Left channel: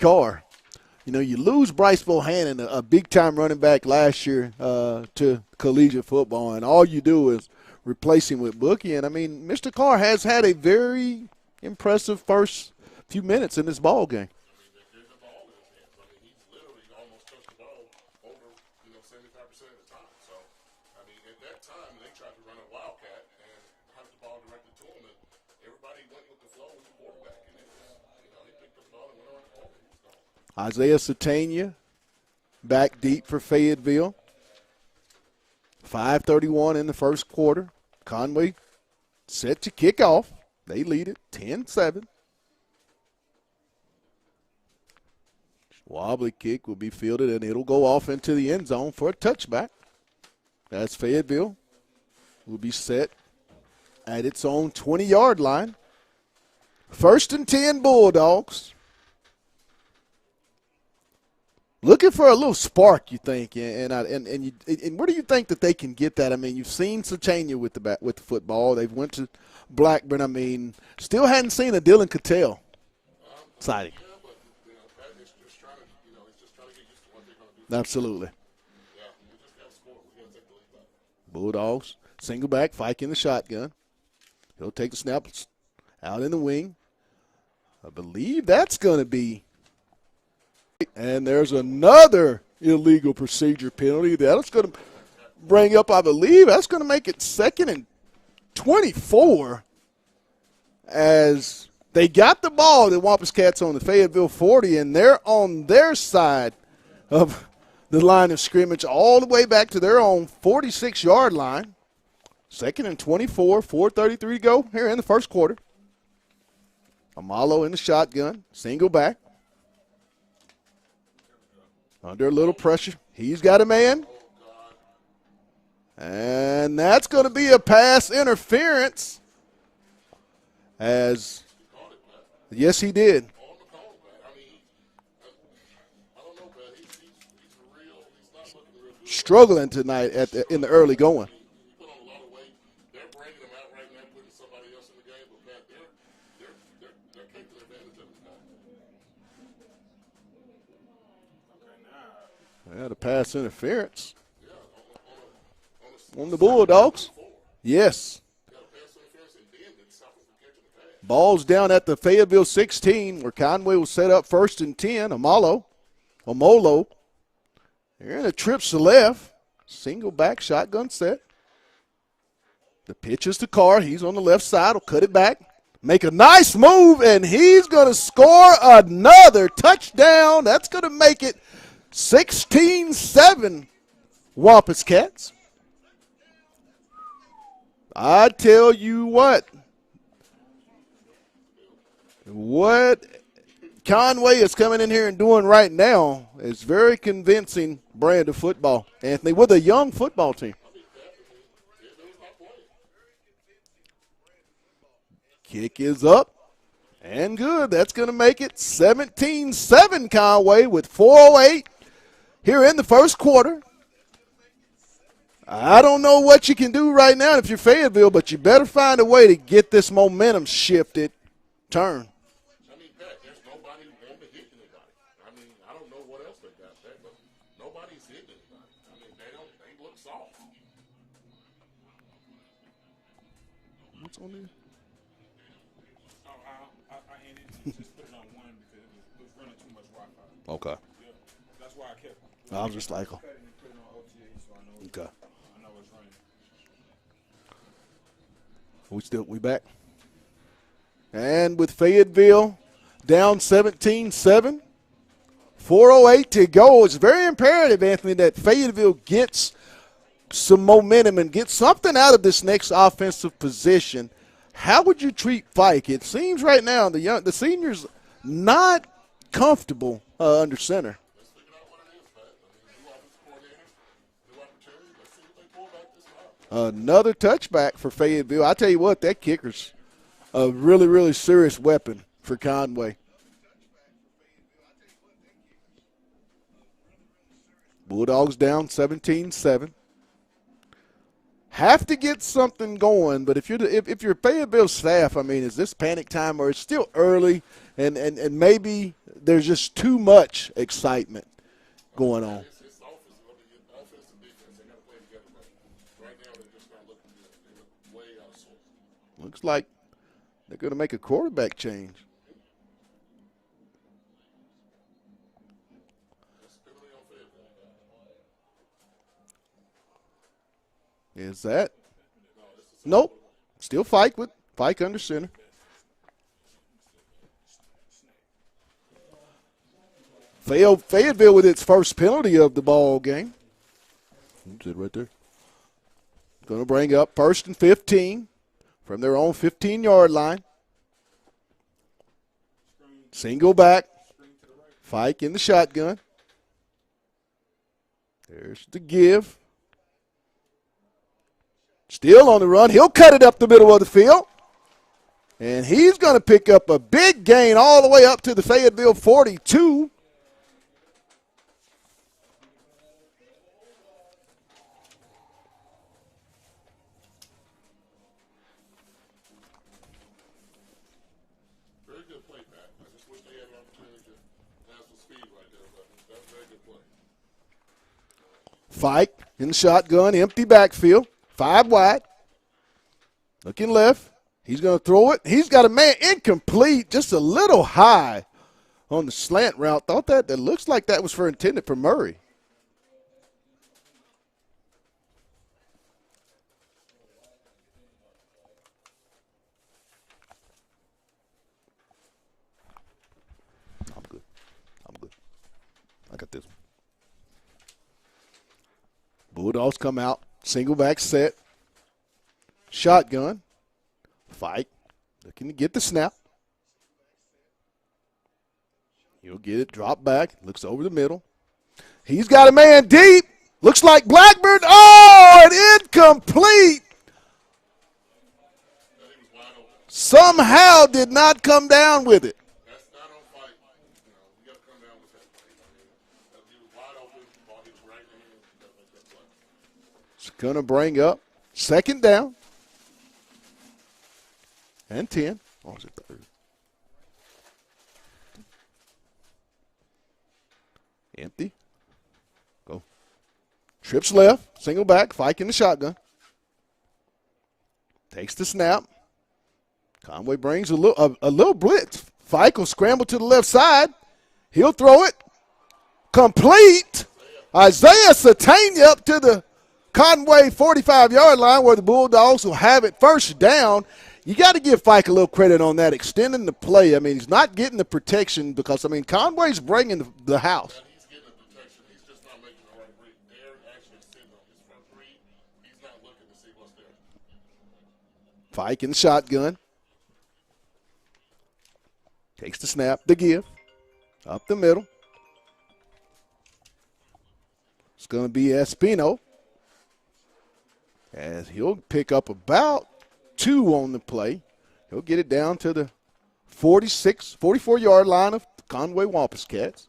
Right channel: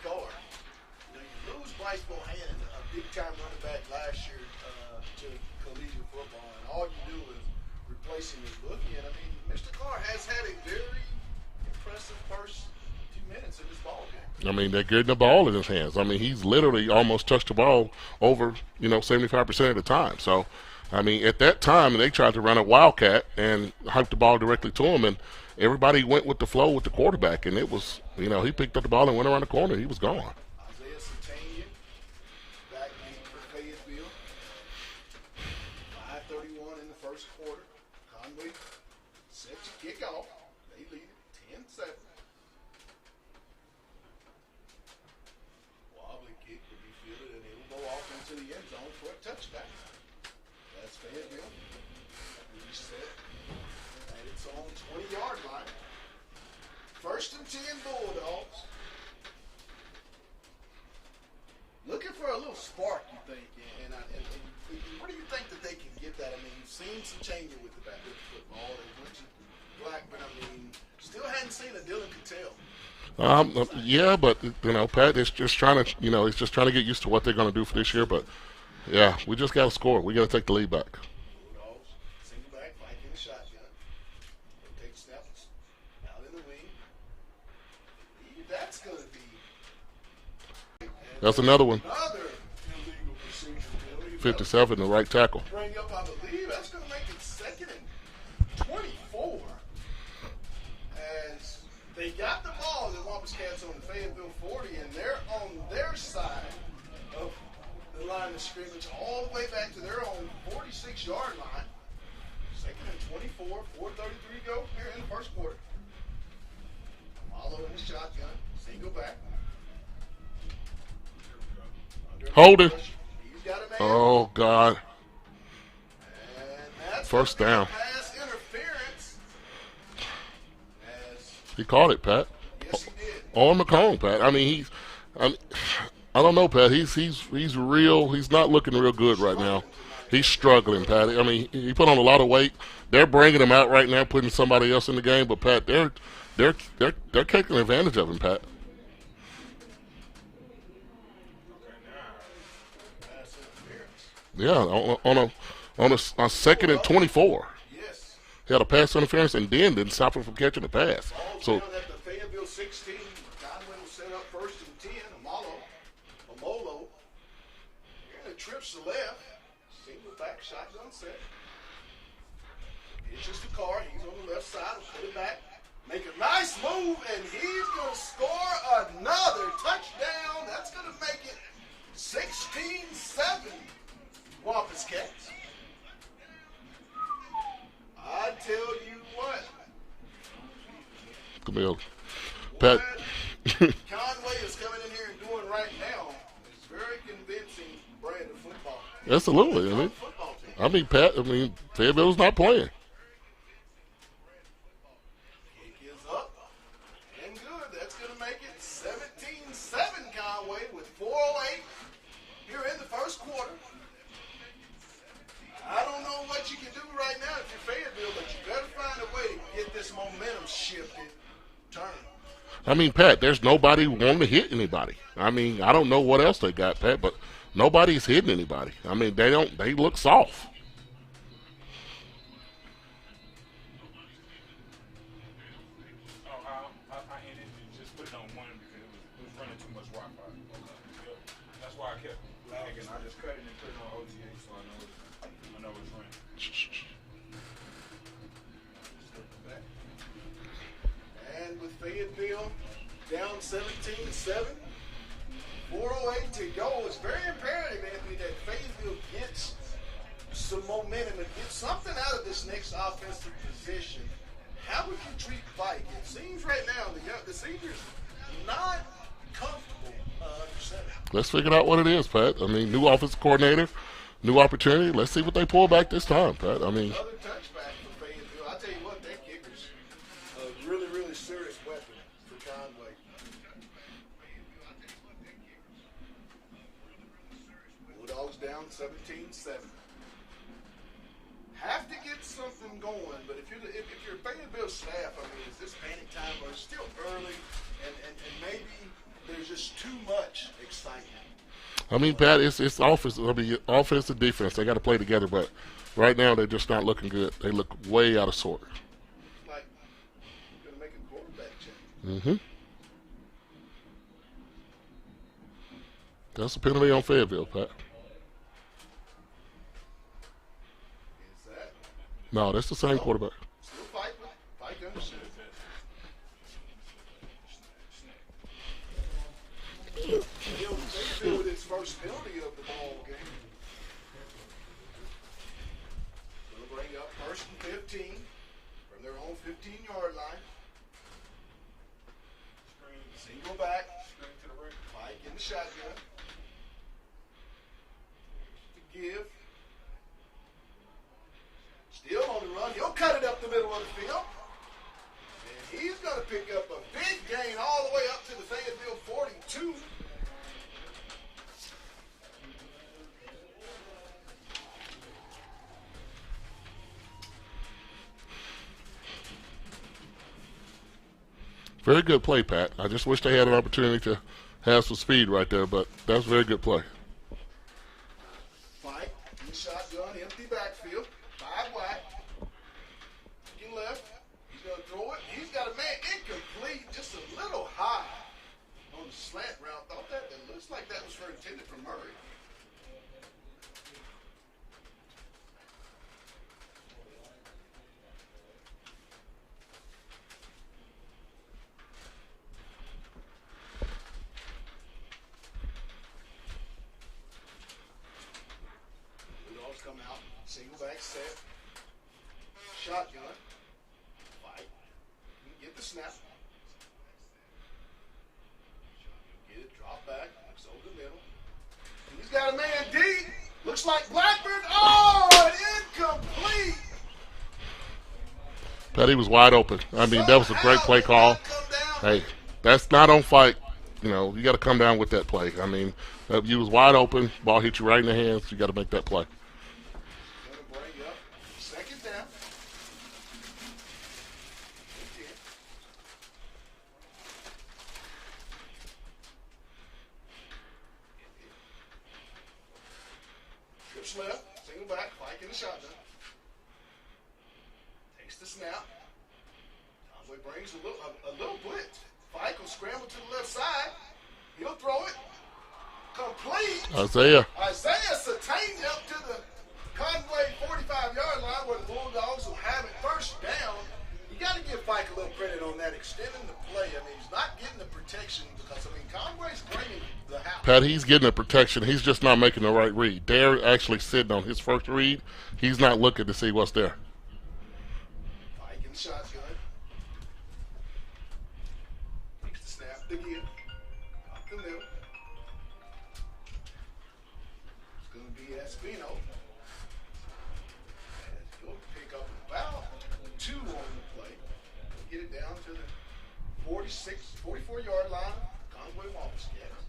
Carr. You know, you lose Bryce Bohannon, a big-time running back last year to collegiate football, and all you do is replace him with Bookie. And, I mean, Mr. Carr has had a very impressive first few minutes in this ball game. I mean, they're getting the ball in his hands. I mean, he's literally almost touched the ball over, 75% of the time. So, I mean, at that time, they tried to run a wildcat and hype the ball directly to him, and everybody went with the flow with the quarterback, and it was, he picked up the ball and went around the corner. He was gone. Isaiah Satania back deep for Fayetteville. 5:31 in the first quarter. Conway set to kick off. They lead it 10-7. Wobbly kick will be fielded, and it'll go off into the end zone for a touchback. That's Fayetteville will be set at its own 20-yard line. 1st and 10 Bulldogs. Looking for a little spark, you think, and where do you think that they can get that? I mean, you've seen Satania with the football. They went to Blackburn. I mean, still hadn't seen a Dylan Cattell. Yeah, but Pat is just trying to, he's just trying to get used to what they're going to do for Absolutely. this year. But yeah, we just got to score. We got to take the lead back. Bulldogs single back, Fike in the shotgun. He'll take the snap out in the wing. I believe that's going to be. And that's there's another illegal procedure penalty. That's in the right tackle. Bring up, I believe, that's going to make it 2nd and 24 as they got the ball, the Wampus Cats on the Fayetteville 40, and they're on their side of the line of scrimmage all the way back to their own 46-yard line. 2nd and 24, 4:33 to go here in the first quarter. Amalo in the shotgun, single back. Under a little pressure. He's got a man. Oh, God. And that's going to be a pass interference. As he caught it, Pat. Yes, he did. On the cone, Pat. I mean, I don't know, Pat. He's real. He's not looking real good struggling right now. Tonight. He's struggling. In the early going. I mean, he put on a lot of weight. They're bringing him out right now, putting somebody else in the game. But Pat, they're taking advantage of him, Pat. Yeah, the pass interference. Yeah, on a 2nd and 24. Yes. He had a pass interference and then didn't stop him from catching the pass. Ball's down at the Fayetteville 16 where Conway will set up 1st and 10. Amolo. They're in a trips to left. Single back shotgun set. The pitch is to Carr. He's on the left side. Will cut it back. Make a nice move, and he's going to score another touchdown. That's going to make it 16-7 Wampus Cats. I tell you what. What Conway is coming in here and doing right now is very convincing brand of football. And with a young football team. I mean, Pat, Fayetteville's not playing. Kick is up and good. That's going to make it 17-7 Conway with 4:08 here in the first quarter. I don't know what you can do right now if you're Fayetteville, but you better find a way to get this momentum shifted, turn. I mean, Pat, there's nobody wanting to hit anybody. I mean, I don't know what else they got, Pat, but nobody's hitting anybody. I mean, they look soft. Okay. That's why I kept. I was just like, okay. We back. And with Fayetteville down 17-7, 4:08 to go. It's very imperative, Anthony, that Fayetteville gets some momentum and gets something out of this next offensive position. How would you treat Fike? It seems right now the senior's not comfortable under center. Let's figure out what it is, Pat. I mean, new offensive coordinator, new opportunity. Let's see what they pull back this time, Pat. Another touchback for Fayetteville. I tell you what, that kicker's a really, really serious weapon for Conway. Bulldogs down 17-7. Have to get something going, but if you're Fayetteville staff, I mean, is this panic time or it's still early and maybe there's just too much excitement. I mean, Pat, it's offense. I mean, offense and defense, they got to play together, but right now they're just not looking good. They look way out of sort. Looks like they're going to make a quarterback change. Mm-hmm. That's a penalty on Fayetteville, Pat. Is that? No, that's the same Nope. quarterback. Still Fike under center. Fayetteville with its first penalty of the ball game. That's it right there. Going to bring up 1st and 15 from their own 15-yard line. Single back. Fike in the shotgun. There's the give. Still on the run. He'll cut it up the middle of the field. And he's going to pick up a big gain all the way up to the Fayetteville 42. Very good play, Pat. I just wish they had an opportunity to have some speed right there, but that's a very good play. Fike in the shotgun, empty backfield, 5 wide. Looking left. He's going to throw it. He's got a man incomplete, just a little high on the slant route. Thought that looks like that was intended for Murray. I'm good. I got this. Bulldogs come out, single back set, shotgun. Fike looking to get the snap. He'll get it, drop back, looks over the middle. He's got a man deep. Looks like Blackburn. Oh, and incomplete. Pat, he was wide open. Somehow did not come down with it. That's not on Fike. You know, you got to come down with that play. I mean, you was wide open. Ball hit you right in the hands. You got to make that play. It's going to bring up 2nd down. And 10. Oh, empty. Go. Trips left. Single back. Fike in the shotgun. Takes the snap. Conway brings a little blitz. Fike will scramble to the left side. He'll throw it. Complete. Isaiah Satania up to the Conway 45-yard line where the Bulldogs will have it 1st down. You got to give Fike a little credit on that, extending the play. I mean, he's not getting the protection because, I mean, Conway's bringing the house. Pat, he's getting the protection. He's just not making the right read. They're actually sitting on his first read. He's not looking to see what's there. Fike in the shotgun. Takes the snap, the give. Up the middle. It's going to be Espino. As he'll pick up about 2 on the play. He'll get it down to the 44-yard line of the Conway Wampus Cats.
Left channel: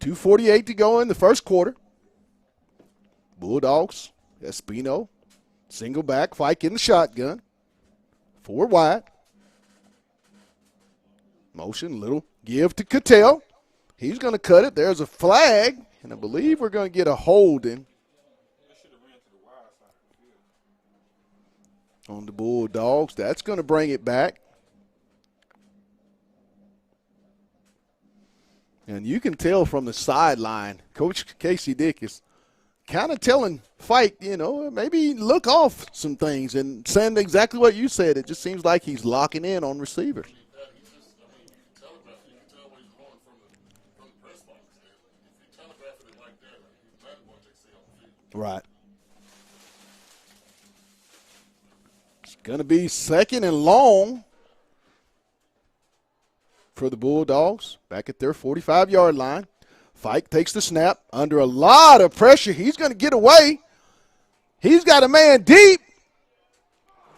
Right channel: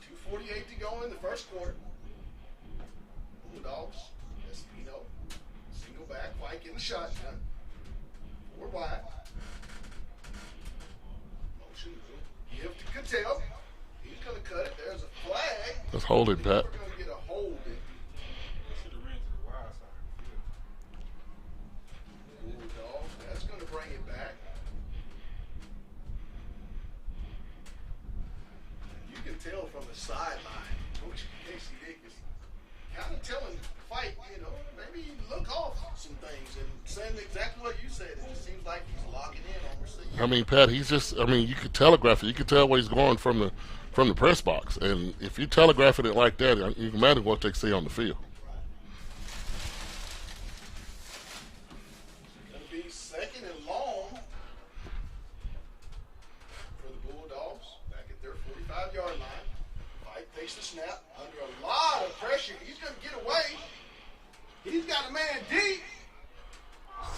2:48 to go in the first quarter. Bulldogs, Espino, single back, Fike in the shotgun. 4 wide. Motion, little give to Cattell. He's going to cut it. There's a flag. Let's hold it, I believe Pat. we're going to get a holding on the Bulldogs. That's going to bring it back. And you can tell from the sideline, Coach Casey Dick is kind of telling Fike, maybe look off some things and saying exactly what you said. It just seems like he's locking in on receiver. I mean, Pat, you could telegraph it. You could tell where he's going from the press box. And if you telegraph it like that, you can imagine what they see on the field. Right. It's going to be 2nd and long for the Bulldogs back at their 45-yard line. Fike takes the snap under a lot of pressure. He's going to get away. He's got a man deep.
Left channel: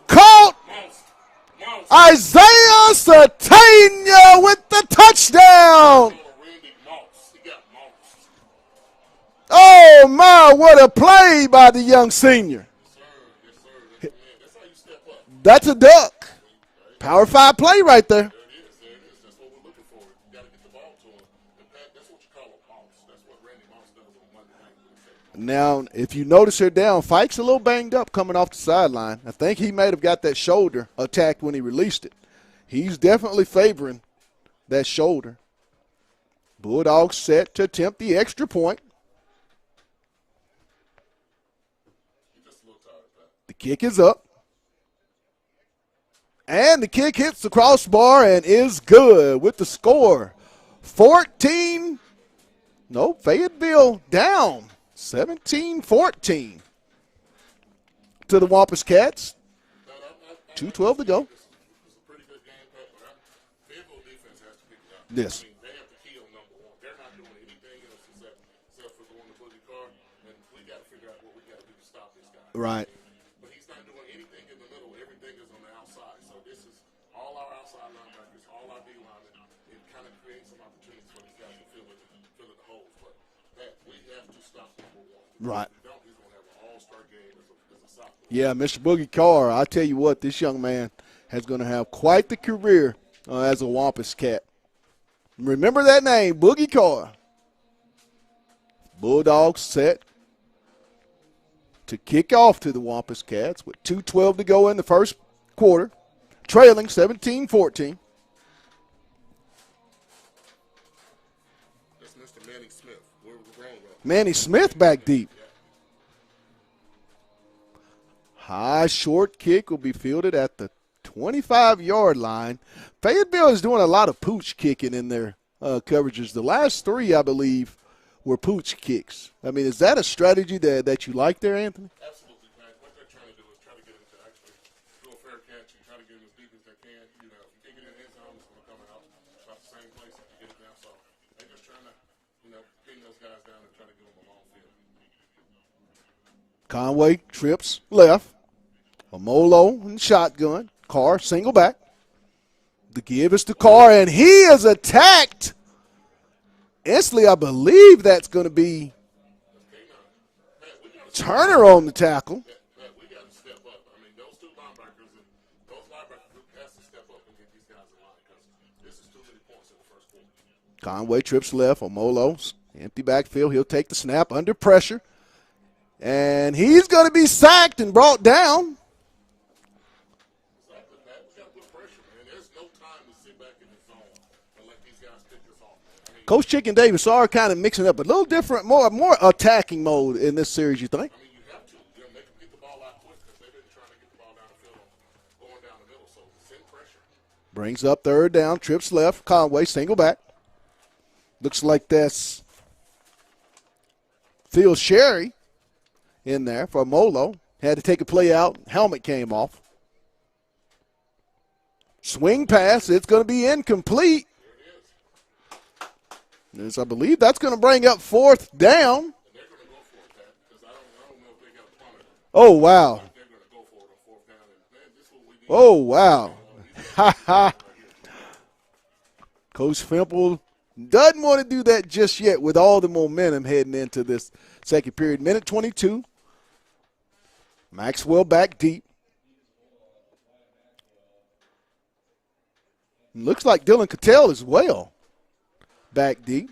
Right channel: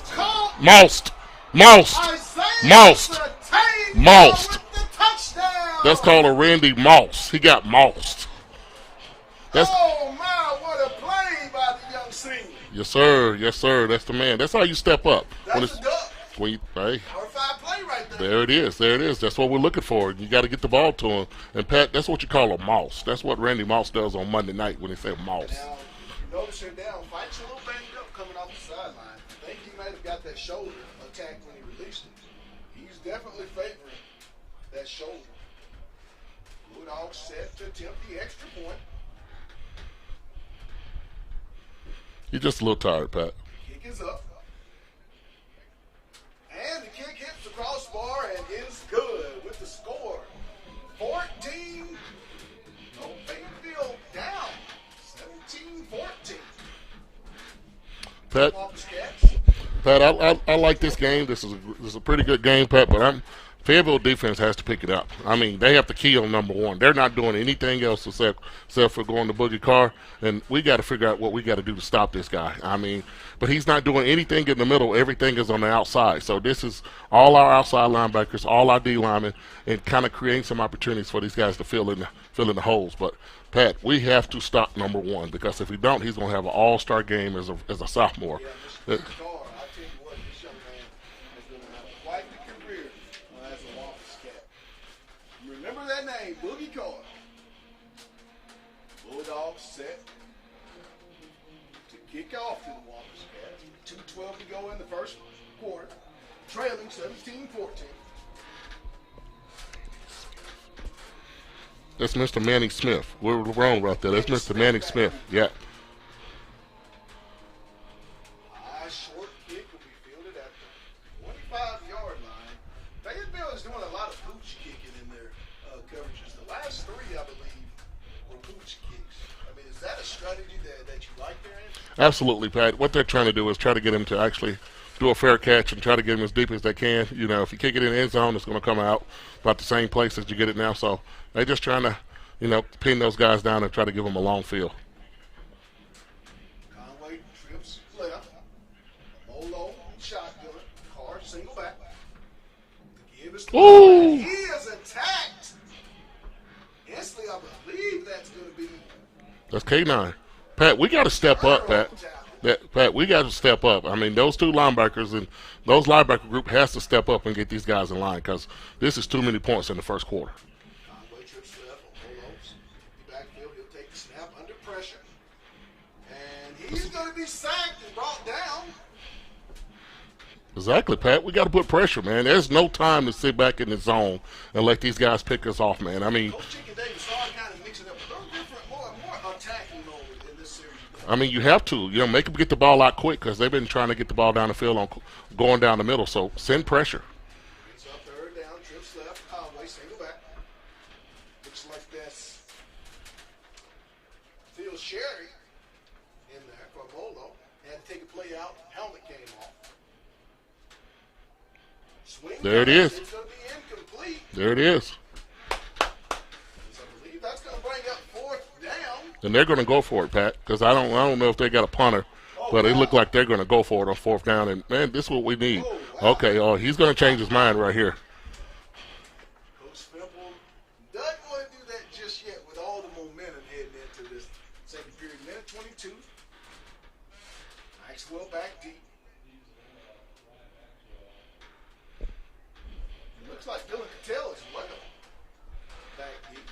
Caught. Moused. Isaiah Satania with the touchdown. That's called a Randy Moss. He got mossed. Oh, my, what a play by the young senior. Yes, sir. Yes, sir. That's the man. That's how you step up. That's a duck. Hey, Power 5 play right there. there it is. There it is. That's what we're looking for. You got to get the ball to him. And Pat, that's what you call a mouse. That's what Randy Moss does on Monday night when they say mouse. Now, if you notice here down, Fike's a little banged up coming off the sideline. I think he might have got that shoulder attacked when he released it. He's definitely favoring that shoulder. Bulldogs set to attempt the extra point. You're just a little tired, Pat. The kick is up. And the kick hits the crossbar and is good with the score. Fayetteville down 17-14 to the Wampus Cats. Pat, I like this 2:12 to game. go. This is a pretty good game, Pat, but Fayetteville defense has to pick it up. Yes. I mean, they have to key on number one. They're not doing anything else except for going to Boogie Carr, and we got to figure out what we got to do to stop this guy. Right. I mean, but he's not doing anything in the middle. Everything is on the outside. So this is all our outside linebackers, all our D linemen, and kind of creating some opportunities for these guys to fill in the holes. But Pat, we have to stop number one because Right. if we don't, he's going to have an all-star game as a sophomore. Yeah, Mr. Boogie Carr, I tell you what, this young man is going to have quite the career as a Wampus Cat. Remember that name, Boogie Carr. Bulldogs set to kick off to the Wampus Cats with 2:12 to go in the first quarter, trailing 17-14. That's Mr. Manny Smith. We're wrong about that. Manny That's Mr. Smith Manny back Smith. deep. Yeah. High short kick will be fielded at the 25-yard line. Fayetteville is doing a lot of pooch kicking in their coverages. The last three, I believe, were pooch kicks. I mean, is that a strategy that you like there, Anthony? Absolutely, Pat. What they're trying to do is try to get him to actually do a fair catch and try to get him as deep as they can. You know, if you kick it in the end zone, it's going to come out about the same place as you get it now. So they're just trying to, pin those guys down and try to give them a long field. Conway trips left. Amolo in shotgun. Carr single back. The give is to Carr, and he is attacked. Instantly, I believe that's going to be That's K9. Pat, we got to step Turner up. on Pat. the tackle. Pat, we got to step up. I mean, those two linebackers and those linebacker group has to step up and get these guys in line because this is too many points in the first quarter. Conway trips left. Omolo's empty backfield. He'll take the snap under pressure. And he's going to be sacked and brought down. Exactly, Pat. We got to put pressure, man. There's no time to sit back in the zone and let these guys pick us off, man. I mean, Coach Chicken Davis are kind of mixing up a little different, more attacking mode in this series, you think? I mean, you have to. Make them get the ball out quick because they've been trying to get the ball down the field on going down the middle. So send pressure. Brings up third down, trips left. Conway, single back. Looks like that's Phil Sherry in there for Molo. Had to take a play out. Helmet came off. Swing There it pass. is. It's going to be incomplete. There it is. As I believe that's going to bring up fourth down. And they're going to go for it, Pat, because I don't know if they got a punter. Oh, but wow. It look like they're going to go for it on fourth down. And, man, this is what we need. Oh, wow. Okay, he's going to change his mind right here. Coach Fimple doesn't want to do that just yet with all the momentum heading into this second period. Minute 22. Maxwell back deep. Looks like Dylan Cattell as well. Back deep.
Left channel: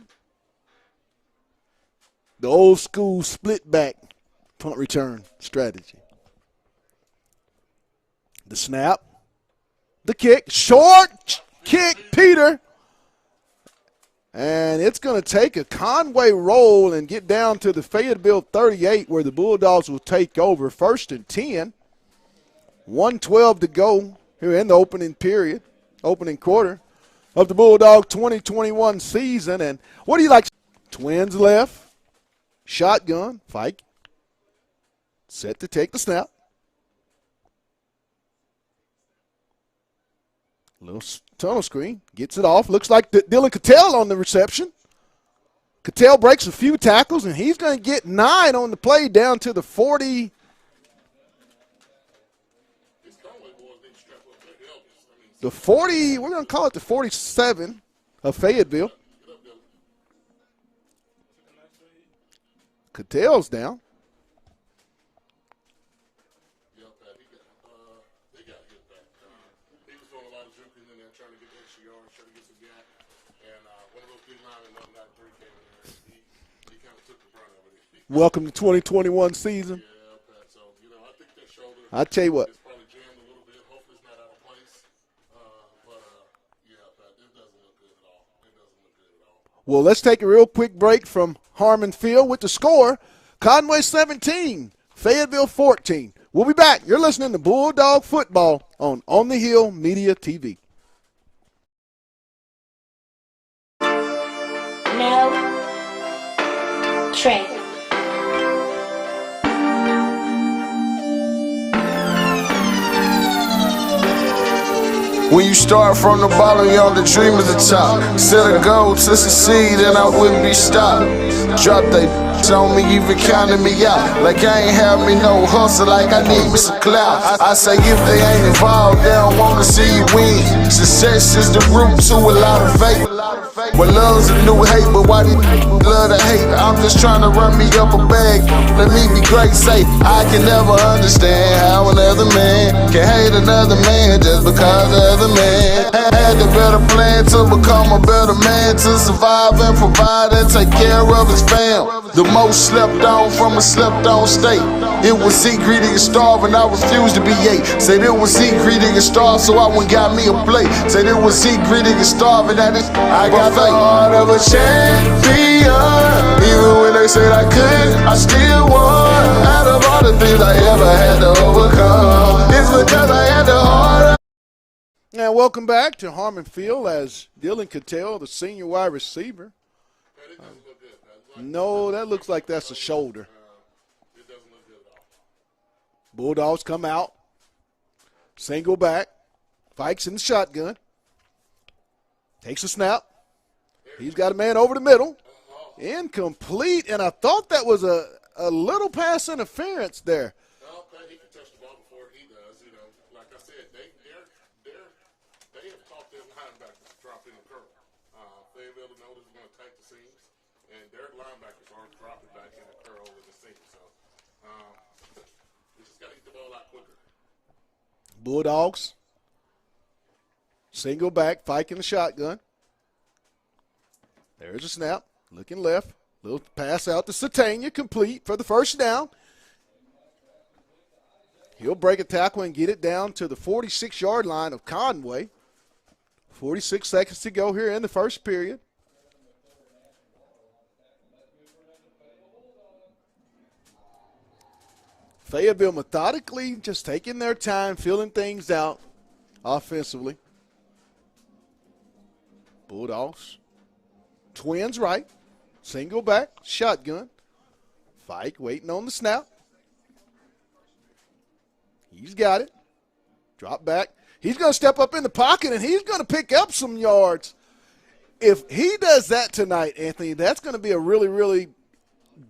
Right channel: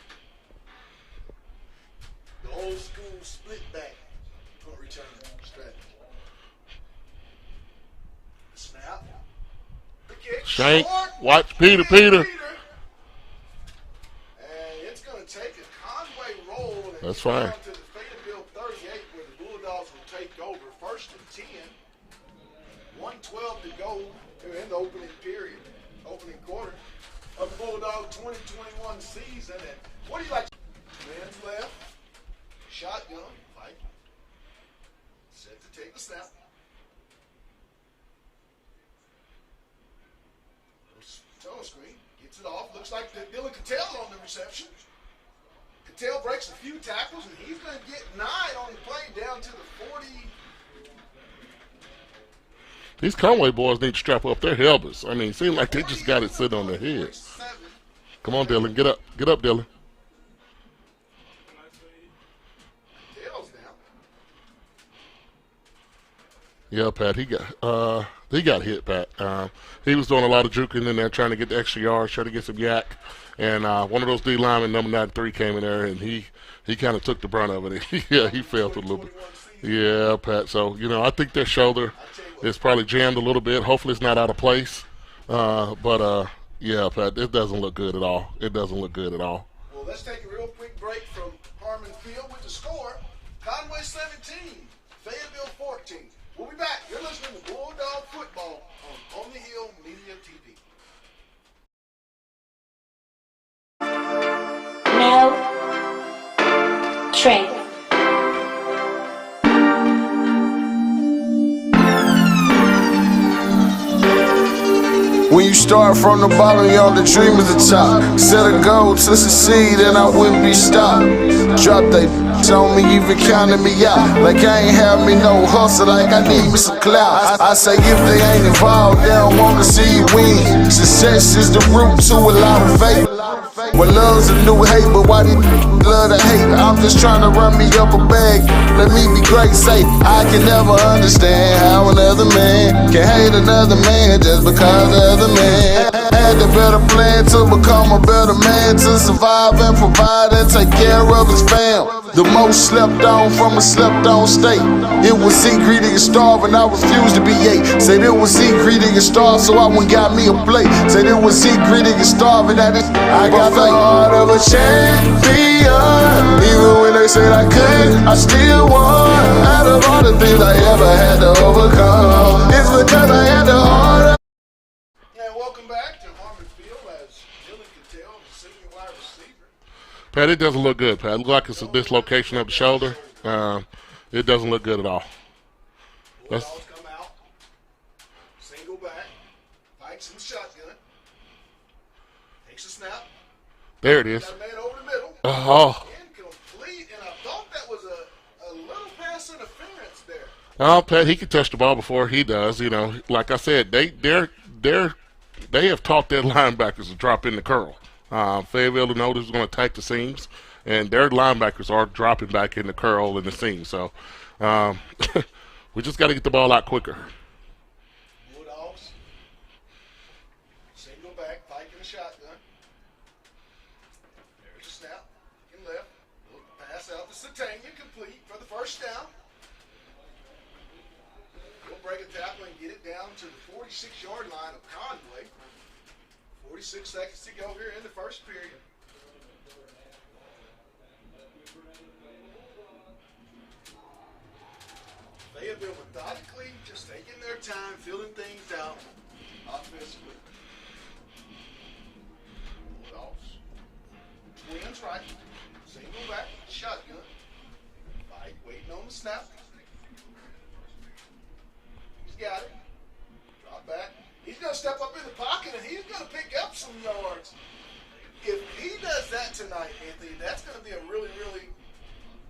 The old school split back punt return strategy. The snap. The kick. Shank. Short. Watch Kick, Peter. And it's going to take a Conway roll and That's get down right. to the Fayetteville 38 where the Bulldogs will take over. 1st and 10. 1:12 to go here in the opening period, opening quarter of the Bulldog 2021 season. And what do you like? Twins left. Shotgun. Fike. Set to take the snap. Little tunnel screen. Gets it off. Looks like Dylan Cattell on the reception. Cattell breaks a few tackles, and he's going to get 9 on the play down to the 40. These Conway boys need to strap up their helmets. I mean, it seems The like 40, they just got we're it going to sitting call on it the their head. 47 of Come on, Dylan. Fayetteville. Get up, Dylan. Cattell's down. Yeah, Pat. He got He got hit, Pat. He was doing a lot of juking in there, trying to get the extra yards, trying to get some yak. And one of those D linemen, number 93, came in there, and he kind of took the brunt of it. Welcome he to 2021 season. Yeah, Pat. So, I think their shoulder I tell you what, is probably jammed a little bit. Hopefully it's not out of place. Yeah, Pat, it doesn't look good at all. It doesn't look good at all. Well, let's take a real quick break from Harmon Field with the score. Conway 17, Fayetteville 14. We'll be back. You're listening to Bulldog Football on the Hill Media TV. No trade. When you start from the bottom, you're on the dream at the top. Set a goal to succeed and I wouldn't be stopped. Drop they on me, even counting me out. Like I ain't have me no hustle, like I need me some clout. I say if they ain't involved, they don't wanna see you win. Success is the root to a lot of faith. Well, love's a new hate, but why these love to hate? I'm just trying to run me up a bag. Let me be great, say I can never understand how another man can hate another man just because of the man. Had the better plan to become a better man, to survive and provide and take care of his fam. The most slept on from a slept on state. It was eat, greedy, and starve, and I refused to be ate. Said it was eat, greedy, and starve, so I went got me a plate. Said it was eat, greedy, and starve, and I got the heart of a champion. Even when they said I couldn't, I still won. Out of all the things I ever had to overcome, it's because I had the heart of. Now, welcome back to Harmon Field as Dylan Cattell, the senior wide receiver. Pat, it doesn't look good, Pat. It looks like it's No, a dislocation that of the looks like shoulder. that's the It doesn't look good at all. Bulldogs come out, single back, Fikes in the shotgun, takes a snap. There it He's is. got a man over the middle. Oh, Incomplete, and I thought that was a little pass interference there. Pat, he can touch the ball before he does. Like I said, they have taught their linebackers to drop in the curl. Fayetteville knows is going to attack the seams, and their linebackers are dropping back in the curl and the seam. So we just got to get the ball out quicker. Bulldogs, single back, Fike in the shotgun. There's a snap, looking left. Little pass out to Satania, complete for the first down. He'll break a tackle and get it down to the 46-yard line of Conway. 46 seconds to go here in the first period. Fayetteville methodically just taking their time, filling things out offensively. Bulldogs. Twins right. Single back. Shotgun. Fike waiting on the snap. He's got it. Drop back. He's going to step up in the pocket, and he's going to pick up some yards. If he does that tonight, Anthony, that's going to be a really, really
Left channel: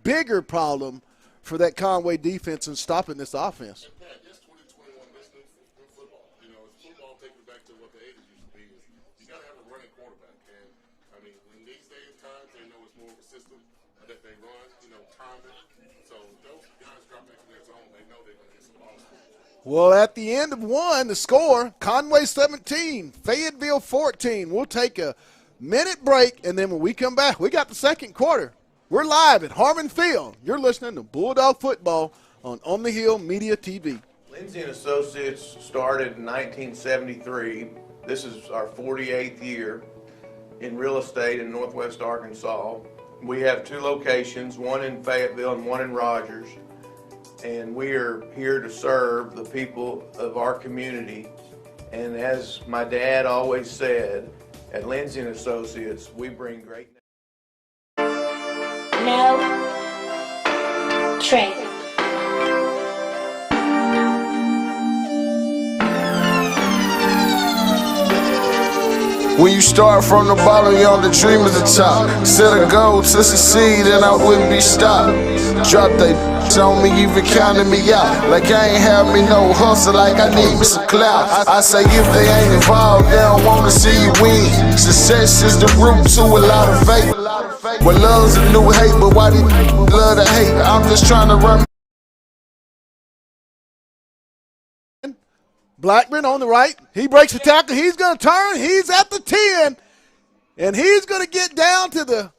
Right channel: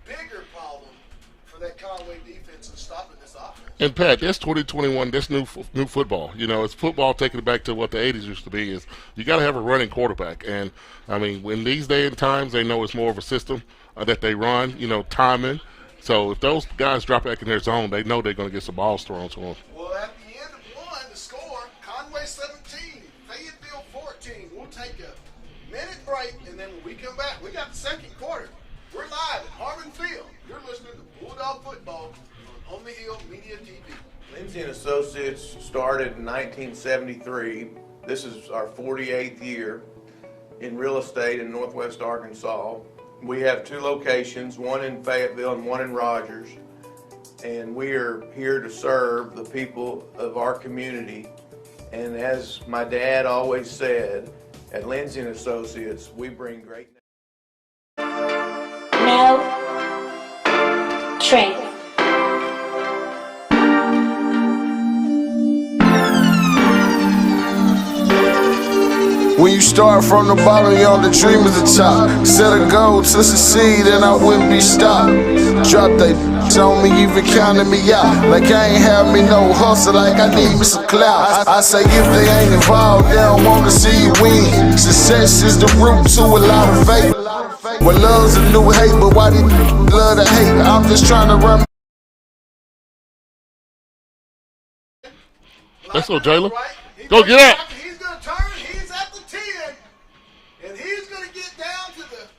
bigger problem for that Conway defense in stopping this offense. And, Pat, that's 2021. That's new football. It's football taking it back to what the 80s used to be. Is you got to have a running quarterback. And, I mean, in these day and times, they know it's more of a system that they run, timing. So if those guys drop back in their zone, they know they're going to get some balls thrown to them. Well, at the end of one, the score, Conway 17, Fayetteville 14. We'll take a minute break, and then when we come back, we got the second quarter. We're live at Harmon Field. You're listening to Bulldog Football on the Hill Media TV. Lindsay & Associates started in 1973. This is our 48th year in real estate in Northwest Arkansas. We have two locations, one in Fayetteville and one in Rogers, and we are here to serve the people of our community. And as my dad always said, at Lindsay & Associates, we bring great. No trade. When you start from the bottom, you're on the dream at the top. Set a goal to succeed and I wouldn't be stopped. Drop they on me, even counting me out. Like I ain't have me no hustle, like I need me some clout. I say if they ain't involved, they don't wanna see you win. Success is the root to a lot of faith. Well, love's a new hate, but why these love to hate? I'm just trying to run. Blackman on the Jalen. right. He Go breaks the get it. tackle. He's going to turn. He's at the 10. And he's going to get down to the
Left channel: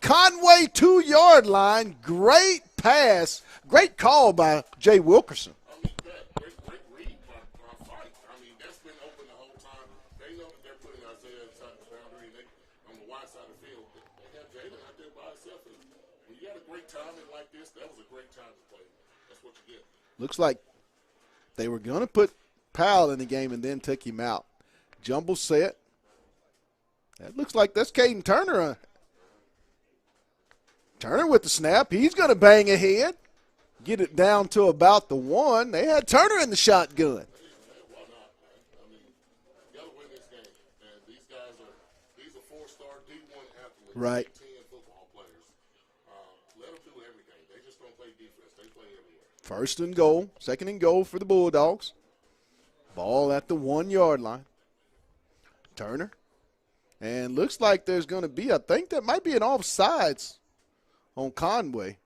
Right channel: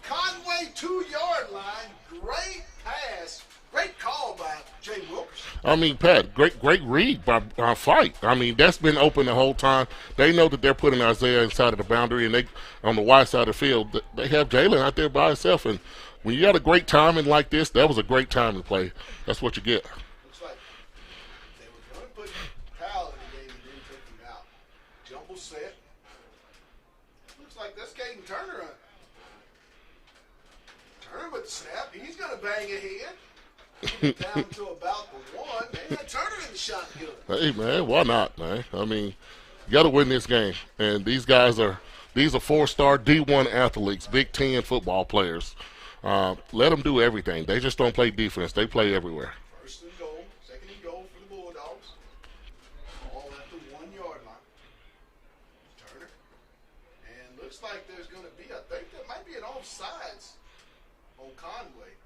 Conway 2-yard line. Great pass. Great call by Jay Wilkerson. I mean, Pat, great read by Fight. I mean, that's been open the whole time. They know that they're putting Isaiah inside of the boundary, and they on the wide side of the field, they have Jalen out there by himself. And when you got a great timing like this, that was a great time to play. That's what you get. Looks like they were going to put Powell in the game and then take him out. Jumble set. That looks like that's Caden Turner. Turner with the snap. He's going to bang ahead. Get it down to about the 1. They had Turner in the shotgun. Hey, man, why not, man? I mean, you got to win this game. And these are 4-star D1 athletes, Right. Big Ten football players. Let them do everything. They just don't play defense. They play everywhere. First and goal. Second and goal for the Bulldogs. Ball at the 1-yard line. Turner. And looks like there's going to be, I think that might be an offsides on Conway.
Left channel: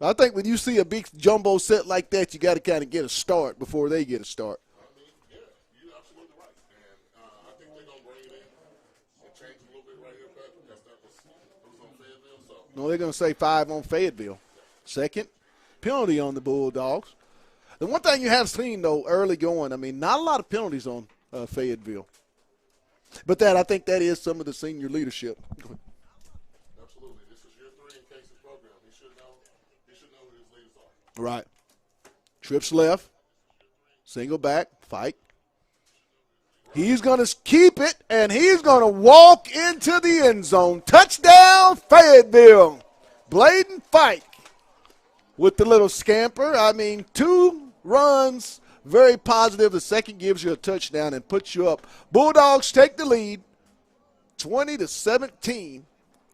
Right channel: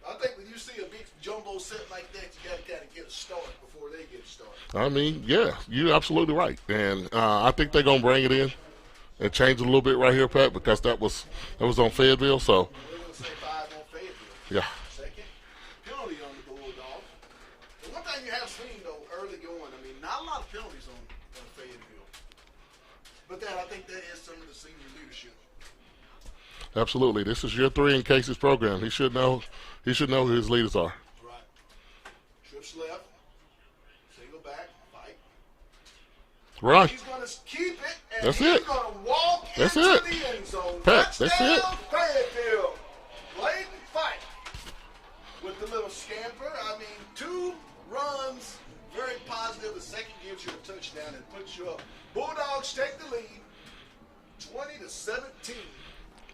I think when you see a big jumbo set like that, you got to kind of get a start before they get a start. I mean, yeah, you're absolutely right. And I think they're going to bring it in and change it a little bit right here, Pat, because that was on Fayetteville. So, Well, they're going to say 5 on Fayetteville. yeah. Second penalty on the Bulldogs. The one thing you have seen, though, early going, I mean, not a lot of penalties on Fayetteville. But I think that is some of the senior leadership. Absolutely. This is year 3 in Casey's program. He should know who his leaders are. Right. Trips left. Single back. Fight. Right. He's going to keep it, and That's he's it. going to walk That's into it. the end zone. That's Touchdown, Fayetteville. Bladen Fight with the little scamper. I mean, 2 runs, very positive. The second gives you a touchdown and puts you up. Bulldogs take the lead, 20-17.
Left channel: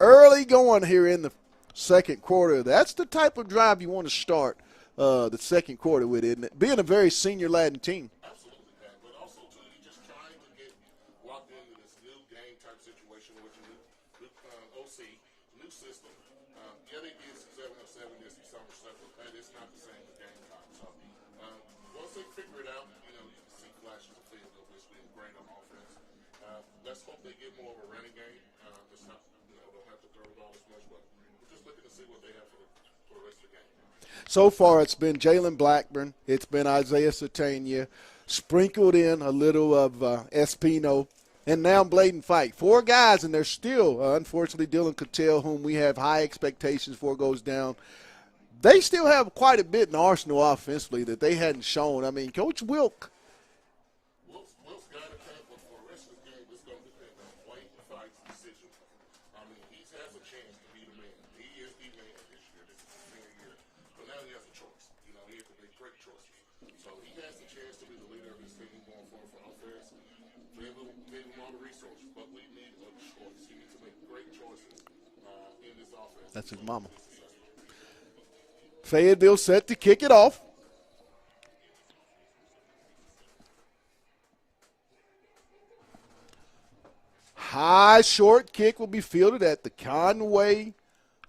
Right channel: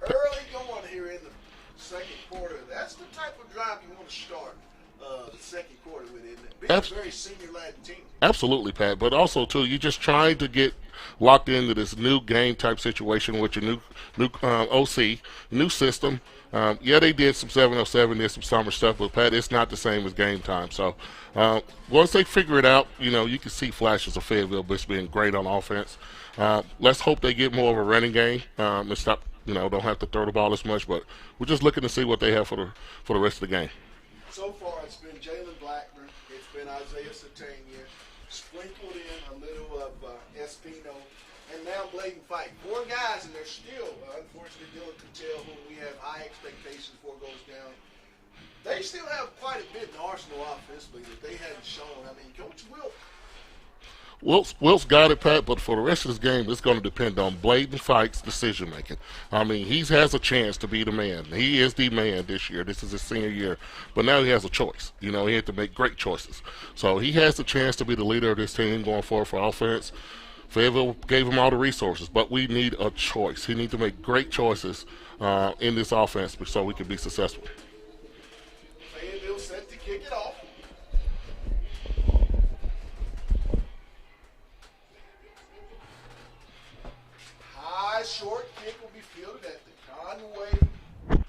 Early going here in the second quarter. That's the type of drive you want to start the second quarter with, isn't it? Being a very senior Latin team. Absolutely, Pat. But also, too, you're just trying to get locked into this new game type situation with your new OC, new system. Yeah, they did some 707, did some summer stuff, but, Pat, it's not the same as game time. So once they figure it out, you can see flashes of Fayetteville just being great on offense. Let's hope they get more of a running game and stop, don't have to throw the ball as much. But we're just looking to see what they have for the rest of the game. So far, it's been Jalen Blackburn. It's been Isaiah Satania, sprinkled in a little of Espino, and now Bladen Fight. 4 guys, and they're still, unfortunately, Dylan Cattell, whom we have high expectations for, goes down. They still have quite a bit in the arsenal offensively that they hadn't shown. I mean, Coach Wilk's got it, Pat, but for the rest of this game, it's going to depend on Bladen Fight's decision-making. I mean, he has a chance to be the man. He is the man this year. This is his senior year. But now he has a choice. He had to make great choices. So he has the chance to be the leader of this team going forward for offense. Fayetteville gave him all the resources, but we need a choice. He needs to make great choices in this offense so we can be successful. Fayetteville set to kick it off. High short kick will be fielded at the Conway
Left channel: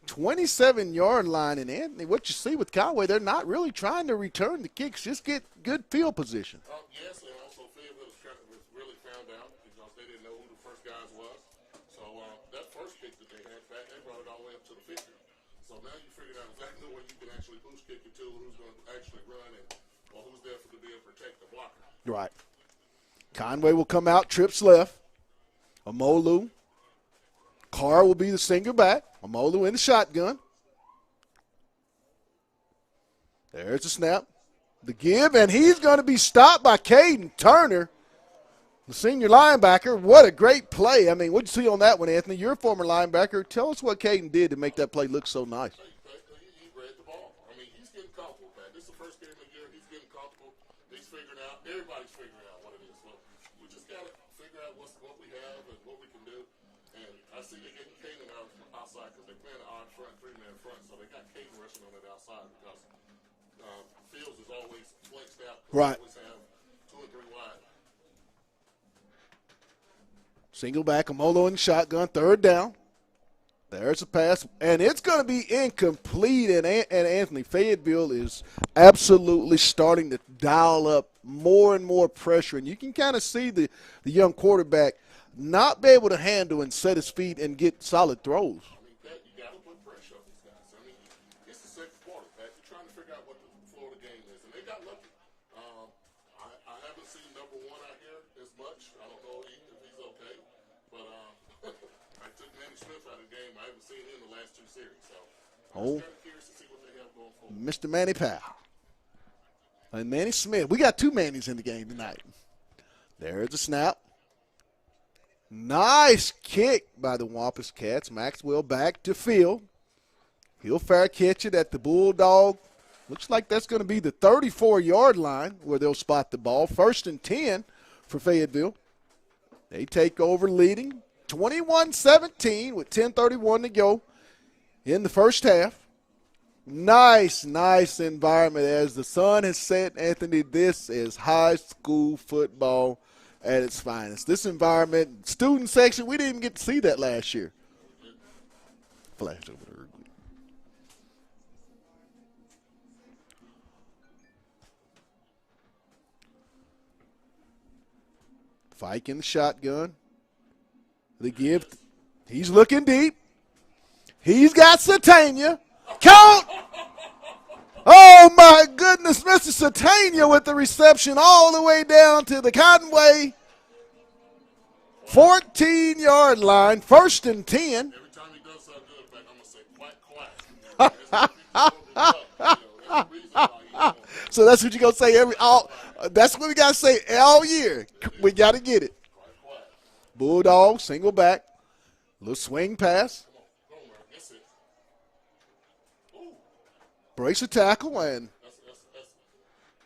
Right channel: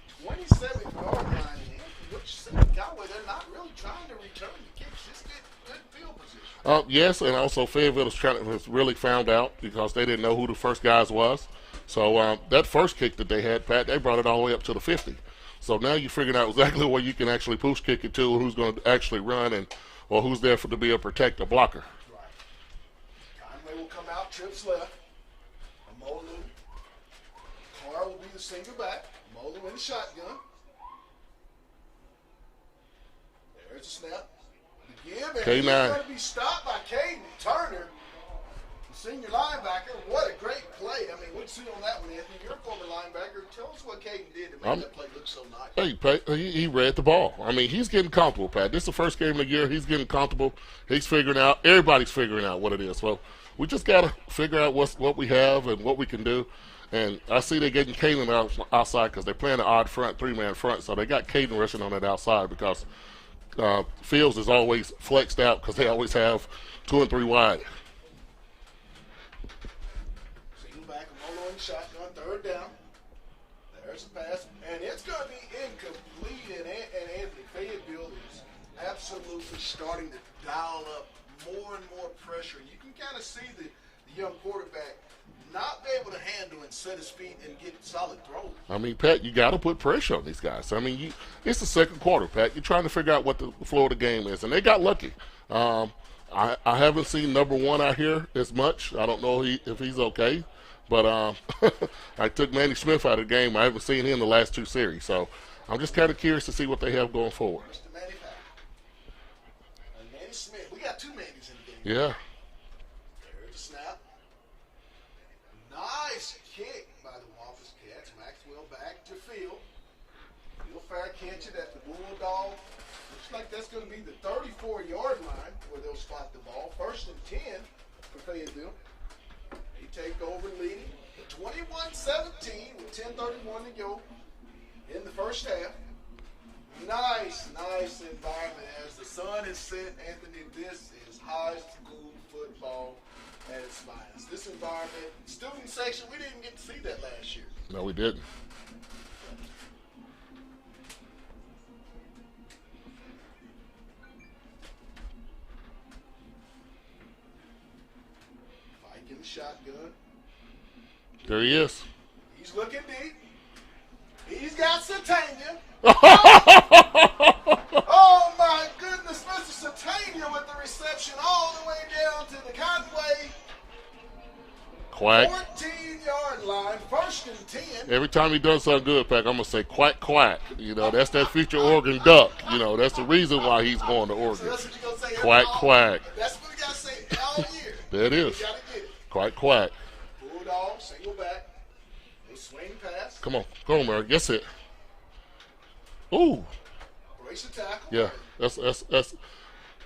27-yard line. And Anthony, what you see with Conway, they're not really trying to return the kicks, just get good field position. Yes, and also Fayetteville has really found out because they didn't know who the first guys was. So that first kick that they had, Pat, they brought it all the way up to the 50. So now you're figuring out exactly where you can actually push kick it to, who's going to actually run, or who's there to be a protector blocker. Right. Conway will come out, trips left. Amolu. Carr will be the single back. Amolu in the shotgun. There's the snap. The give, and he's going to be stopped by Caden Turner, the senior linebacker. What a great play. I mean, what'd you see on that one, Anthony? You're a former linebacker. Tell us what Caden did to make that play look so nice. Hey, Pat, he read the ball. I mean, he's getting comfortable, Pat. This is the first game of the year. He's getting comfortable. He's figuring out. Everybody's figuring out what it is. Well, we just got to figure out what we have and what we can do. And I see they're getting Caden outside because they're playing an odd front, 3-man front. So they got Caden rushing on that outside because Fields is always flexed out because they always have 2 and 3 wide. Single back, Amolo in shotgun, third down. There's a pass, and it's going to be incomplete, and Anthony Fayetteville is absolutely starting to dial up more and more pressure, and you can kind of see the young quarterback not be able to handle and set his feet and get solid throws. I mean, Pat, you got to put pressure on these guys. I mean, it's the second quarter, Pat. You're trying to figure out what the flow of the game is, and they got lucky. I haven't seen number one out here as much. I don't know if he's okay. But I took Manny Smith out of the game. I haven't seen him in the last 2 series. So I'm just kind of curious to see what they have going forward. Mr. Manny Powell. And Manny Smith. We got 2 Mannys in the game. Yeah. There's the snap. Nice kick by the Wampus Cats. Maxwell back to field. He'll fair catch it at the Bulldog. Looks like that's going to be the 34-yard line where they'll spot the ball. 1st and 10 for Fayetteville. They take over leading 21-17 with 10:31 to go in the first half. Nice environment as the sun has set, Anthony. This is high school football at its finest. This environment, student section, we didn't even get to see that last year. No, we didn't. Flash. Fike in the shotgun. There he is. He's looking deep. He's got Satania. Oh, my goodness. Mr. Satania with the reception all the way down to the Conway 14-yard line. 1st and 10. Every time he does something good, Pack, I'm going to say quack, quack. You know, that's that future Oregon Duck. You know, that's the reason why he's going to Oregon. So that's what you're going to say quack. That's what we got to say all year. That is. We got to get it. Quack, quack. Bulldog, single back. Little swing pass. Come on, Murray. Guess it. Ooh. Breaks the tackle. Yeah, And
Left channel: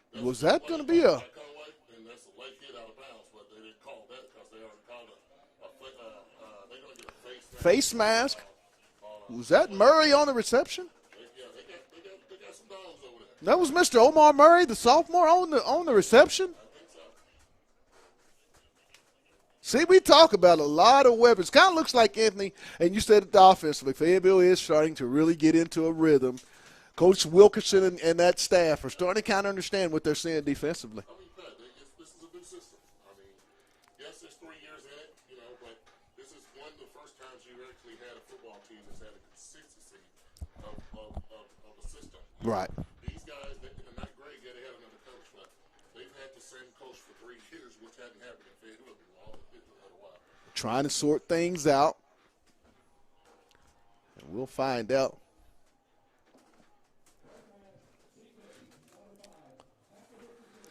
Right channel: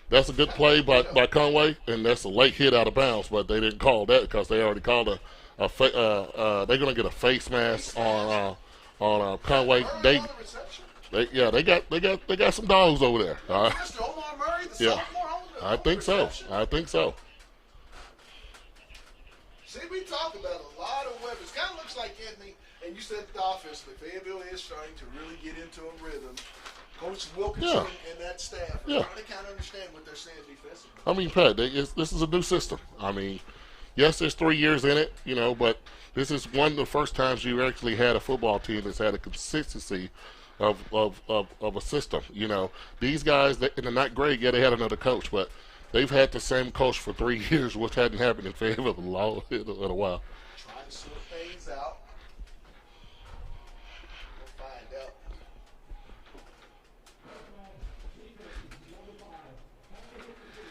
that's a good play by Conway, and that's a late hit out of bounds, but they didn't call that because they already called they're going to get a face mask. On Conway. Murray on the reception? They got some dogs over there. That was Mr. Omar Murray, the sophomore, on the reception? I think so. See, we talk about a lot of weapons. Kind of looks like, Anthony, and you said it offensively, Fayetteville is starting to really get into a rhythm. Coach Wilkinson and that staff are starting to kind of understand what they're seeing defensively. I mean, Pat, this is a new system. I mean, yes, there's 3 years in it, you know, but this is one of the first times you actually had a football team that's had a consistency of a system. You know, these guys, they're not great. Yeah, they had another coach, but they've had the same coach for 3 years, which hadn't happened in Fayetteville in a while. Trying to sort things out. We'll find out.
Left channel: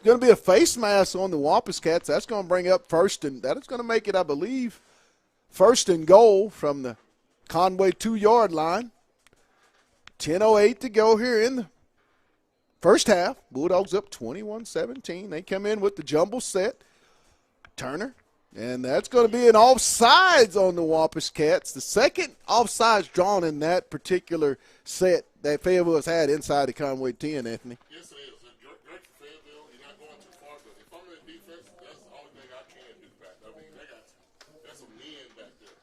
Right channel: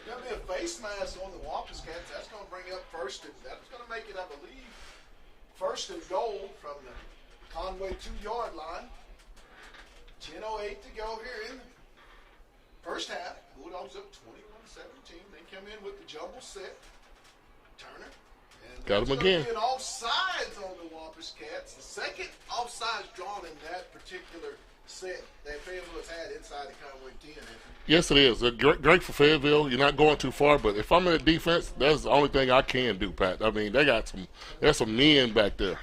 Going to be a face mask on the Wampus Cats. That's going to bring up first, and that is going to make it, I believe, 1st and goal from the Conway 2-yard line. 10:08 to go here in the first half. Bulldogs up 21-17. They come in with the jumble set. Turner. And that's going to be an offsides on the Wampus Cats. The second offsides drawn in that particular set that Fayetteville has had inside the Conway 10, Anthony. Yes, it is. Great for Fayetteville. You're not going too far, but if I'm in the defense, that's the only thing I can do, Pat. I mean, there's some men back there.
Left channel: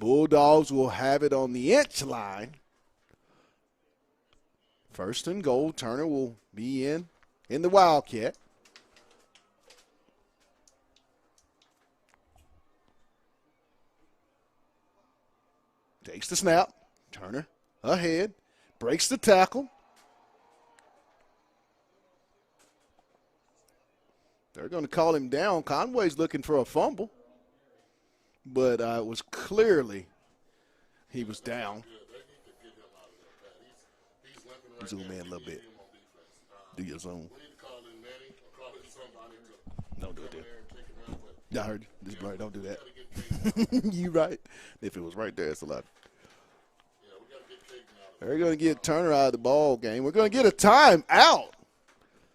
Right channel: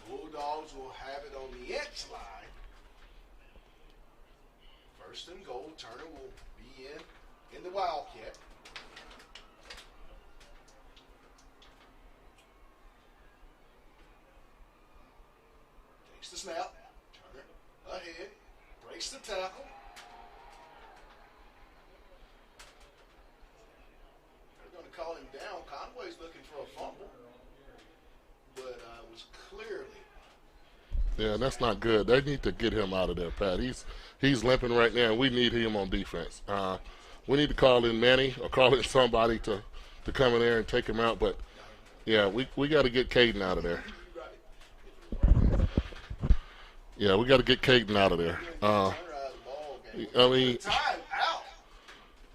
Bulldogs will have it on the inch line. 1st and goal. Turner will be in the Wildcat. Takes the snap. Turner ahead. Breaks the tackle. They're going to call him down. Conway's looking for a fumble. But it was clearly that's not good. They need to get him out of there, Pat. He's limping right now, and we need him on defense. We need to call in Manny or call in somebody to come in there and take him out. But, we got to get Caden out of there. You're right. If it was right there, it's a lot. Yeah, we got to get Caden out of there. We're going to get Turner out of the ball game. We're going to get a timeout.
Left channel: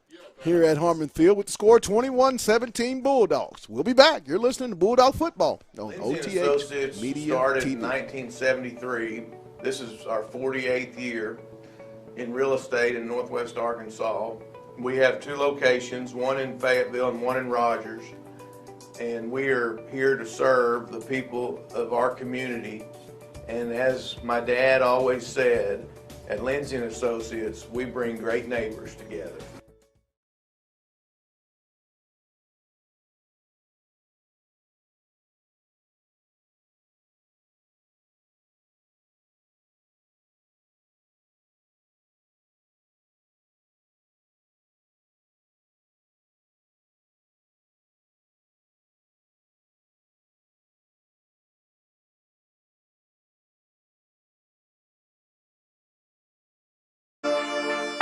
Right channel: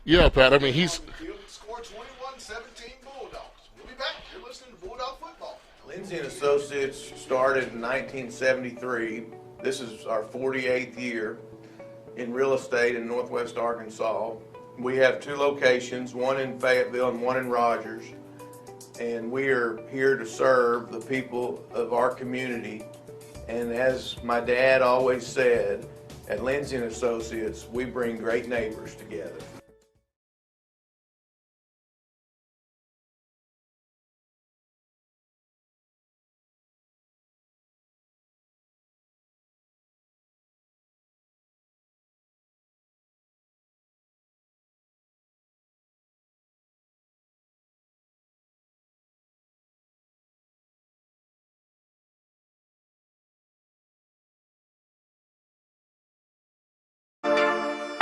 Yeah, Pat. We're at Harmon Field with the score 21-17 Bulldogs. We'll be back. You're listening to Bulldog Football. Lindsay & Associates started in 1973. This is our 48th year in real estate in Northwest Arkansas. We have 2 locations, one in Fayetteville and one in Rogers. And we are here to serve the people of our community And as my dad always said, at Lindsay & Associates, we bring great neighbors together.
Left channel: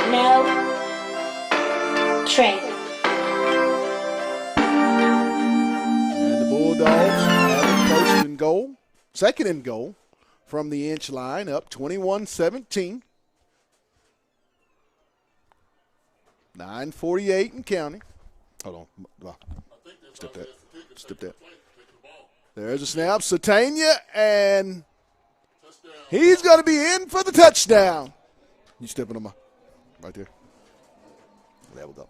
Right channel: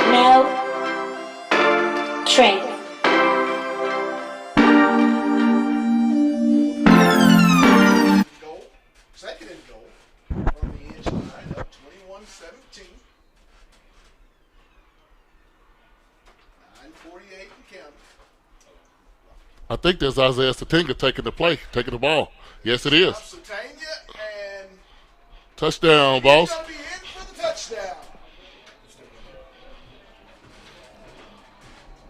No train. And the Bulldogs first and goal, second and goal from the inch line, up 21-17. 9:48 and counting. Hold on. I think there's Isaiah Satinga taking the ball. There's Yes, it is. Satania, and Touchdown, he's boss. going to be in for the touchdown. You stepping on my right there. There we go.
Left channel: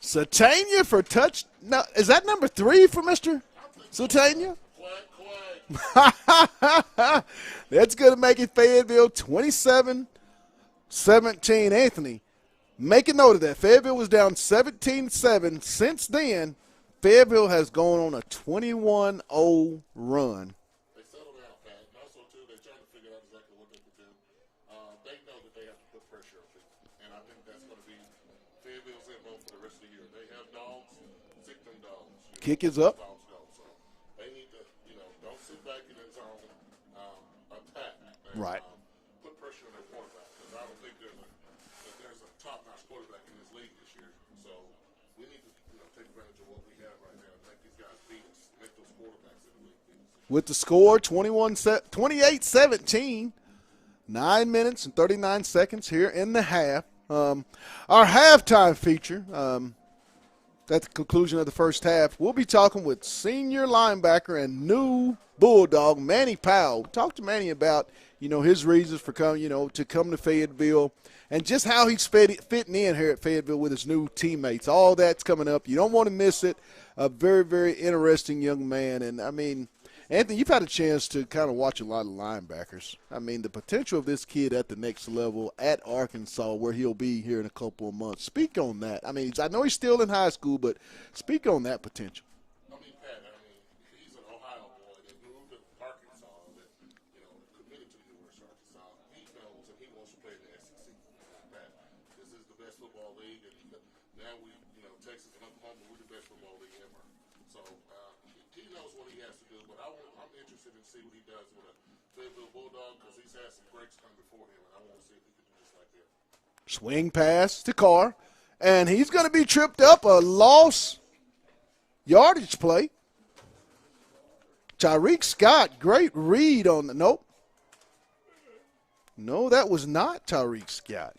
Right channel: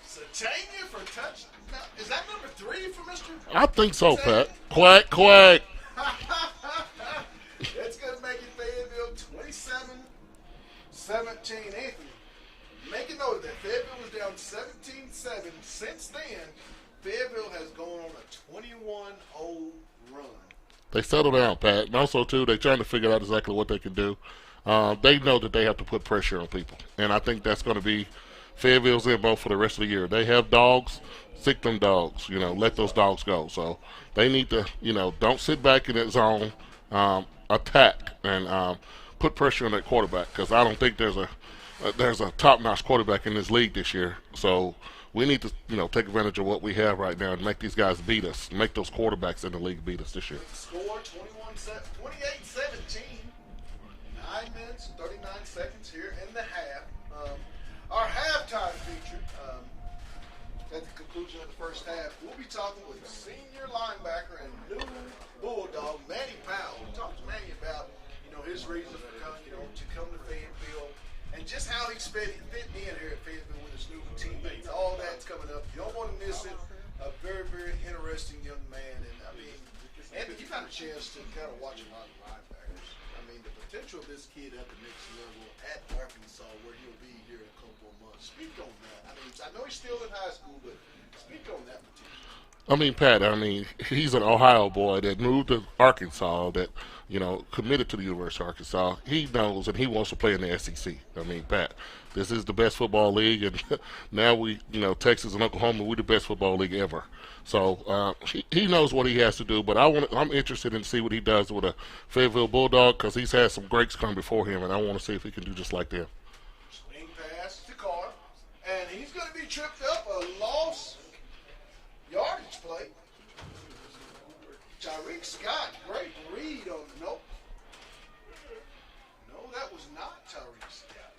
Satania for touch. Now, is that number 3 for Mr. I think so, Satania? Pat. Quack, quack. That's going to make it Fayetteville 27-17. Anthony, make a note of that. Fayetteville was down 17-7. Since then, Fayetteville has gone on a 21-0 run. They settle down, Pat. And also, too, they're trying to figure out exactly what they can do. They know that they have to put pressure on people. And I think that's going to be Fayetteville's MO for the rest of the year. They have dogs. Sick them dogs. Let those dogs go. So they need to, don't sit back in that zone, attack, and put pressure on that quarterback, because I don't think there's a top-notch quarterback in this league this year. So we need to, take advantage of what we have right now and make these guys beat us, make those quarterbacks in the league beat us this year. With the score 28-17, 9 minutes and 39 seconds here in the half. Our halftime feature, at the conclusion of the first half, we'll be talking with senior linebacker and new Bulldog, Manny Powell. Talk to Manny about, his reasons for coming, to come to Fayetteville, and just how he's fitting in here at Fayetteville with his new teammates. All that's coming up. You don't want to miss it. A very, very interesting young man. And, Anthony, you've had a chance to kind of watch a lot of linebackers. The potential of this kid at the next level at Arkansas, where he'll be here in a couple of months. Speak on that. I know he's still in high school, but speak on that potential. Pat, he's an Ohio boy that moved to Arkansas, that, committed to the University of Arkansas. He knows and he wants to play in the SEC. Pat, this is the best football league, and now we, Texas and Oklahoma, we're the best football league ever. So he knows what he has to do, but I'm interested in see what he does with a Fayetteville Bulldog, because he's had some greats come before him, and I want to see if he can do just like them. Swing pass to Carr, and he's going to be tripped up, a loss yardage play. Tyreek Scott, great read on the – nope. No, that was not Tyreek Scott.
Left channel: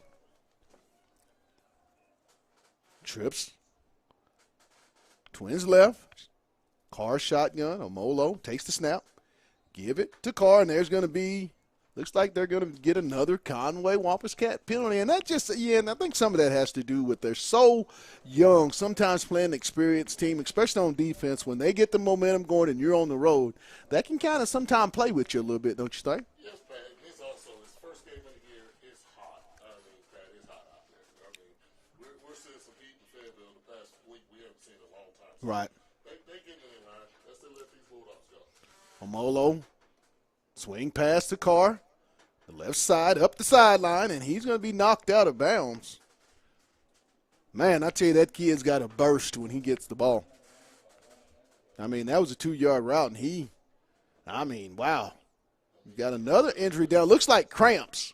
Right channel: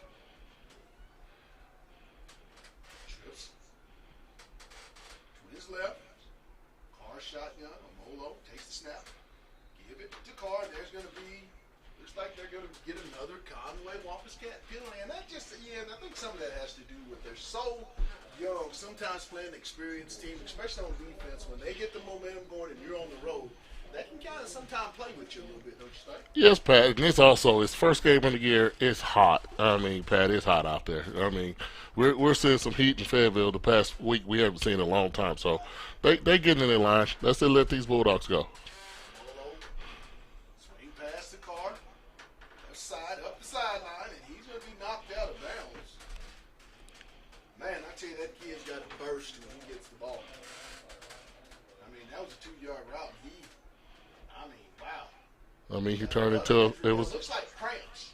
Trips. Twins left. Carr shotgun. Omolo takes the snap. Give it to Carr, and there's going to be – looks like they're going to get another Conway Wampus Cat penalty. And that just – and I think some of that has to do with they're so young, sometimes playing an experienced team, especially on defense. When they get the momentum going and you're on the road, that can kind of sometimes play with you a little bit, don't you think? Yes, Pat. And it's also his first game of the year. It's hot. Pat, it's hot out there. We're seeing some heat in Fayetteville the past week we haven't seen in a long time. So right. they getting in their line. Let's let these Bulldogs go. Omolo, swing pass to Carr, the left side, up the sideline, and he's going to be knocked out of bounds. Man, I tell you, that kid's got a burst when he gets the ball. That was a 2-yard route, and he, wow. He got turned another into injury down. Looks like cramps.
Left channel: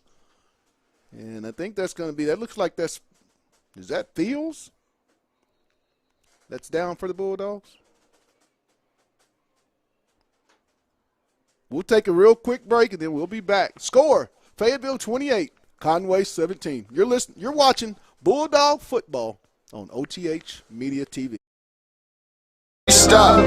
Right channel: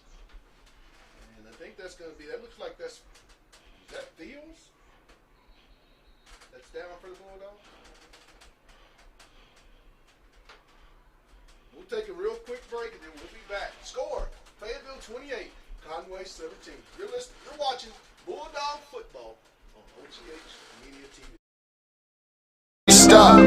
And I think that's going to be, that looks like is that Fields? That's down for the Bulldogs? We'll take a real quick break, and then we'll be back. Score, Fayetteville 28, Conway 17. You're watching Bulldog Football on OTH Media TV. Stop,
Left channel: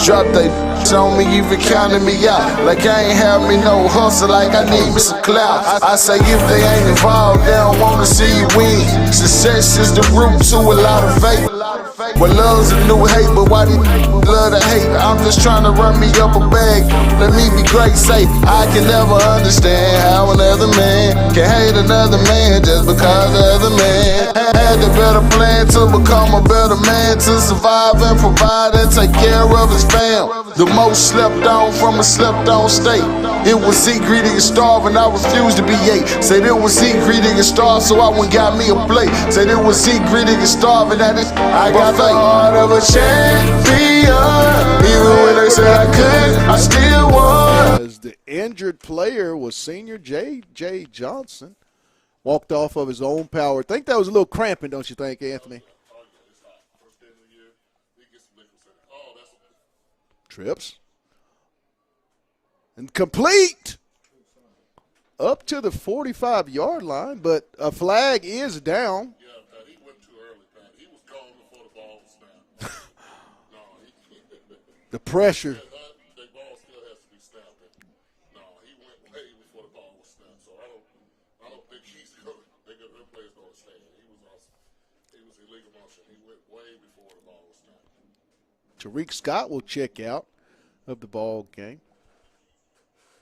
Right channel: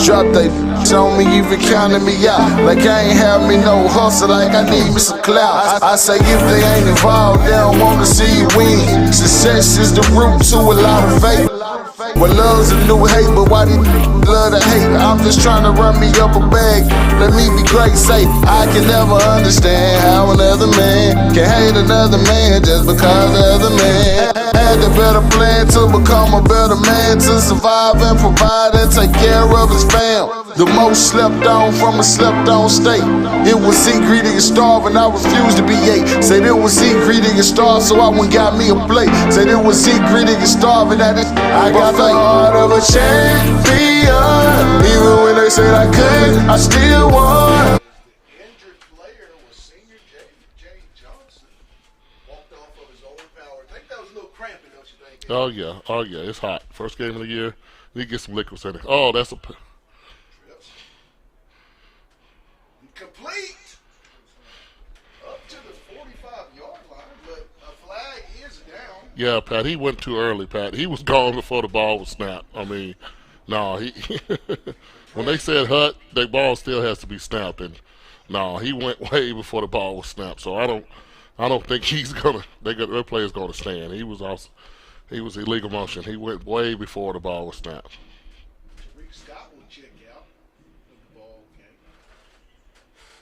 drop they on me, even counting me out. Like I ain't have me no hustle, like I need me some clout. I say if they ain't involved, they don't wanna see you win. Success is the root to a lot of faith. Well, love's a new hate, but why did love to hate. I'm just trying to run me up a bag. Let me be great, say I can never understand how another man can hate another man just because of the man. Had the better plan to become a better man, to survive and provide and take care of his fam. The most slept on from a slept on state. It was eat, greedy, and starve, and I refused to be ate. Said it was eat, greedy, and starve, so I went got me a plate. Said it was eat, greedy, and starve, and I got the heart of a champion. Even when they said I couldn't, I still won. As the injured player was senior J.J. Johnson. Walked off of his own power. I think that was a little cramping, don't you think, Anthony? Oh yeah, it's hot. First game of the year, need to get some liquids in it. Oh, that's a Trips. And complete up to the 45-yard line, but a flag is down. Yeah, Pat, he went too early, Pat. He was gone before the ball was snapped. I mean, no, he The pressure. when they said hut, the ball still has to be snapped, and no, he went way before the ball was snapped. So I don't think he's gonna. Their player's gonna stand. He was illegal motion. He went way before the ball was snapped. Tariq Scott will check out of the ball game.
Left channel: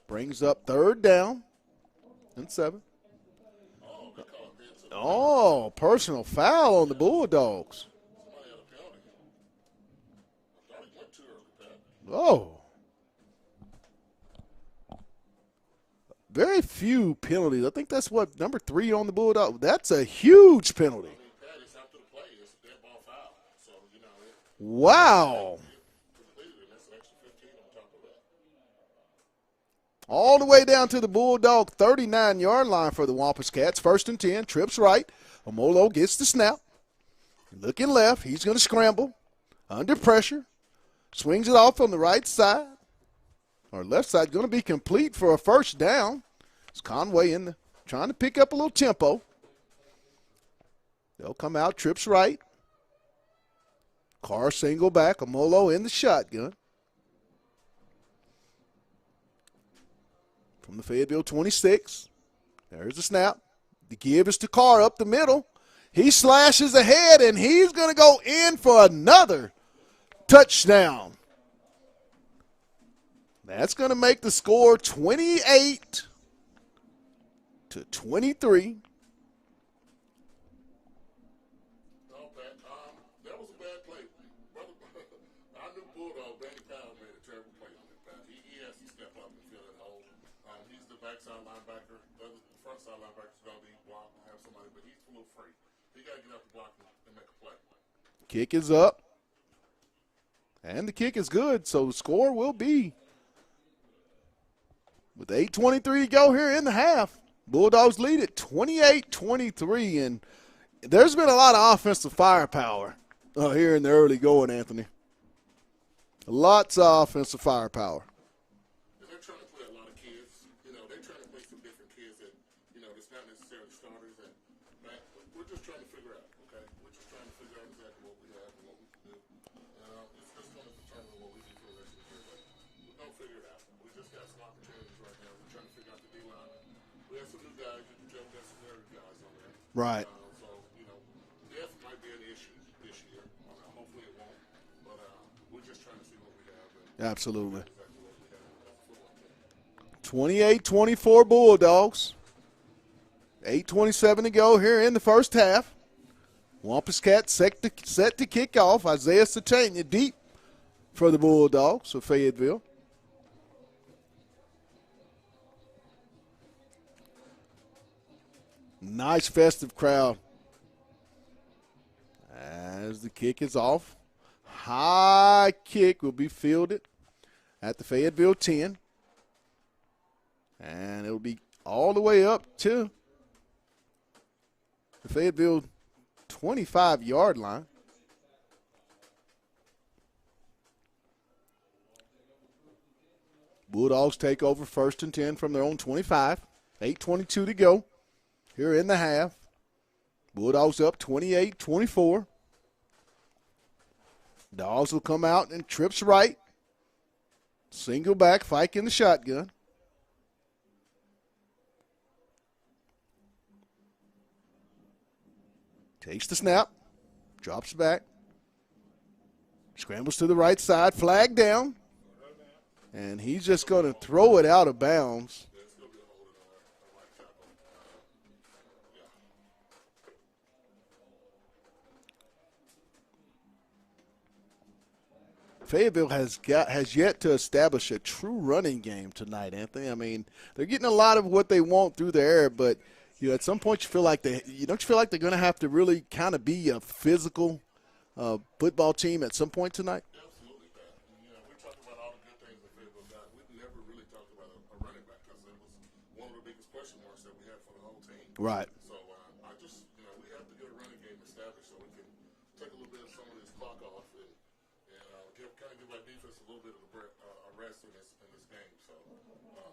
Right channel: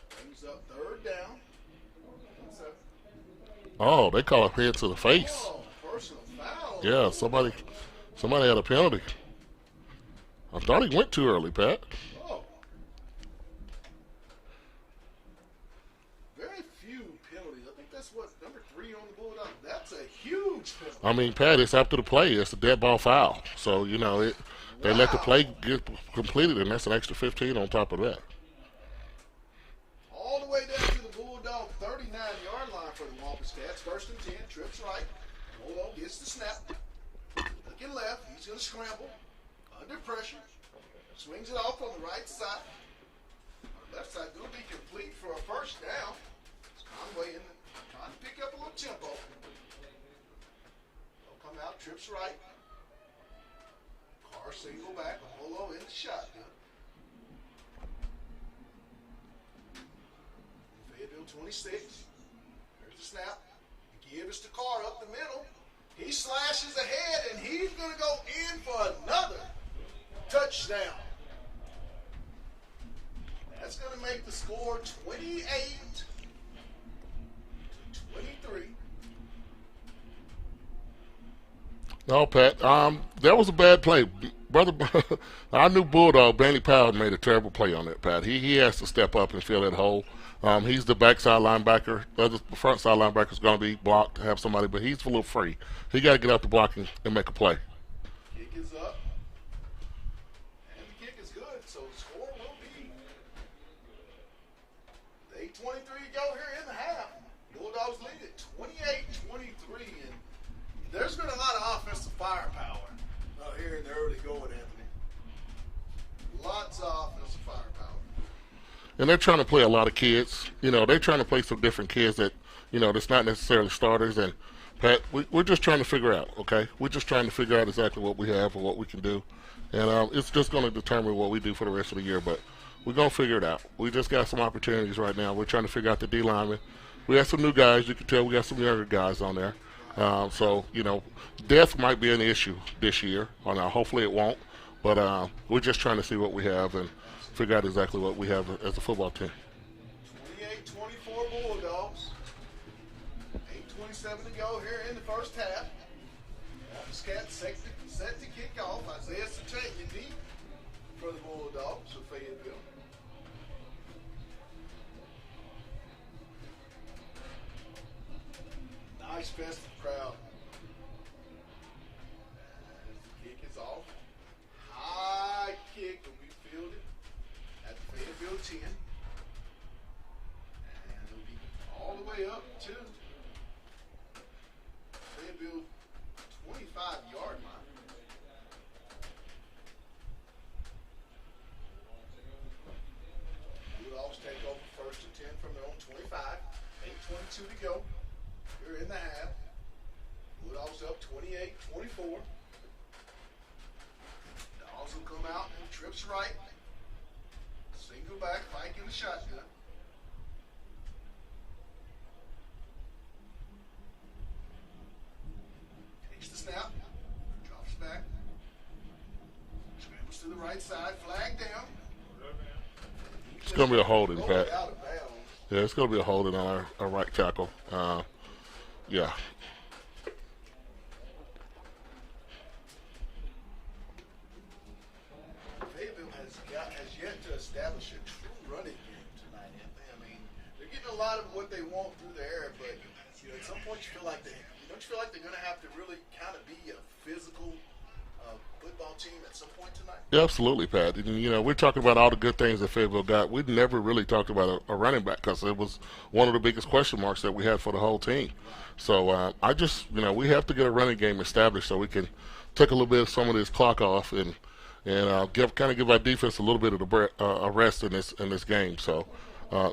Brings up 3rd down and 7. Oh, they call a head to the face. Oh, personal foul on the Bulldogs. Somebody had a penalty. I thought he went too early, Pat. Oh. Very few penalties. I think that's what, number 3 on the Bulldogs. That's a huge penalty. I mean, Pat, it's after the play. It's a dead ball foul. So, you know, Wow. And let the play get completed, and that's an extra 15 on top of that. All the way down to the Bulldog 39-yard line for the Wampus Cats. 1st and 10. Trips right. Omolo gets the snap. Looking left. He's going to scramble. Under pressure. Swings it off on the right side. Or left side. Going to be complete for a 1st down. It's Conway trying to pick up a little tempo. They'll come out. Trips right. Carr single back. Omolo in the shotgun. From the Fayetteville 26. There's the snap. The give is to Carr up the middle. He slashes ahead, and he's going to go in for another touchdown. That's going to make the score 28-23. No, Pat. That was a bad play. Brother, our new Bulldog, Danny Powell, made a terrible play on that, Pat. He has to step up and fill that hole. He's the backside linebacker. The front side linebacker is going to be blocked to have somebody, but he's a little free. He got to get out the blocking and make a play. Kick is up. And the kick is good, so the score will be, with 8:23 to go here in the half, Bulldogs lead it 28-23, and there's been a lot of offensive firepower here in the early going, Anthony. Lots of offensive firepower. And they're trying to play a lot of kids. You know, they're trying to play some different kids that, you know, that's not necessarily starters. And, Pat, we're just trying to figure out, okay? We're just trying to figure out exactly what we have and what we can do. And it's just going to determine what we do for the rest of the year. But we're going to figure it out. We just got some opportunities right now. We're trying to figure out the D lineman. We got some new guys. You can tell we got some younger guys on there. Right. So, you know, depth might be an issue this year. Hopefully it won't. But we're just trying to see what we have and figure out exactly what we have as a football team. 28-24 Bulldogs. 8:27 to go here in the first half. Wampus Cats set to kick off. Isaiah Satania deep for the Bulldogs of Fayetteville. Nice festive crowd as the kick is off. High kick will be fielded at the Fayetteville 10. And it'll be all the way up to the Fayetteville 25-yard line. Bulldogs take over 1st and 10 from their own 25. 8:22 to go here in the half. Bulldogs up 28-24. Dogs will come out and trips right. Single back, Fike in the shotgun. Takes the snap, drops back. Scrambles to the right side, flag down. And he's just gonna be a going to holding, throw Pat. it out of bounds. Yeah, it's going to be a holding on our right tackle. Yeah. Fayetteville has yet to establish a true running game tonight, Anthony. I mean, they're getting a lot of what they want through the air, but at some point you feel like they're going to have to really kind of be a physical football team at some point tonight. Yeah, absolutely, Pat. And, we're talking about all the good things that Fayetteville got. We never really talked about a running back because it was one of the biggest question marks that we had for the whole team. Right. So I just, we have to get a running game established so we can take a little bit of some of this clock off and give our defense a little bit of a rest in this game. So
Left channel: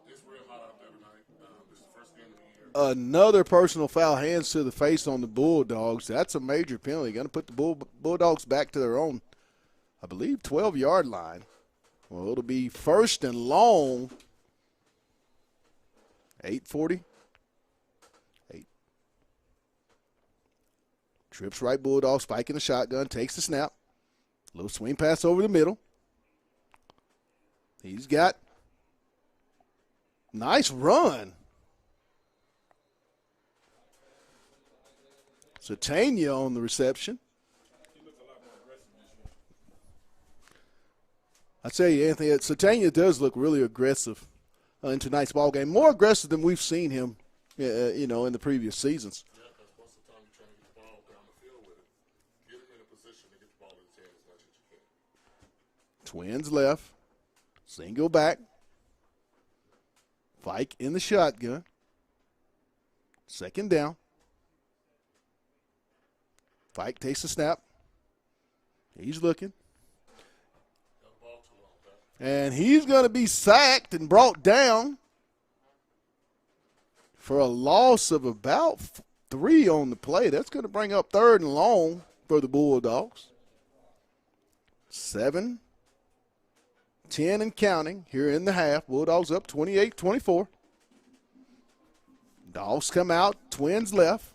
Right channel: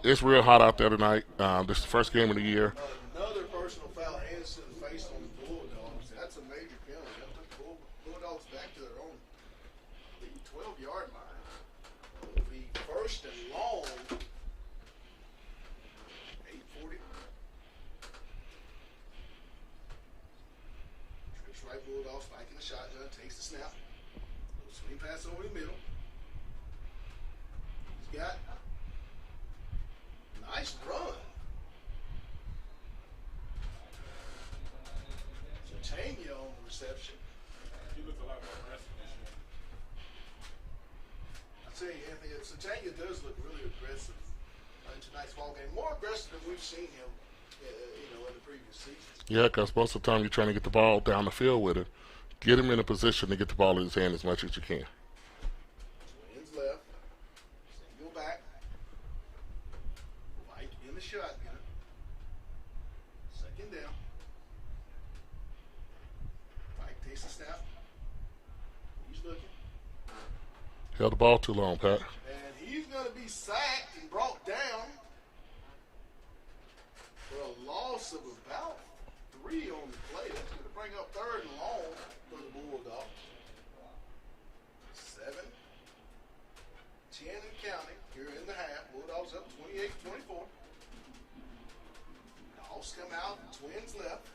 it's real hot out there tonight. This is the first game of the year. Another personal foul, hands to the face on the Bulldogs. That's a major penalty. Going to put the Bulldogs back to their own, I believe, 12-yard line. Well, it'll be first and long. 8:40. Trips right, Bulldog, spiking the shotgun, takes the snap. Little swing pass over the middle. He's got nice run. Satania on the reception. I tell you, Anthony, Satania does look really aggressive in tonight's ball game. More aggressive than we've seen him, in the previous seasons. Yeah, because most of the time you're trying to get the ball down the field with him. Get him in a position to get the ball in his hand as much as you can. Twins left. Single back. Fike in the shotgun. Second down. Fike takes the snap. He's looking. Held the ball too long, Pat. And he's going to be sacked and brought down for a loss of about 3 on the play. That's going to bring up 3rd and long for the Bulldogs. 7, 10 and counting here in the half. Bulldogs up 28-24. Dogs come out, Twins left.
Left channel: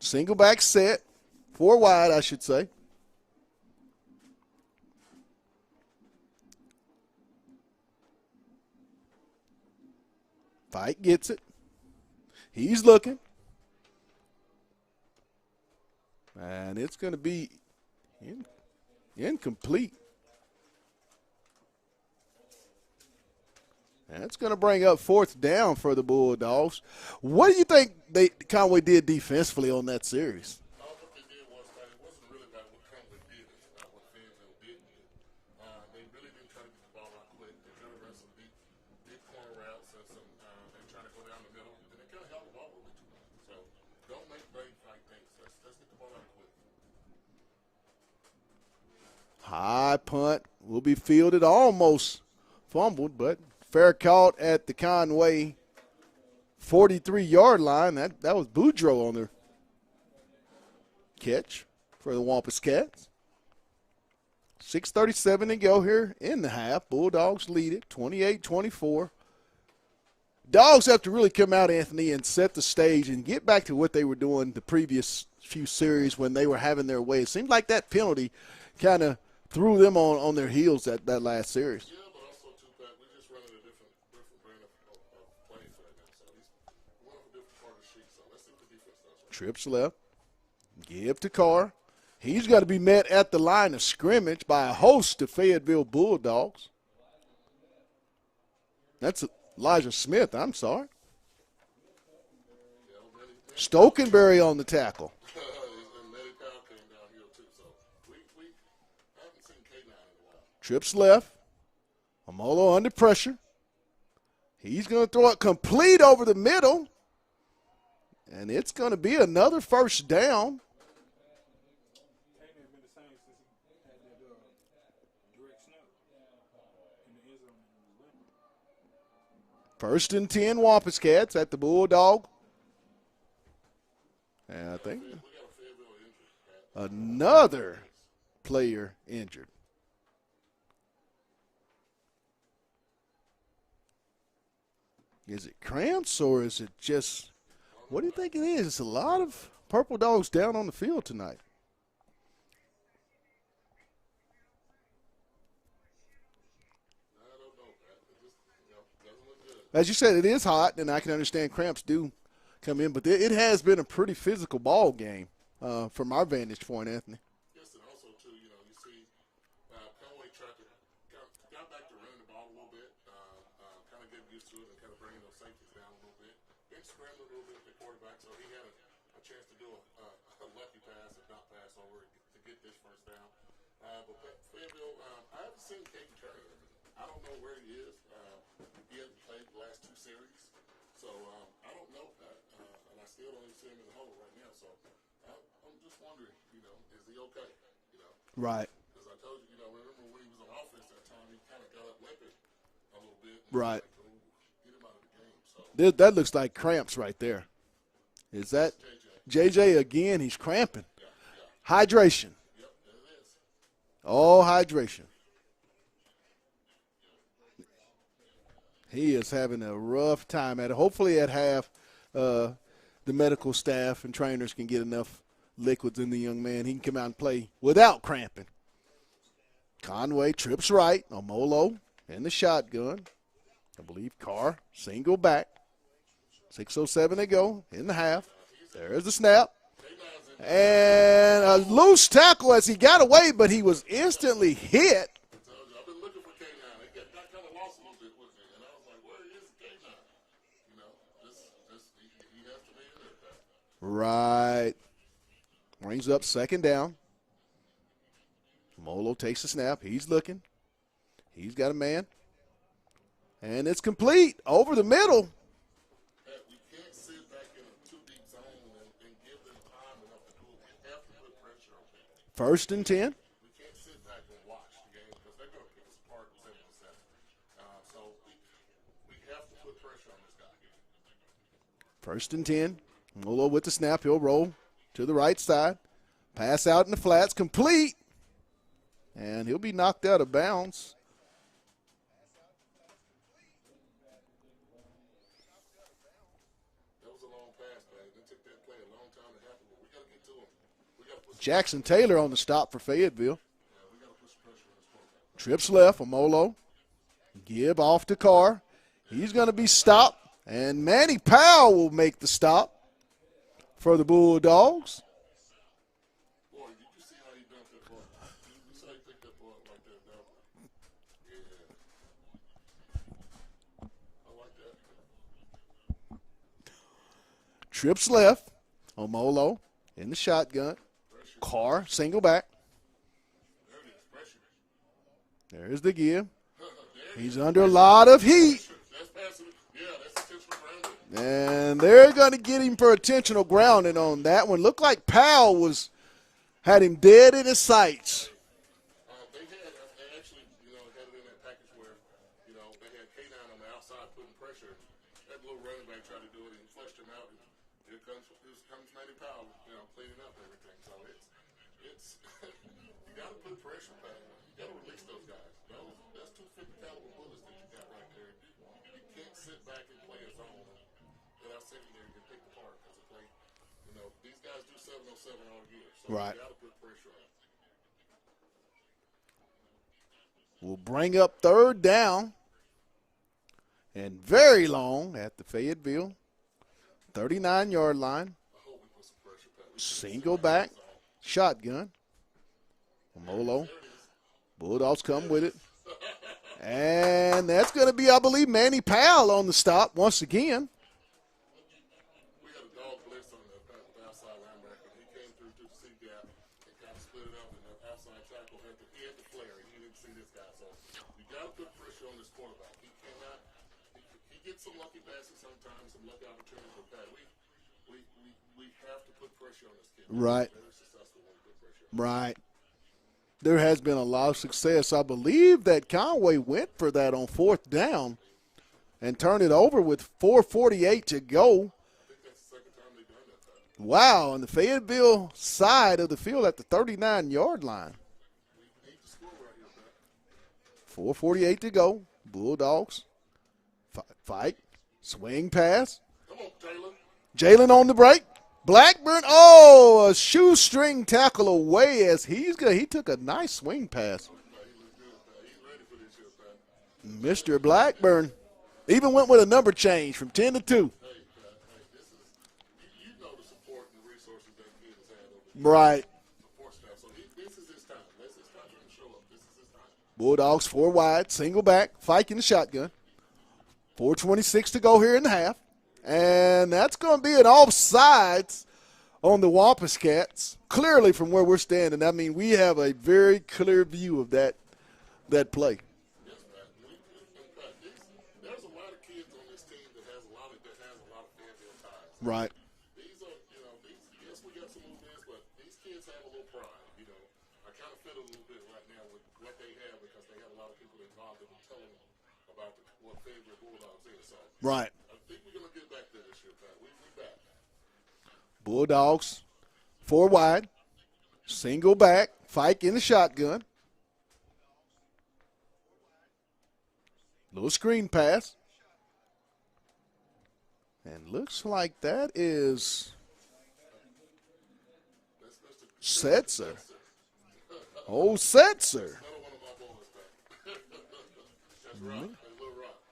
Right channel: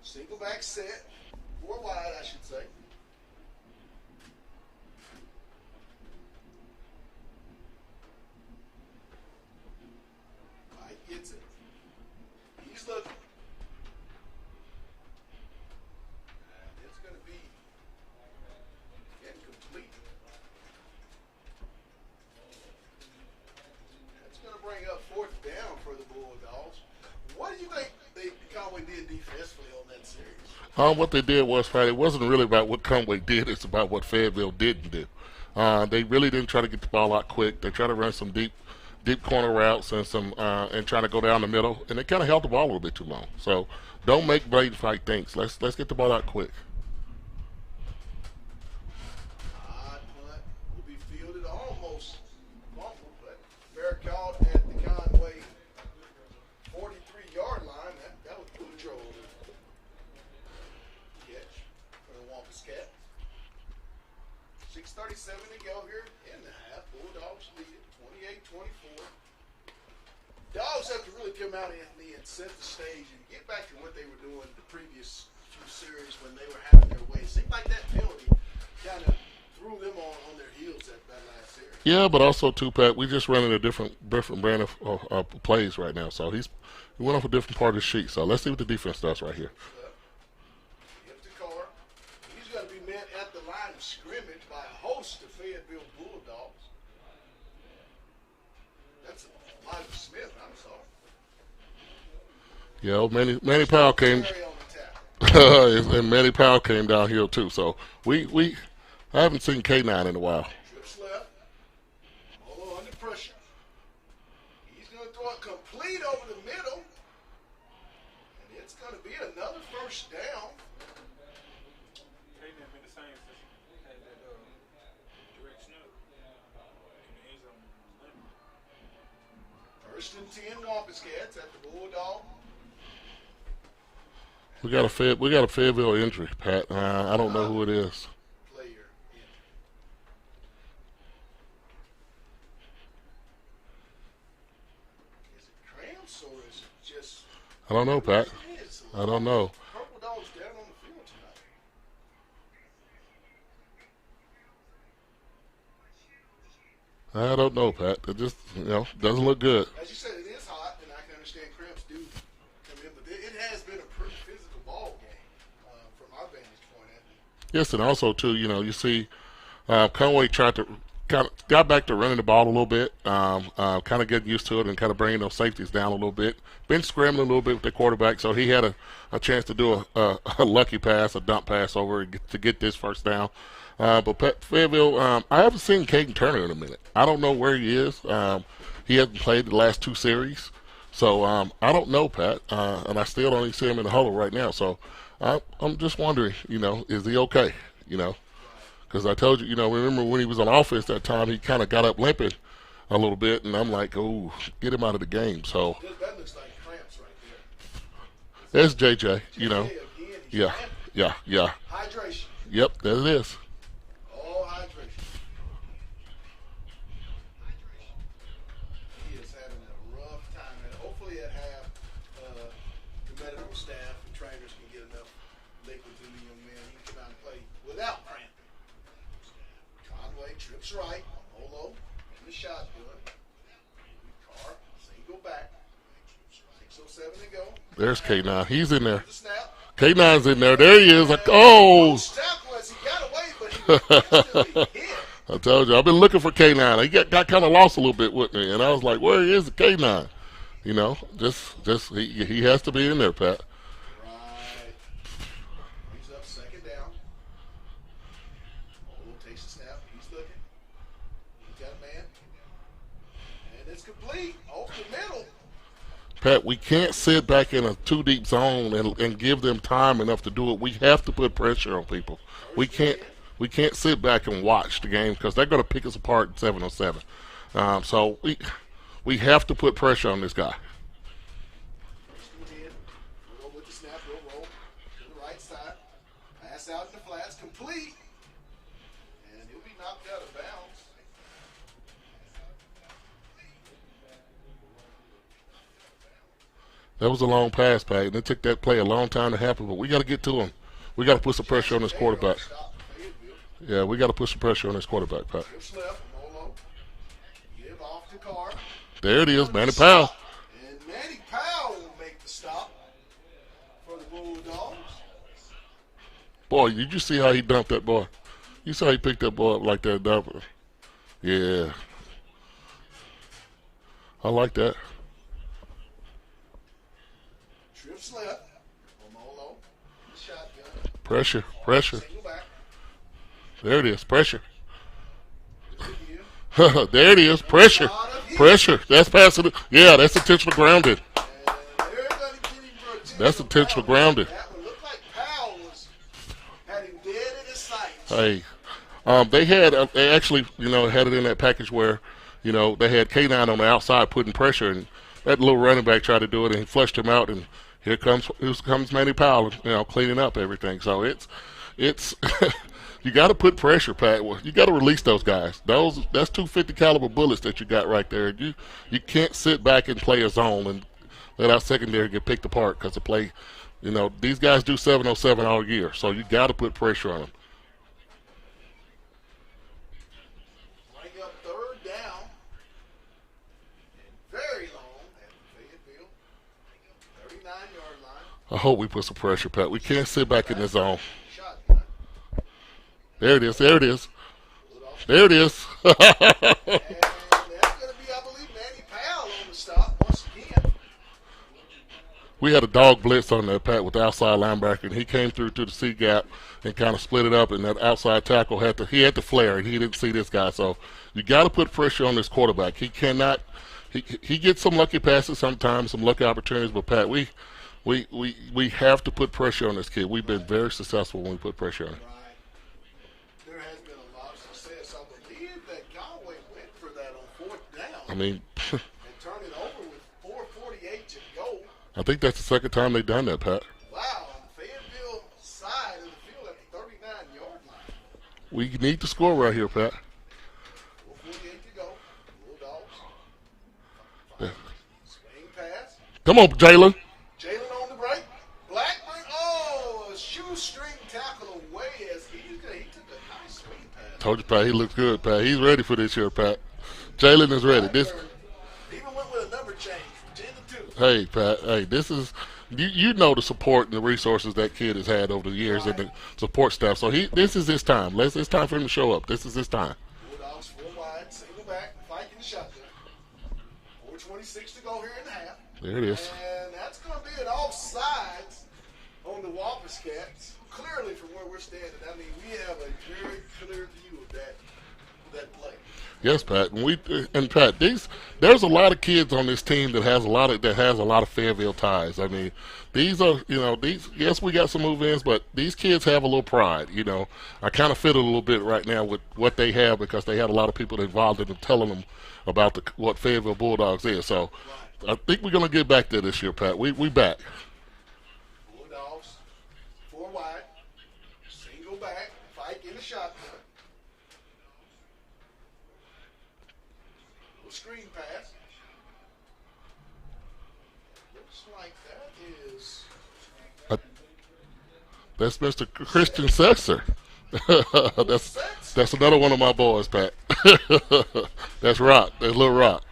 Single back set, 4 wide, I should say. Fike gets it. He's looking. And it's going to be incomplete. And it's going to bring up 4th down for the Bulldogs. What do you think Conway did defensively on that series? What they did was, Pat, it wasn't really about what Conway did. It's about what Fayetteville didn't do. They really didn't try to get the ball out quick. They tried to run some deep corner routes and trying to go down the middle, and they kind of held the ball a little bit too long. So don't make blatant fight things. Let's get the ball out quick. High punt will be fielded, almost fumbled, but fair caught at the Conway 43-yard line. That was Boudreaux on the catch for the Wampus Cats. 6:37 to go here in the half. Bulldogs lead it 28-24. Dogs have to really come out, Anthony, and set the stage and get back to what they were doing the previous few series when they were having their way. It seemed like that penalty kind of threw them on their heels that last series. Yeah, but also, too, Pat, we're just running a different brand of plays right now. So he went off a different part of the sheet. So let's see what the defense does right here. Trips left. Give to Carr. He's got to be met at the line of scrimmage by a host of Fayetteville Bulldogs. That's Elijah Smith, I'm sorry. Yeah, Manny Powell came. Stokenberry on the tackle. And Manny Powell came downhill, too. So I haven't seen K9 in a while. Trips left. Amolo under pressure. He's going to throw it complete over the middle. And it's going to be another 1st down. First and 10, Wampus Cats at the Bulldog. We got a Fayetteville injury, Pat. I don't know who it is. Player injured. Is it cramps or is it just? I don't know, what do you Pat. think it is? It's a lot I don't know. Purple Dogs down on the field tonight. I don't know, Pat. It just, doesn't look good. As you said, it is hot, and I can understand cramps do come in, but it has been a pretty physical ball game from our vantage point, Anthony. Yes, and also, too, you see Conway got back to running the ball a little bit, kind of getting used to it and kind of bringing those safeties down a little bit. Been scrambling a little bit with the quarterback, so he had a chance to do a lucky pass, a dump pass over to get this first down. But Fayetteville, I haven't seen Caden Turner in a minute. I don't know where he is. He hasn't played the last 2 series. So I don't know, Pat, and I still don't even see him in the huddle right now. So I'm just wondering, is he okay? Right. Because I told you, remember when he was on offense that time, he kind of got up limping a little bit, and I'm like, oh, get him out of the game. So that looks like cramps right there. That's JJ. JJ again, he's cramping. Yeah. Hydration. Yep, there it is. All hydration. He is having a rough time at it. Hopefully at half, the medical staff and trainers can get enough liquids in the young man. He can come out and play without cramping. Conway trips right. Omolo in the shotgun. I believe Carr single back. 6:07 to go. There's K9. He's in there. There's the snap. K9's in there. There he is. Loose tackle as he got away, but he was instantly hit. I told you, I've been looking for K9. He got kind of lost a little bit with me, and I was like, where is the K9? Just he has to be in there, Pat. Right. Brings up second down. Molo takes the snap. He's looking. He's got a man. And it's complete over the middle. Pat, we can't sit back in a 2-deep zone and give them time enough to do it. We have to put pressure on people. First and 10. We can't sit back and watch the game because they're going to pick us apart in 7-on-7. So we have to put pressure on this guy. First and 10. Molo with the snap. He'll roll to the right side. Pass out in the flats. Complete. And he'll be knocked out of bounds. That was a long pass, Pat, and it took that play a long time to happen, but we got to get to him. We got to put some pressure on this Taylor quarterback. On the stop for Fayetteville. Yeah, we got to put some pressure on this quarterback, Pat. Trips left for Molo. Give off to Carr. There it is, Manny Powell. And Manny Powell will make the stop for the Bulldogs. Boy, did you see how he dumped that boy? You saw he picked that boy up like that dumper. Yeah. I like that. Trips left. Omolo in the shotgun. Pressure. Carr, Pressure. single back. There it is. Pressure. There's the give. There it is. Pressure. A lot of heat. Pressure. That's passing. Yeah, that's intentional grounding. And they're going to get him for intentional grounding. That one looked like Powell had him dead in his sights. Hey, they actually, had it in that package where, they had K9 on the outside putting pressure, and that little running back tried to do it, and he flushed him out, and here comes Manny Powell, cleaning up everything. So it's you got to put pressure, Pat. You got to release those guys. That's 250 caliber bullets that you got right there. You can't sit back and play a zone and let our secondary get picked apart because the play. These guys do 7-on-7 all year, so you got to put pressure on them. We'll bring up third down and very long at the Fayetteville 39-yard line. I hope we put some pressure, Pat. We can't sit back in the zone. Shotgun. There it is. There it is. Bulldogs. There it is. And that's going to be, I believe, Manny Powell on the stop once again. We had a dog blitz on that, Pat, with the outside linebacker, and he came through to the C gap and kind of split it up, and that outside tackle had to flare, and he didn't see this guy. So you got to put pressure on this quarterback. He cannot. He gets some lucky passes sometimes, some lucky opportunities, but Pat, we have to put pressure on this kid. We've been very successful when we put pressure on him. Right. There has been a lot of success. I believe that Conway went for that on fourth down. And turned it over with 4:48 to go. I think that's the second time they've done that, Pat. Wow, on the Fayetteville side of the field at the 39-yard line. We need to score right here, Pat. 4:48 to go. Bulldogs fight. Swing pass. Come on, Jalen. Jalen on the break. Blackburn, a shoestring tackle away as he took a nice swing pass. Told you, Pat, he looks good, Pat. He's ready for this year, Pat. Jalen Mr. is ready. Blackburn even went with a number change from 10 to 2. Hey, Pat. Hey, this is you know the support and the resources that kid has had over the years Right. and the support staff. So this is his time. It's time for him to show up. This is his time. Bulldogs 4 wide, single back, Fike in the shotgun. 4:26 to go here in the half. There it is. And that's going to be an offsides on the Wampus Cats, clearly from where we're standing. I mean, we have a very clear view of that play. Yes, Pat. And Pat, there's a lot of kids on this team that has a lot of Fayetteville ties. I mean, these are yes, we got some move-ins, but these kids have a little pride. I kind of feel it a little bit right now with what they have because they had a lot of people involved in them telling them about what Fayetteville Bulldogs is. So Right. I think we're gonna get back there this year, Pat. We back. Bulldogs 4 wide, single back, Fike in the shotgun. Little screen pass. And looks like that is That's Mr. Christian Setzer. old Setzer. That's another one of my boys, Pat. That's Rock. That's Little Rock.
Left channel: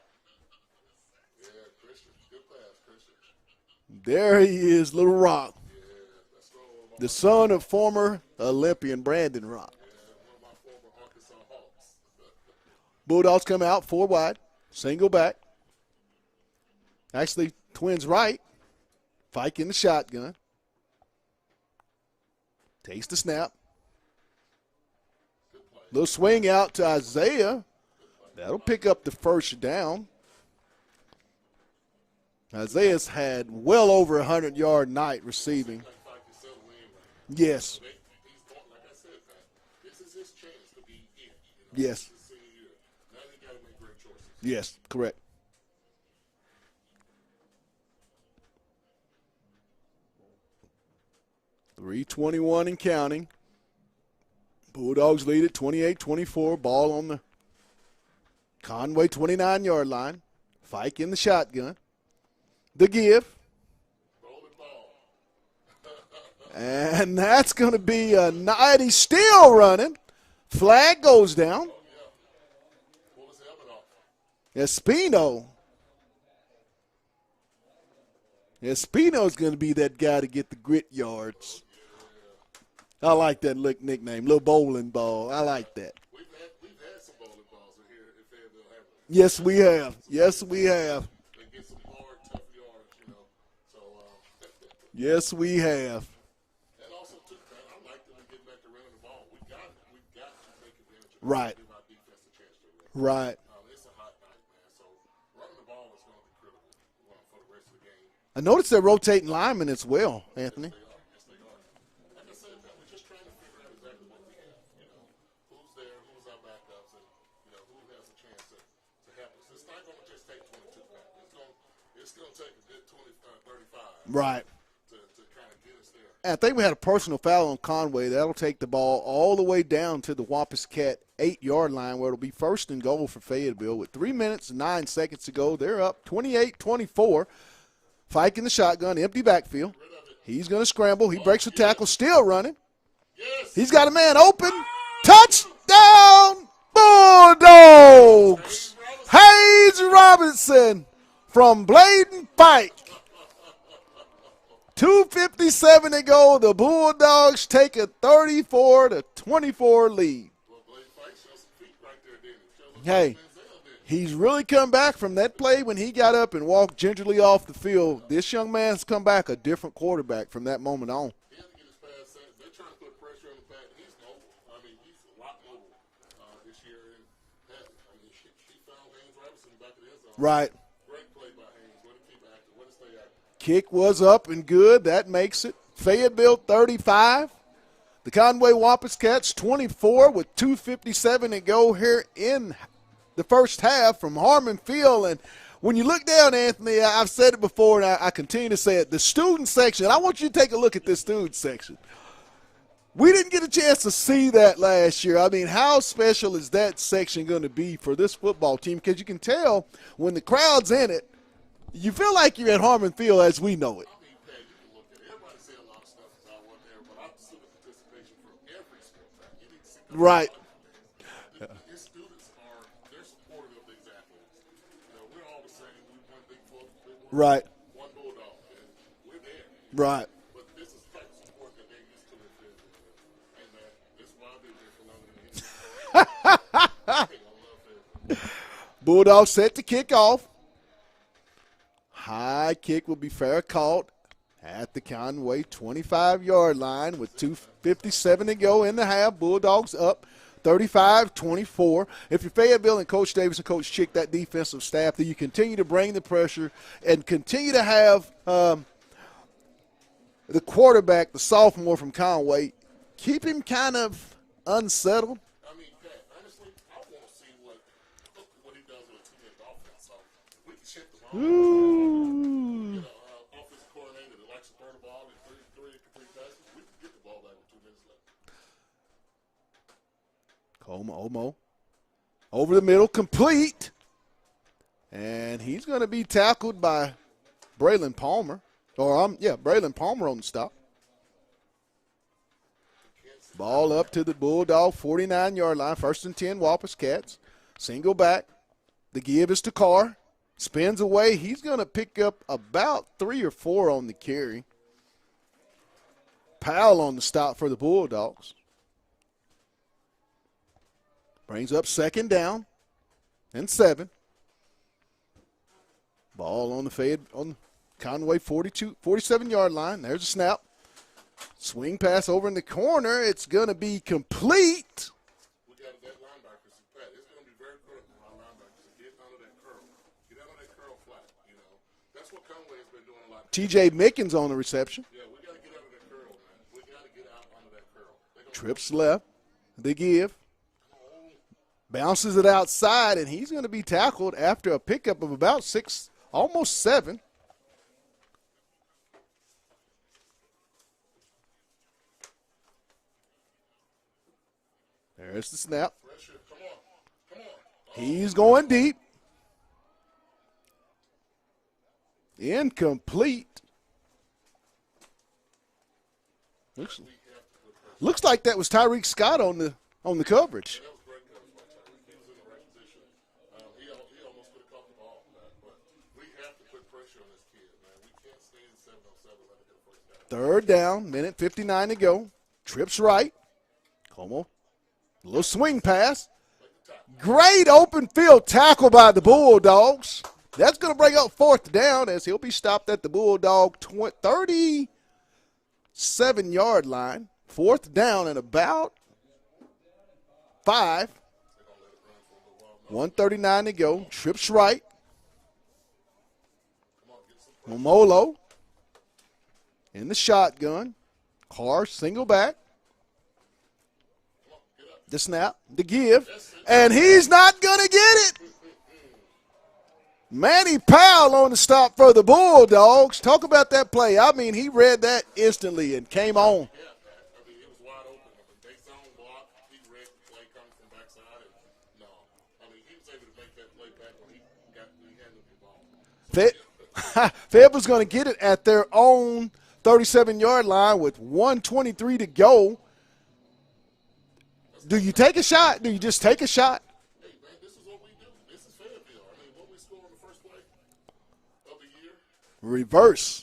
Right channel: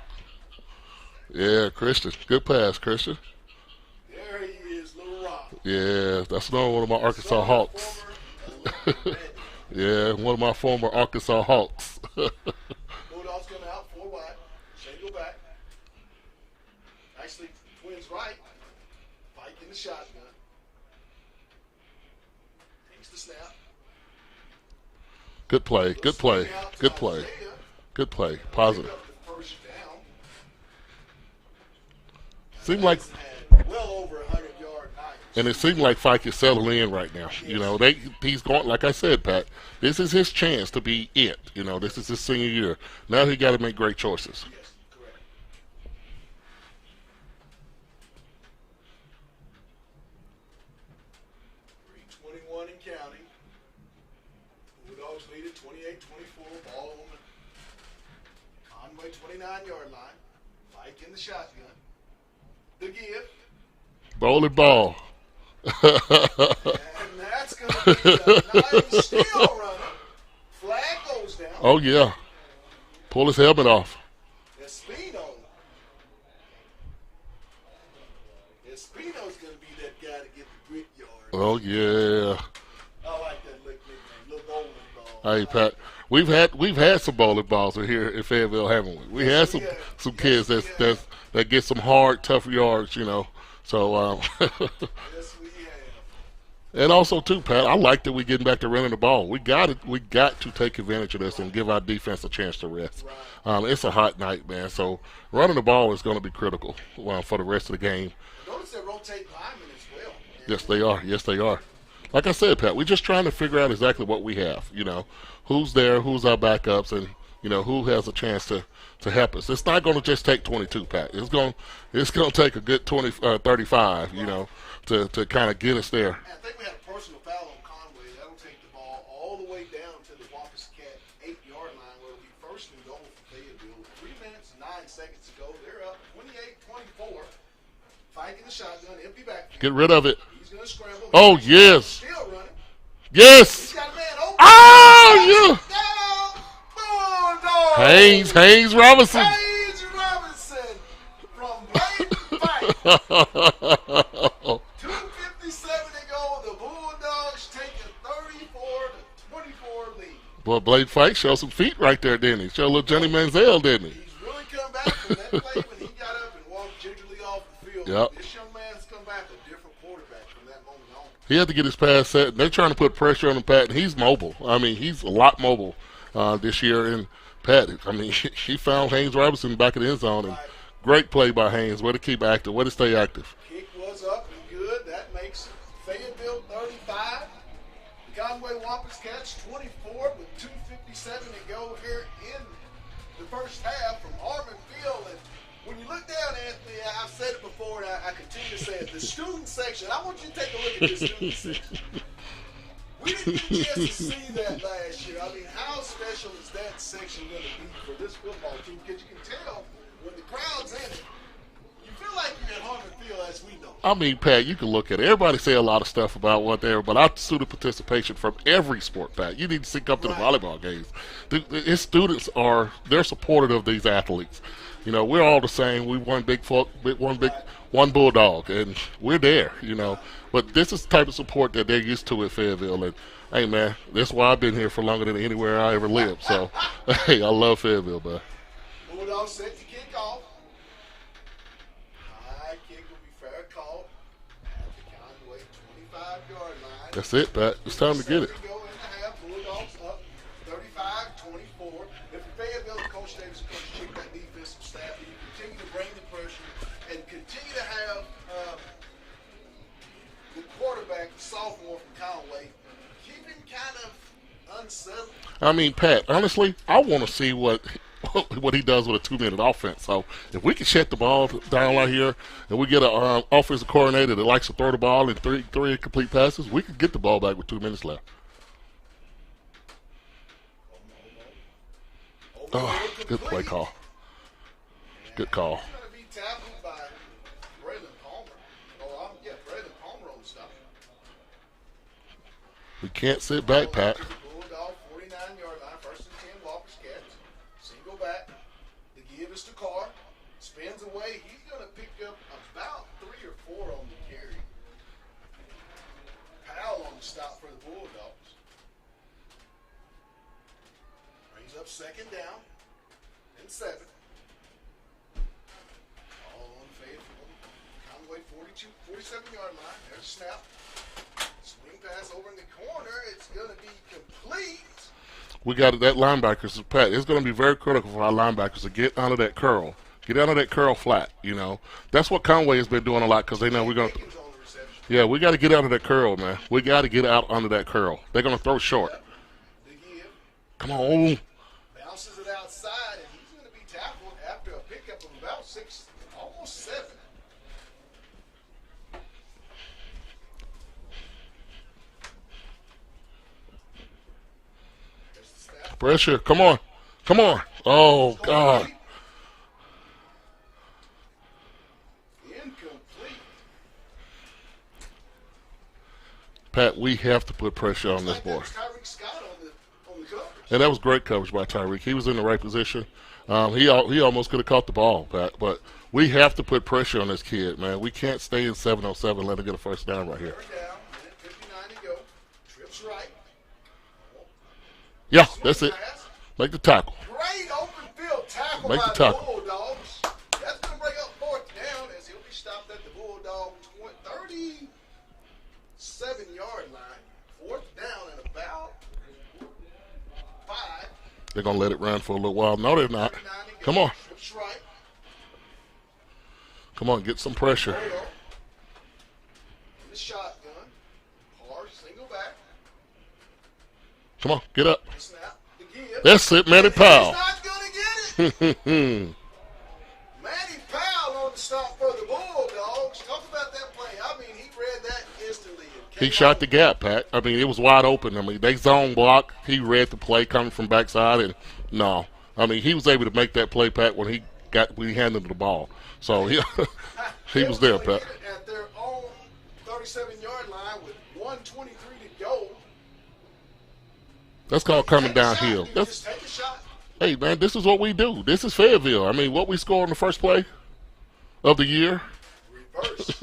Yeah, Christian. Good pass, Christian. There he is, Little Rock. Yeah, that's another one of my The Arkansas son Hawks. of former Olympian Brandon Rock. Yeah, one of my former Arkansas Hawks. Bulldogs come out 4 wide, single back. Actually, twins right. Fike in the shotgun. Takes the snap. Good play. Little Good swing play. out to Good play. Isaiah. Good play. That'll Positive. pick up the first down. Seemed Isaiah's had well over 100-yard night And receiving. it seems like Fike is settling in right now. Yes. He's going, like I said, Pat, this is his chance to be it. This Yes. is his senior year. Now he got to make great choices. Yes, correct. .321 and counting. Bulldogs lead it 28-24. Ball on the Conway 29-yard line. Fike in the shotgun. The give. Bowling ball. And that's going to be a 90 still running. Flag goes down. Oh, yeah. Pull his helmet off. Espino's going to be that guy to get the grit yards. Oh, yeah. I like that nickname, little bowling ball. I Hey, like Pat, that. we've had some bowling balls in here in Fayetteville, haven't we? Yes, we have. Some Yes, kids we have. that get some hard, tough yards, So, Yes, we have. and also too, Pat, I like that we're getting back to running the ball. We got to take advantage of this Right. and give our defense a chance to rest. Right. It's a hot night, man. So running the ball is going to be critical for the rest of the game. I noticed they're rotating linemen as well, Anthony. Yes, they are. Yes, they are. Like I said, Pat, we're just trying to figure out exactly what we have. Who's there, who's our backups, and who has a chance to help us. It's not going to just take 22, Pat. It's going to take a good 35, Right. to kind of get us there. I think we had a personal foul on Conway. That'll take the ball all the way down to the Wampus Cat 8-yard line where it'll be first and goal for Fayetteville. With 3 minutes and 9 seconds to go, they're up 28-24. Fike in the shotgun, empty backfield. Get rid of it. He's going to scramble. He Oh, breaks the yes. tackle, still running. Yes. He's got a man open. Ah, Touchdown, Bulldogs! Haynes Robinson. Hayes Robinson from Bladen Fight. 2:57 to go. The Bulldogs take a 34-24 lead. Boy, Blade Fight showed some feet right there, didn't he? Showed a little Johnny Hey. Manziel, didn't he? He's really come back from that play when he got up and walked gingerly off the field. Yep. This young man's come back a different quarterback from that moment on. He had to get his pass set. They're trying to put pressure on him, Pat, and he's mobile. I mean, he's a lot mobile this year. And Pat, I mean, he found Haynes Robinson back in the end zone. Right. Great play by Haynes. Way to keep active. Way to stay active. Kick was up and good. That makes it Fayetteville 35. The Conway Wampus Cats 24 with 2:57 to go here in the first half from Harmon Field. And when you look down, Anthony, I've said it before and I continue to say it, the student section, I want you to take a look at this student section. We didn't get a chance to see that last year. I mean, how special is that section going to be for this football team? Because you can tell when the crowd's in it, You feel like you're at Harmon Field as we know it. I mean, Pat, you can look at it. Everybody say a lot of stuff about what they're, but I student participation from every sport, Pat. You need to sync up Right. to the volleyball games. His students they're supportive of these athletes. You know, we're all the same. We one one bulldog, and we're there. You know, Right. but this is the type of support that they're used to at Fayetteville. And hey, man, that's why I've been here for longer than anywhere I ever lived. So, hey, I love Fayetteville, man. Bulldogs set to kick off. High kick will be fair caught at the Conway 25-yard line. That's with it, Pat. It's time to 2:57 get to it. go in the half. Bulldogs up 35-24. If you're Fayetteville and Coach Davis and Coach Chick, that defensive staff, then you continue to bring the pressure and continue to have the quarterback, the sophomore from Conway, keep him kind of unsettled. I mean, Pat, honestly, I want to see what he does with a 2-minute offense. So if we can shut the ball down right here and we get an offensive coordinator that likes to throw the ball in three incomplete passes, we can get the ball back with 2 minutes left. Omo. Over the middle, complete. Good call. And Good call. he's going to be tackled by Braylon Palmer. Braylon Palmer on the stop. We can't sit Ball back, up Pat. to the Bulldog 49-yard line. 1st and 10, Wampus Cats. Single back. The give is to Carr. Spins away. He's going to pick up about 3 or 4 on the carry. Powell on the stop for the Bulldogs. Brings up 2nd down and 7. Ball on on Conway 47-yard line. There's a snap. Swing pass over in the corner. It's going to be complete. We got that linebackers, Pat. It's going to be very critical for our linebackers to get under that curl. Get under that curl flat, you know. That's what Conway has been doing a lot because they know TJ we're going to. Mickens on the reception. Yeah, we got to get out of that curl, man. We got to get out under that curl. They're going to throw short. Left. The give. Come on. Bounces it outside, and he's going to be tackled after a pickup of about 6, almost 7. There's the snap. Pressure. Come on. Come on. Oh, He's going God. deep. Incomplete. Pat, we have to put pressure Looks on like this that boy. was Tyreek Scott on the coverage. And that was great coverage by Tyreek. He was in the right position. He almost could have caught the ball, Pat. But we have to put pressure on this kid, man. We can't stay in 7-on-7 and let him get a first down right here. 3rd down, minute 59 to go. Trips right. Como. Yeah, Swing that's it. pass. Make the tackle. Great open field tackle Make by the the tackle. Bulldogs. That's going to bring up 4th down as he'll be stopped at the Bulldog 37-yard line. 4th down and about 5. They're going to let it run for a little while. No, they're not. 39 to go. Come on. Trips right. Come on, get some pressure. Molo in the shotgun. Carr single back. Come on, get up. The snap. The give. That's it, Manny And he's Powell. not going to get it. Manny Powell on the stop for the Bulldogs. Talk about that play. I mean, he read that instantly and came He shot on. the gap, Pat. I mean, it was wide open. I mean, they zone block. He read the play coming from backside, and no. I mean, he was able to make that play, Pat, when he handed the ball. So Fayetteville's there, going to Pat. get it at their own 37-yard line with 1:23 to go. That's Do called you coming take a shot? downhill. Do you That's- just take a shot? Hey, man, this is what we do. This is Fayetteville. I mean, what we scored in the first play of the year. Reverse.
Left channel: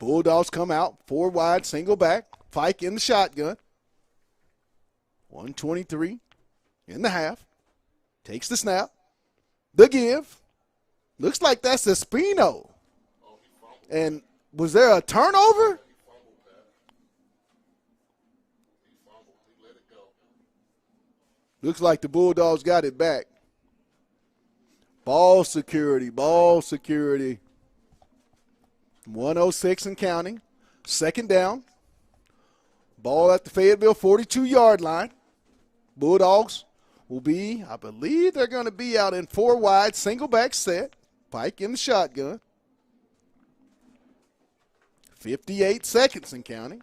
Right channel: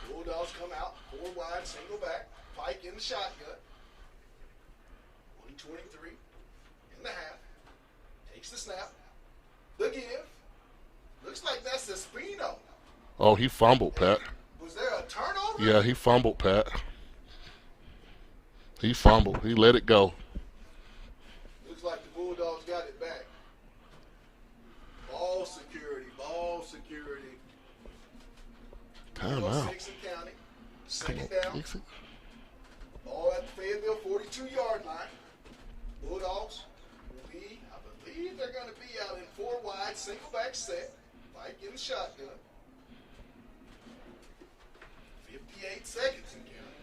Bulldogs come out, 4 wide, single back. Pike in the shotgun. 1:23 in the half. Takes the snap. The give. Looks like that's Espino. Oh, he fumbled, And Pat. was there a turnover? Yeah, he fumbled, Pat. He fumbled. He let it go. Looks like the Bulldogs got it back. Ball security, ball security. 106 and counting. 2nd down. Ball at the Fayetteville 42-yard line. Bulldogs will be, I believe they're going to be out in 4 wide, single back set. Pike in the shotgun. 58 seconds and counting.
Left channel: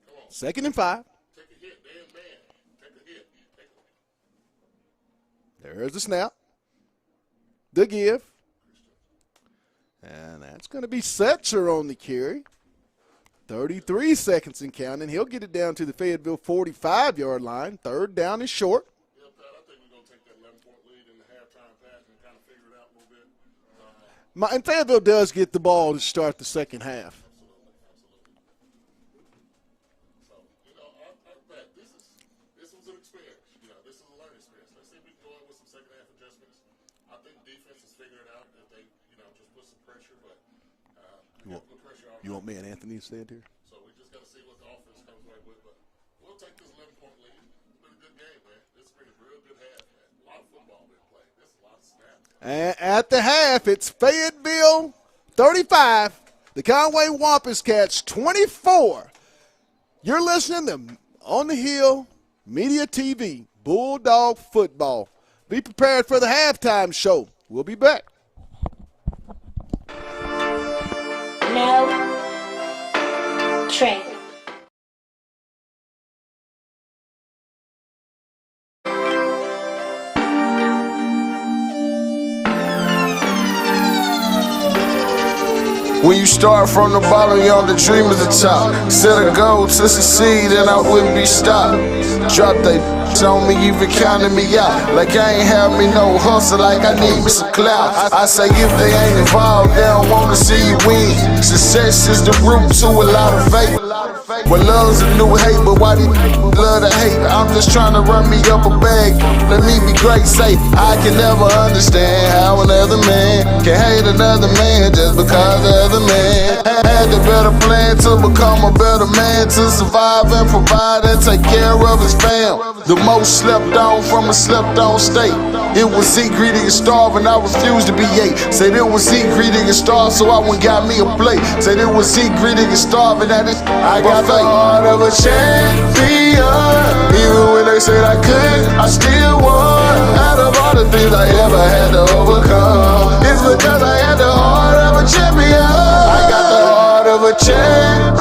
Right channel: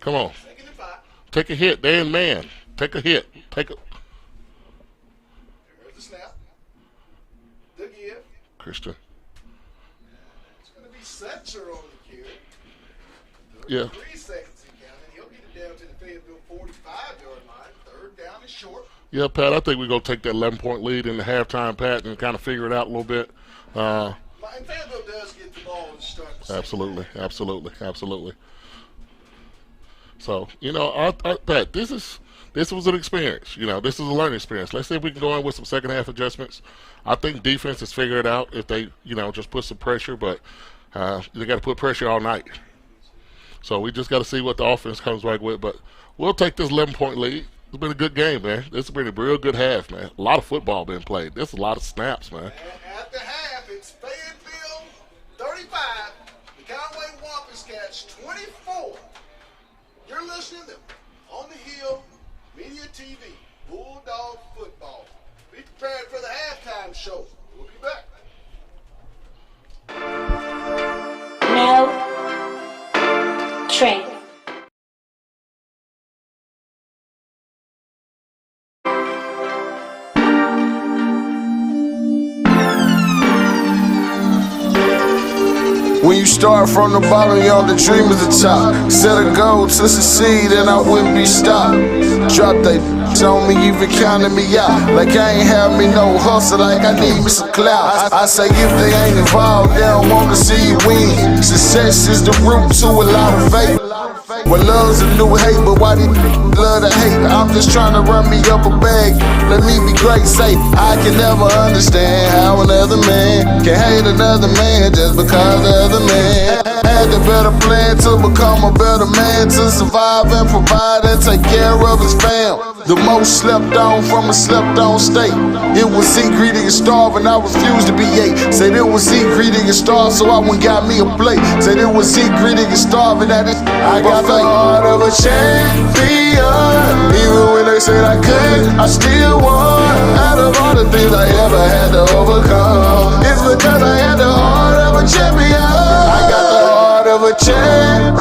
Come on. 2nd and 5. Take a hit. They're in man. Take a hit. Take a. There's the snap. The give. Christian. And that's going to be Setzer on the carry. 33 seconds and counting. He'll get it down to the Fayetteville 45-yard line. Third down is short. Yeah, Pat, I think we're going to take that 11-point lead in the halftime, Pat, and kind of figure it out a little bit. And Fayetteville does get the ball to start the second half. Absolutely. So, Pat, this was an experience. This is a learning experience. Let's see if we can go in with some second half adjustments. I think defense has figured it out if they, just put some pressure, but they got to put pressure all night. So we just got to see what the offense comes back with. But we'll take this 11-point lead. It's been a good game, man. This has been a real good half, man. A lot of football been played. There's a lot of snaps, man. And at the half, it's Fayetteville 35, the Conway Wampus Cats 24. You're listening to On the Hill Media TV, Bulldog Football. Be prepared for the halftime show. We'll be back. No trade. When you start from the bottom, you're on the dream at the top. Set a goal to succeed and I wouldn't be stopped. Drop they on me, even counting me out. Like I ain't have me no hustle, like I need me some clout. I say if they ain't involved, they don't wanna see you win. Success is the root to a lot of faith. Well, love's a new hate, but why these love to hate? I'm just trying to run me up a bag. Let me be great, say I can never understand how another man can hate another man just because the other man had the better plan to become a better man, to survive and provide and take care of his fam. The most slept on from a slept on state. It was eat, greedy, and starve, and I refused to be ate. Said it was eat, greedy, and starve, so I went got me a plate. Said it was eat, greedy, and starve, and I got the heart of a champion. Even when they said I couldn't, I still won. Out of all the things I ever had to overcome, it's because I had the heart of a champion. I got the heart of a champion.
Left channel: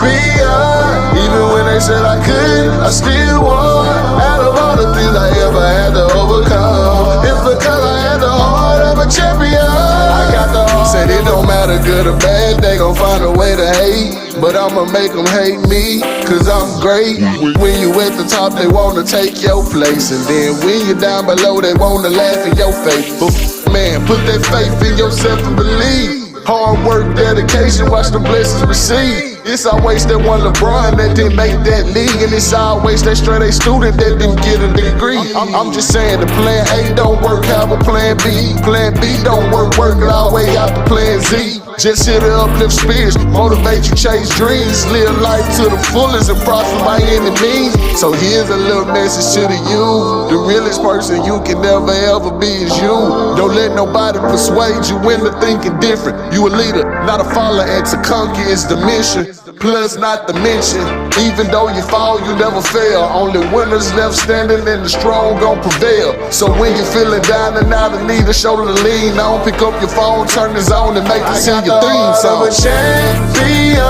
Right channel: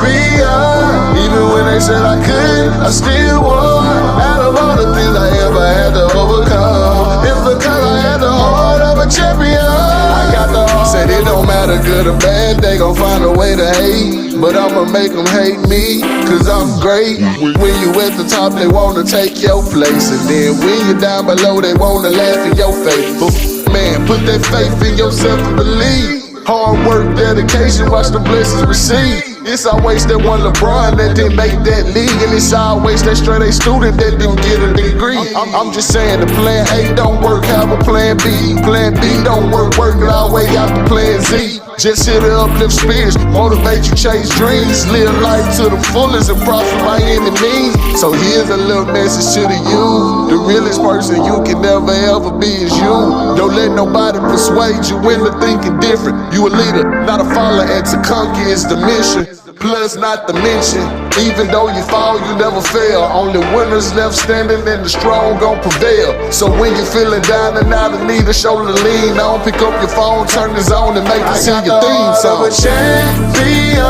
Even when they said I couldn't, I still won. Out of all the things I ever had to overcome, it's because I had the heart of a champion. I got the heart. Said it don't matter good or bad, they gon' find a way to hate. But I'ma make them hate me, cause I'm great. When you at the top, they wanna take your place. And then when you're down below, they wanna laugh in your face. But man, put that faith in yourself and believe. Hard work, dedication, watch the blessings receive. It's always that one LeBron that didn't make that league. And it's always that straight A student that didn't get a degree. I'm just saying the plan A don't work, have a plan B. Plan B don't work, work it all the way out to plan Z. Just hit the uplift spirits, motivate you, chase dreams. Live life to the fullest and prosper by any means. So here's a little message to the youth. The realest person you can never ever be is you. Don't let nobody persuade you into thinking different. You a leader, not a follower, and to conquer is the mission. Plus not to mention, even though you fall, you never fail. Only winners left standing and the strong gon' prevail. So when you're feeling down and out and need a shoulder to lean on, pick up your phone, turn this on and make it sing your theme song. I got the heart of a champion.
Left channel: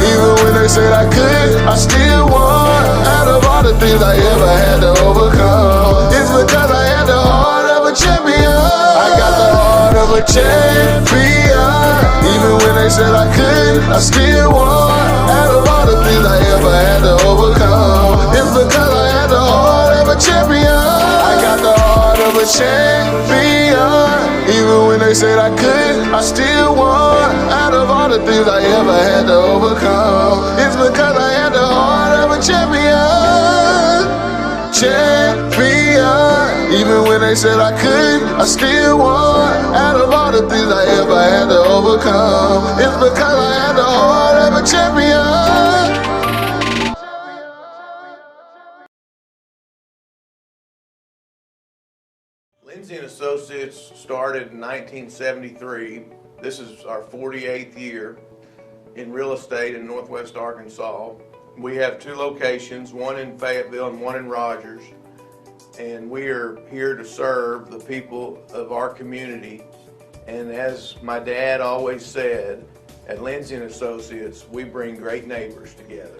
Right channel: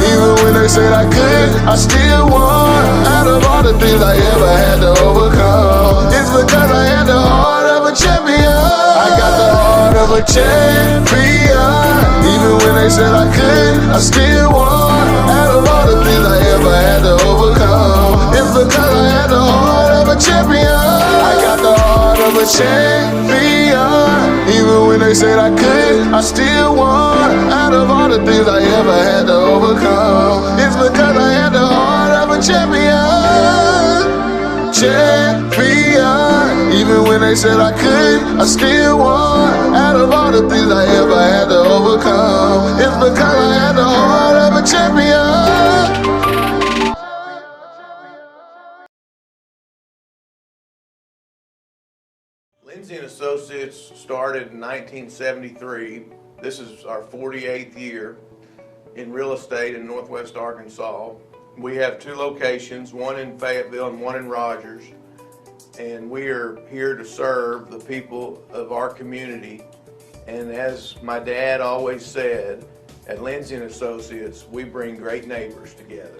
Even when they said I couldn't, I still won. Out of all the things I ever had to overcome, it's because I had the heart of a champion. I got the heart of a champion. Even when they said I couldn't, I still won. Out of all the things I ever had to overcome, it's because I had the heart of a champion. I got the heart of a champion. Even when they said I couldn't, I still won. Out of all the things I ever had to overcome, it's because I had the heart of a champion. Champion. Even when they said I couldn't, I still won. Out of all the things I ever had to overcome, it's because I had the heart of a champion. Lindsay & Associates started in 1973. This is our 48th year in real estate in Northwest Arkansas. We have two locations, one in Fayetteville and one in Rogers. And we are here to serve the people of our community. And as my dad always said, at Lindsay & Associates, we bring great neighbors together.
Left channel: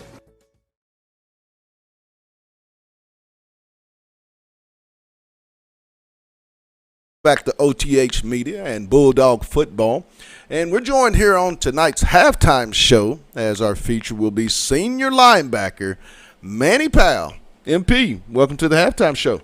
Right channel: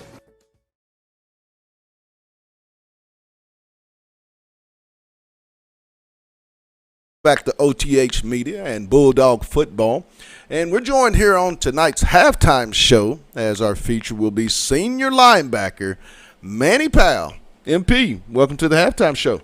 Back to OTH Media and Bulldog Football. And we're joined here on tonight's halftime show as our feature will be senior linebacker Manny Powell. MP, welcome to the halftime show.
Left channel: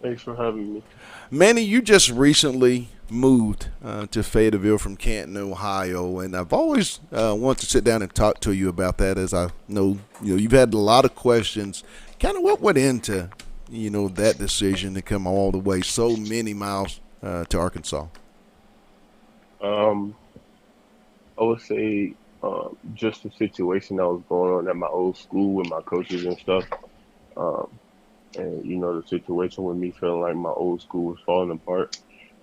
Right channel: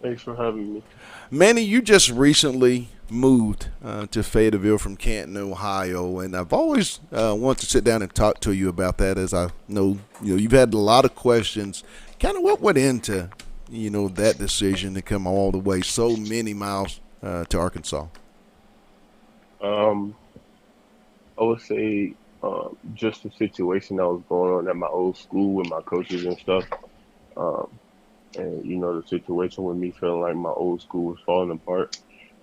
Thanks for having me. Manny, you just recently moved to Fayetteville from Canton, Ohio, and I've always wanted to sit down and talk to you about that, as I know you've had a lot of questions. Kind of what went into that decision to come all the way so many miles to Arkansas? I would say just the situation that was going on at my old school with my coaches and stuff. And, the situation with me feeling like my old school was falling apart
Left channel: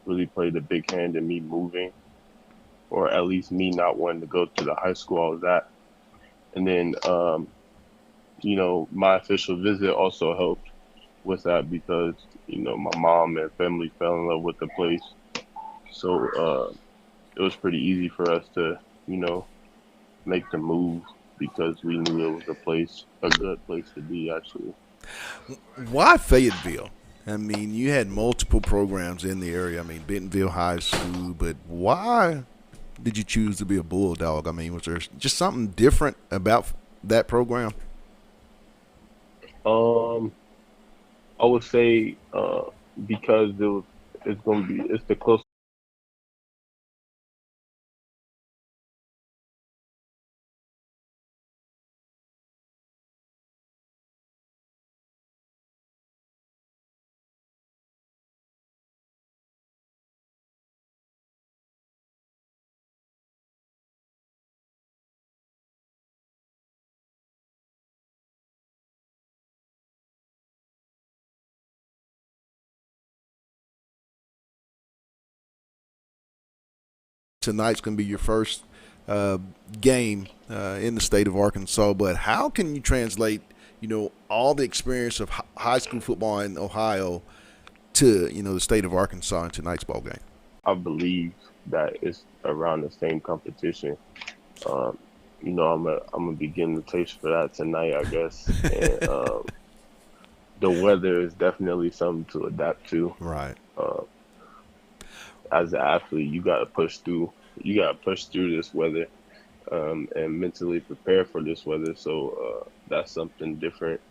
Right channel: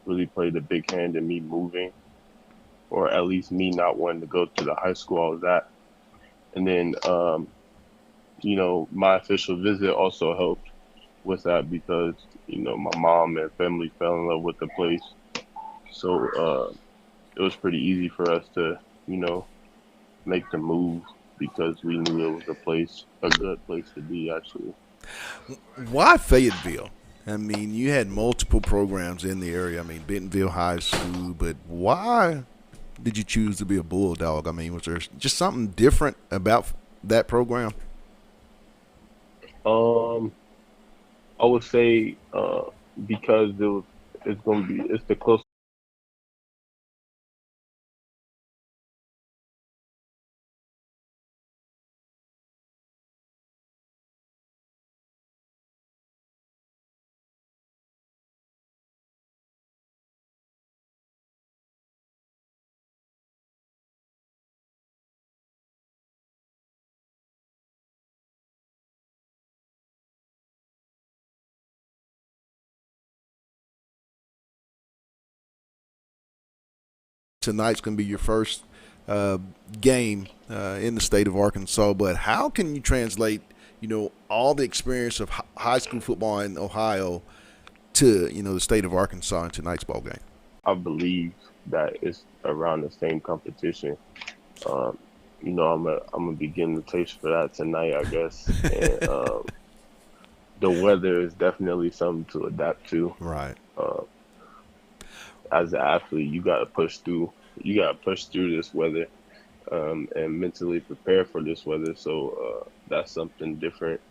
really played a big hand in me moving, or at least me not wanting to go to the high school I was at. And then, my official visit also helped with that because, my mom and family fell in love with the place. So it was pretty easy for us to, make the move because we knew it was a good place to be, actually. Why Fayetteville? I mean, you had multiple programs in the area. I mean, Bentonville High School, but why did you choose to be a Bulldog? I mean, was there just something different about that program? I would say because it's the closest. Tonight's going to be your first game in the state of Arkansas, but how can you translate, all the experience of high school football in Ohio to, the state of Arkansas in tonight's ball game? I believe that it's around the same competition. I'm gonna be getting the taste for that tonight, I guess. And the weather is definitely something to adapt to. Right. As an athlete, you gotta push through. You gotta push through this weather, and mentally prepare for this weather. So that's something different.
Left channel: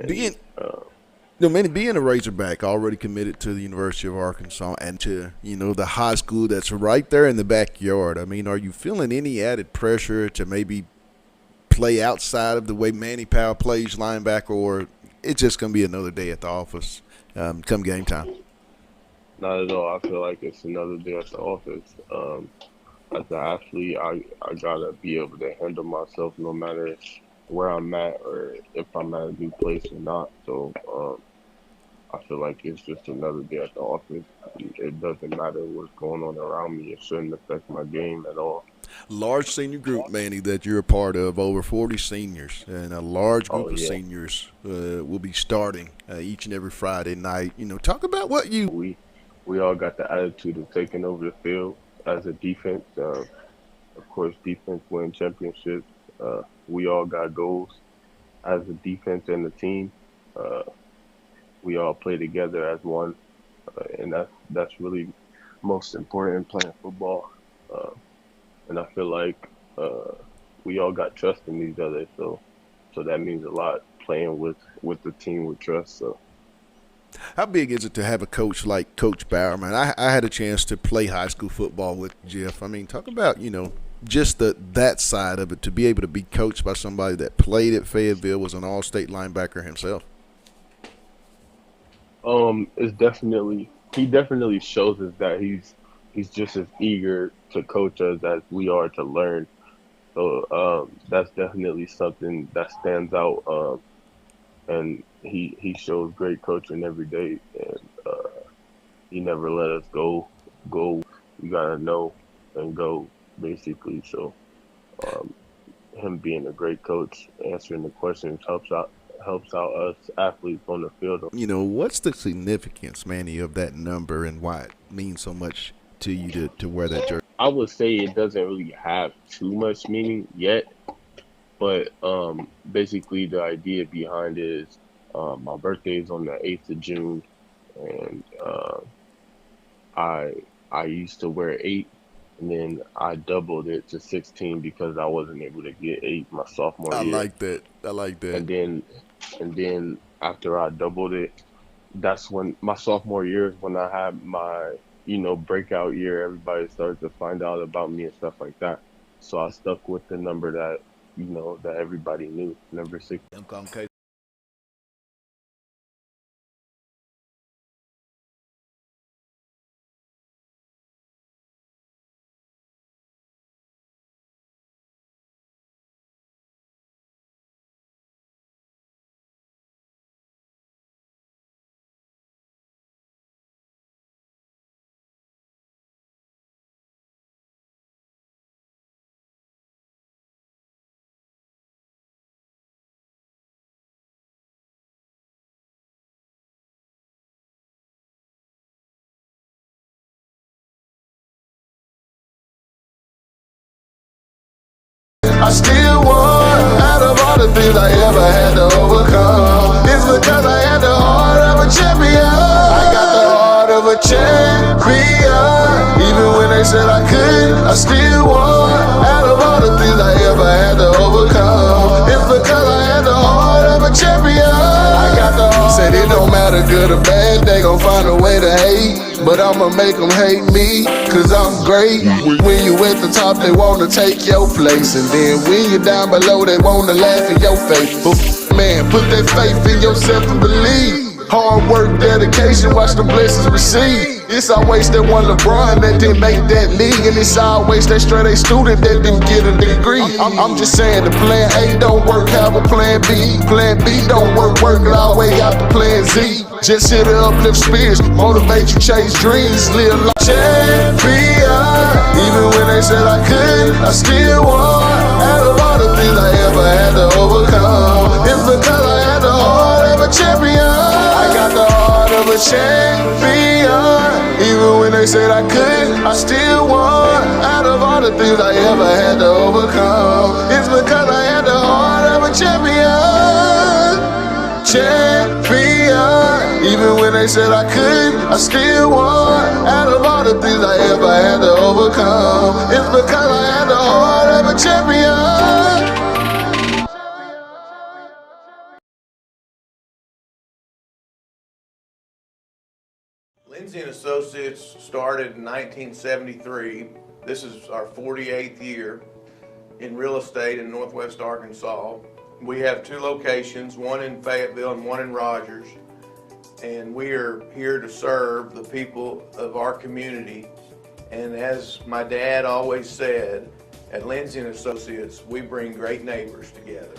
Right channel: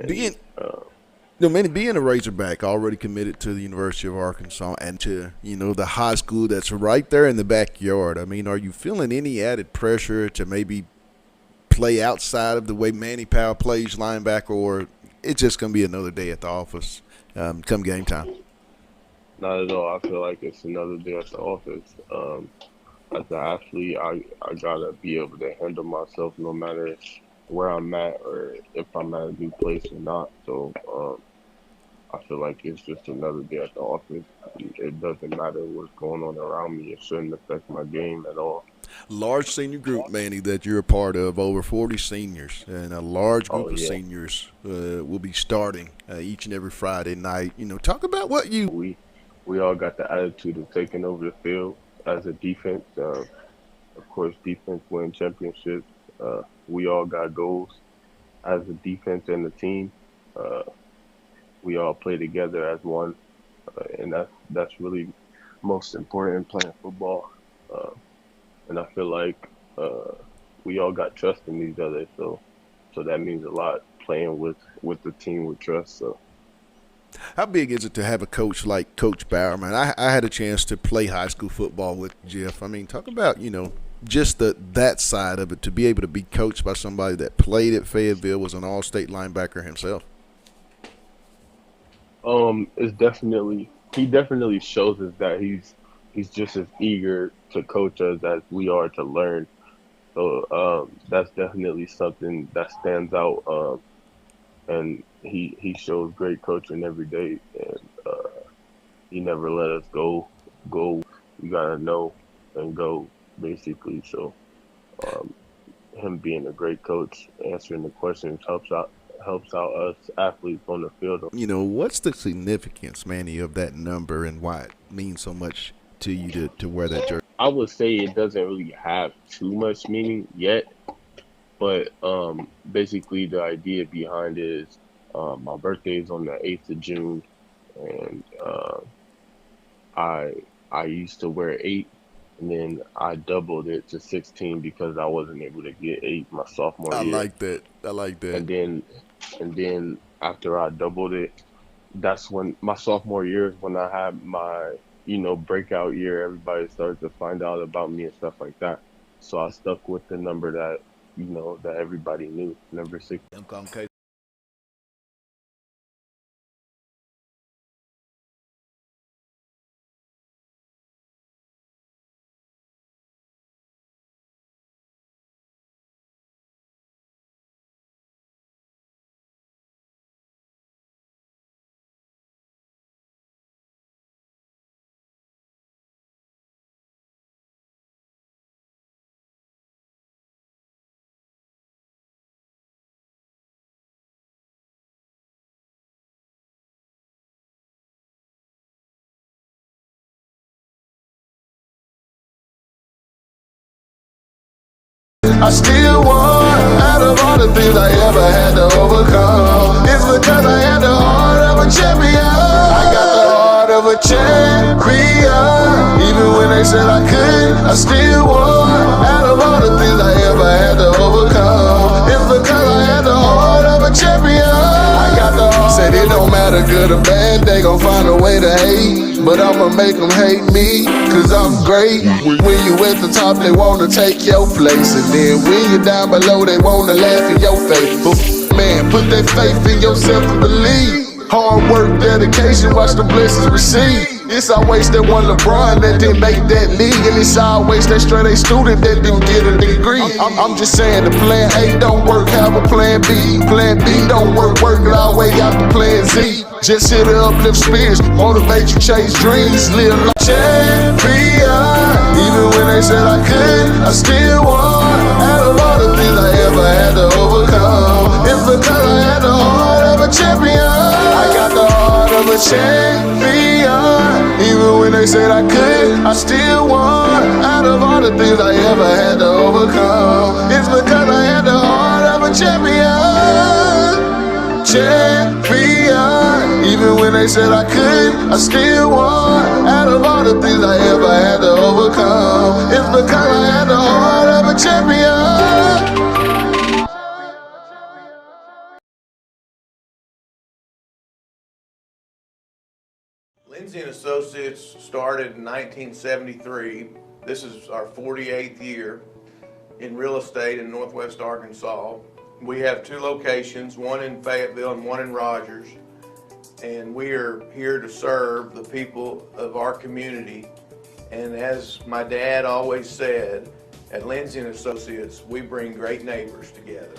And, being a Razorback, already committed to the University of Arkansas and to the high school that's right there in the backyard. I mean, are you feeling any added pressure to maybe play outside of the way Manny Powell plays linebacker, or it's just going to be another day at the office come game time? Not at all. I feel like it's another day at the office. As an athlete, I gotta be able to handle myself no matter where I'm at or if I'm at a new place or not. So I feel like it's just another day at the office. It doesn't matter what's going on around me. It shouldn't affect my game at all. Large senior group, Manny, that you're a part of, over 40 seniors, and a large group of seniors will be starting each and every Friday night. Talk about what you... We all got the attitude of taking over the field as a defense. Of course, defense win championships. We all got goals as a defense and a team. We all play together as one, and that's really most important in playing football. And I feel like we all got trust in each other, so that means a lot playing with the team with trust. So. How big is it to have a coach like Coach Bowerman? I had a chance to play high school football with Jeff. I mean, talk about, just that side of it, to be able to be coached by somebody that played at Fayetteville, was an all-state linebacker himself. He definitely shows us that he's just as eager to coach us as we are to learn. So that's definitely something that stands out. And he shows great coaching every day, and he never let us go. You gotta know and go, basically. So him being a great coach, answering the questions helps out us athletes on the field. What's the significance, Manny, of that number and why it means so much to you to wear that jersey? I would say it doesn't really have too much meaning yet, but basically the idea behind it is my birthday is on the 8th of June, and I used to wear 8, and then I doubled it to 16 because I wasn't able to get 8 my sophomore I year. like that. I like that. And then after I doubled it, that's when my sophomore year is when I had my, breakout year. Everybody started to find out about me and stuff like that. So I stuck with the number that, that everybody knew, number 6. I still won. Out of all the things I ever had to overcome, it's because I had the heart of a champion. I got the heart of a champion. Even when they said I couldn't, I still won. Out of all the things I ever had to overcome, it's because I had the heart of a champion. I got the heart. Said it don't matter good or bad, they gon' find a way to hate. But I'ma make them hate me, cause I'm great. When you at the top, they wanna take your place. And then when you're down below, they wanna laugh in your face. But man, put that faith in yourself and believe. Hard work, dedication, watch the blessings receive. It's always that one LeBron that didn't make that league. And it's always that straight A student that didn't get a degree. I'm just saying the plan A don't work, have a plan B. Plan B don't work, work it all way out to plan Z. Just here to uplift spirits, motivate you, chase dreams, live like champion. Even when they said I couldn't, I still won. Out of all the things I ever had to overcome, it's because I had the heart of a champion. I got the heart of a champion. Even when they said I couldn't, I still won. Out of all the things I ever had to overcome, it's because I had the heart of a champion. Champion. Even when they said I couldn't, I still won. Out of all the things I ever had to overcome, it's because I had the heart of a champion. Lindsay and Associates started in 1973. This is our 48th year in real estate in Northwest Arkansas. We have 2 locations, one in Fayetteville and one in Rogers, and we are here to serve the people of our community. And as my dad always said, at Lindsay and Associates, we bring great neighbors together.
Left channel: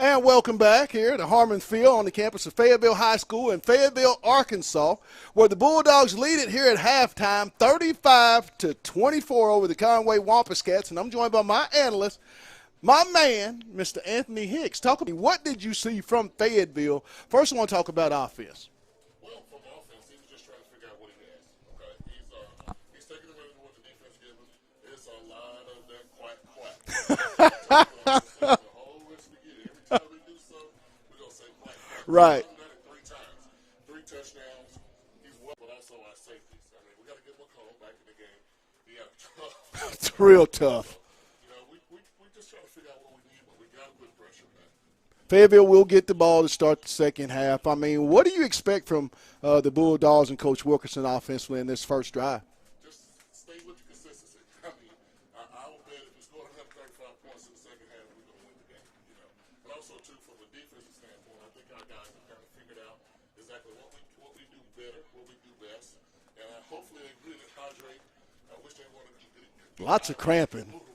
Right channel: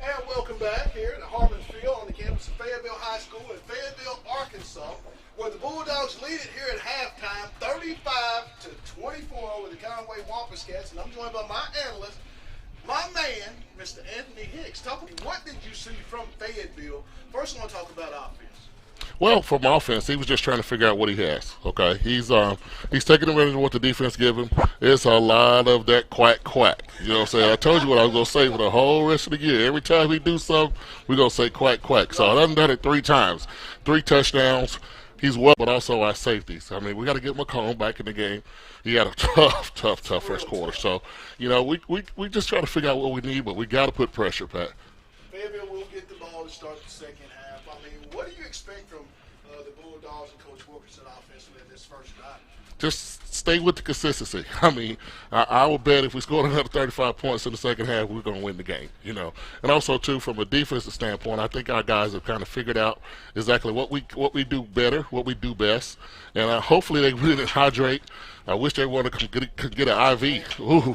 And welcome back here to Harmon Field on the campus of Fayetteville High School in Fayetteville, Arkansas, where the Bulldogs lead it here at halftime, 35-24 over the Conway Wampus Cats. And I'm joined by my analyst, my man, Mr. Anthony Hicks. Talk to me, what did you see from Fayetteville? First, I want to talk about offense. Well, from offense, he was just trying to figure out what he has. Okay, he's taking advantage of what the defense give him. It's a lot of that quack. You know what I'm saying? I told you what I was gonna say for the whole rest of the year. Every time he do something, we're gonna say quack. Right. So I done it 3 times, 3 touchdowns. He's well, but also our safeties. I mean, we got to get McComb back in the game. He had a tough Real first quarter. tough. So, we just try to figure out what we need, but we got to put pressure, Pat. Fayetteville will get the ball to start the second half. I mean, what do you expect from the Bulldogs and Coach Wilkerson offensively in this first drive? Just stay with the consistency. I mean, I would bet if we scored another 35 points in the second half, we're going to win the game, And also, too, from a defensive standpoint, I think our guys have kind of figured out exactly what we do better, what we do best. And hopefully they really hydrate. I wish they wanted to get an IV. Ooh,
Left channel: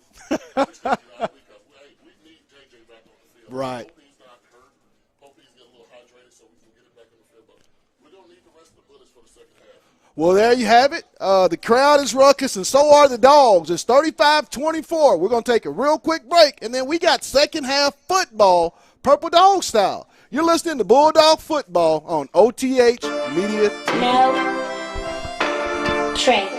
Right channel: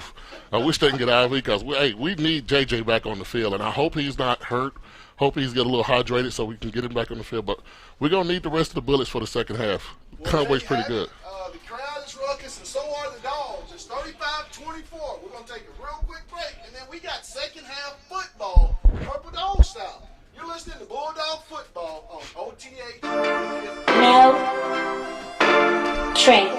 I wish they can get an IV because, we need JJ back on the field. And Right. I hope he's not hurt. Hope he's get a little hydrated so we can get him back on the field. But we're going to need the rest of the bullets for the second half. Well, there you have it. The crowd is ruckus, and so are the Dogs. It's 35-24. We're going to take a real quick break, and then we got second half football, Purple Dog style. You're listening to Bulldog Football on OTH Media. Mel Trey.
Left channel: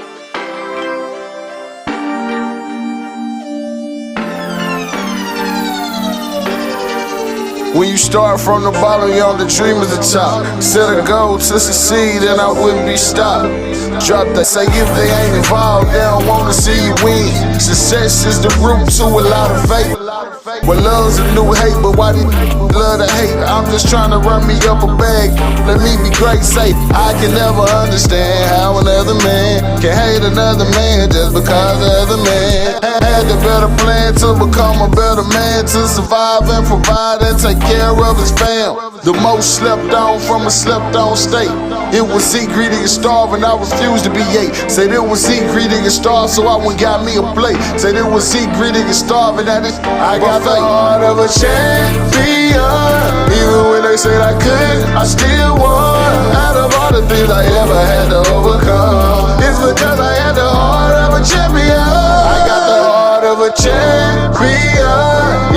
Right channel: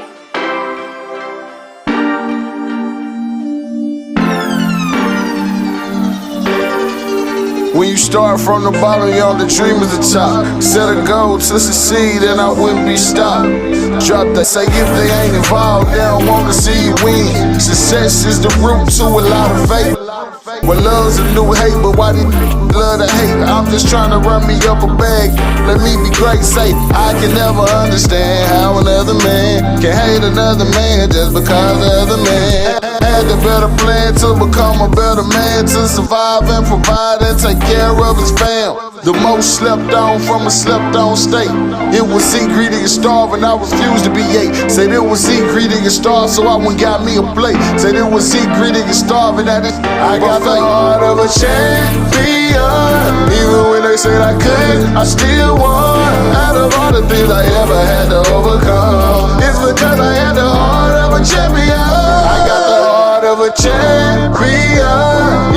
When you start from the bottom, you all the dream is the top. Set a goal to succeed, and I wouldn't be stopped. Drop that, say if they ain't involved, they don't wanna see you win. Success is the root to a lot of faith. Well, love's a new hate, but why do love to hate? I'm just trying to run me up a bag. Let me be great, say I can never understand how another man can hate another man just because the other man had the better plan to become a better man, to survive and provide and take care of his fam. The most slept on from a slept on state. It was eat, greedy, and starve, and I refused to be ate. Said it was eat, greedy, and starve, so I went got me a plate. Said it was eat, greedy, and starve, and that is I got the heart of a champion. Even when they said I couldn't, I still won. Out of all the things I ever had to overcome, it's because I had the heart of a champion. I got the heart of a champion.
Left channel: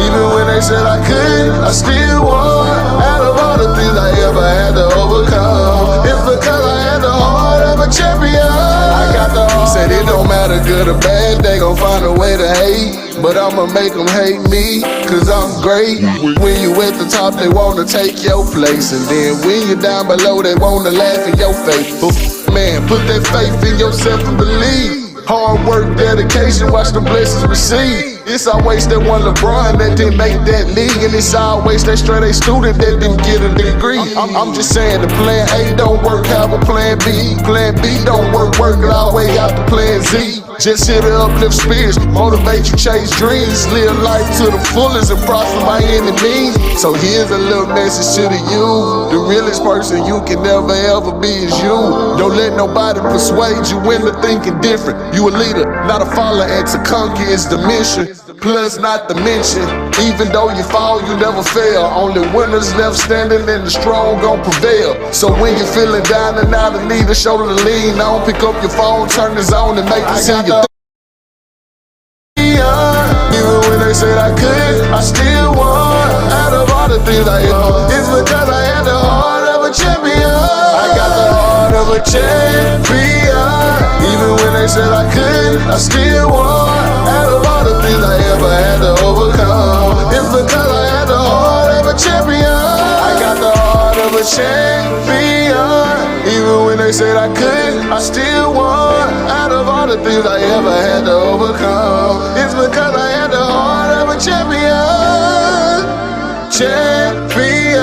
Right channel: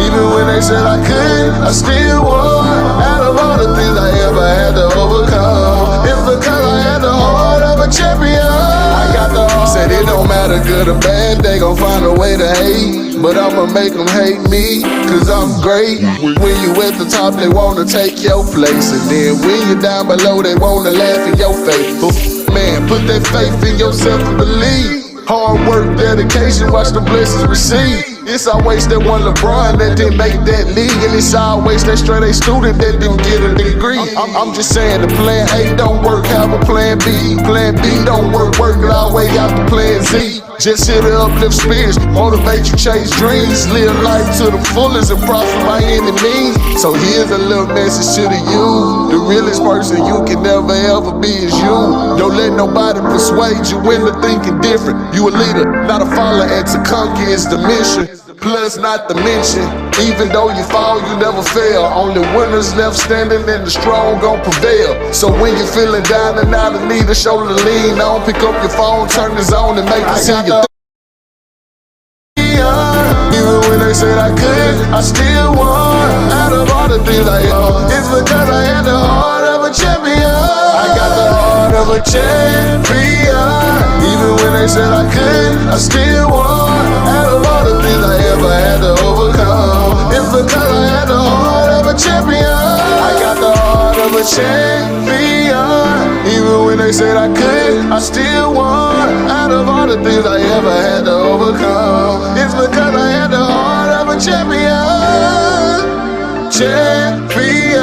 Even when they said I couldn't, I still won. Out of all the things I ever had to overcome, it's because I had the heart of a champion. I got the heart. Said it don't matter good or bad, they gon' find a way to hate. But I'ma make them hate me, cause I'm great. When you at the top, they wanna take your place. And then when you're down below, they wanna laugh in your face. But man, put that faith in yourself and believe. Hard work, dedication, watch the blessings receive. It's always that one LeBron that didn't make that league, and it's always that straight A student that didn't get a degree. I'm just saying the plan A don't work, have a plan B. Plan B don't work it all way out to plan Z. Just here to uplift spirits, motivate you, chase dreams, live life to the fullest and prosper by any means. So here's a little message to the you. The realest person you can never ever be is you. Don't let nobody persuade you into thinking different. You a leader, not a follower, and to conquer is the mission. Plus not to mention, even though you fall, you never fail. Only winners left standing, and the strong gon' prevail. So when you're feeling down and out and need a shoulder to lean on, pick up your phone, turn this on, and make it see you. Even when they said I couldn't, I still won. Out of all the things I am, it's because I had the heart of a champion. I got the heart of a champion. Even when they said I couldn't, I still won. Out of all the things I ever had to overcome, it's because I had the heart of a champion. I got the heart of a champion. Even when they said I couldn't, I still won. Out of all the things I ever had to overcome, it's because I had the heart of a champion. Champion.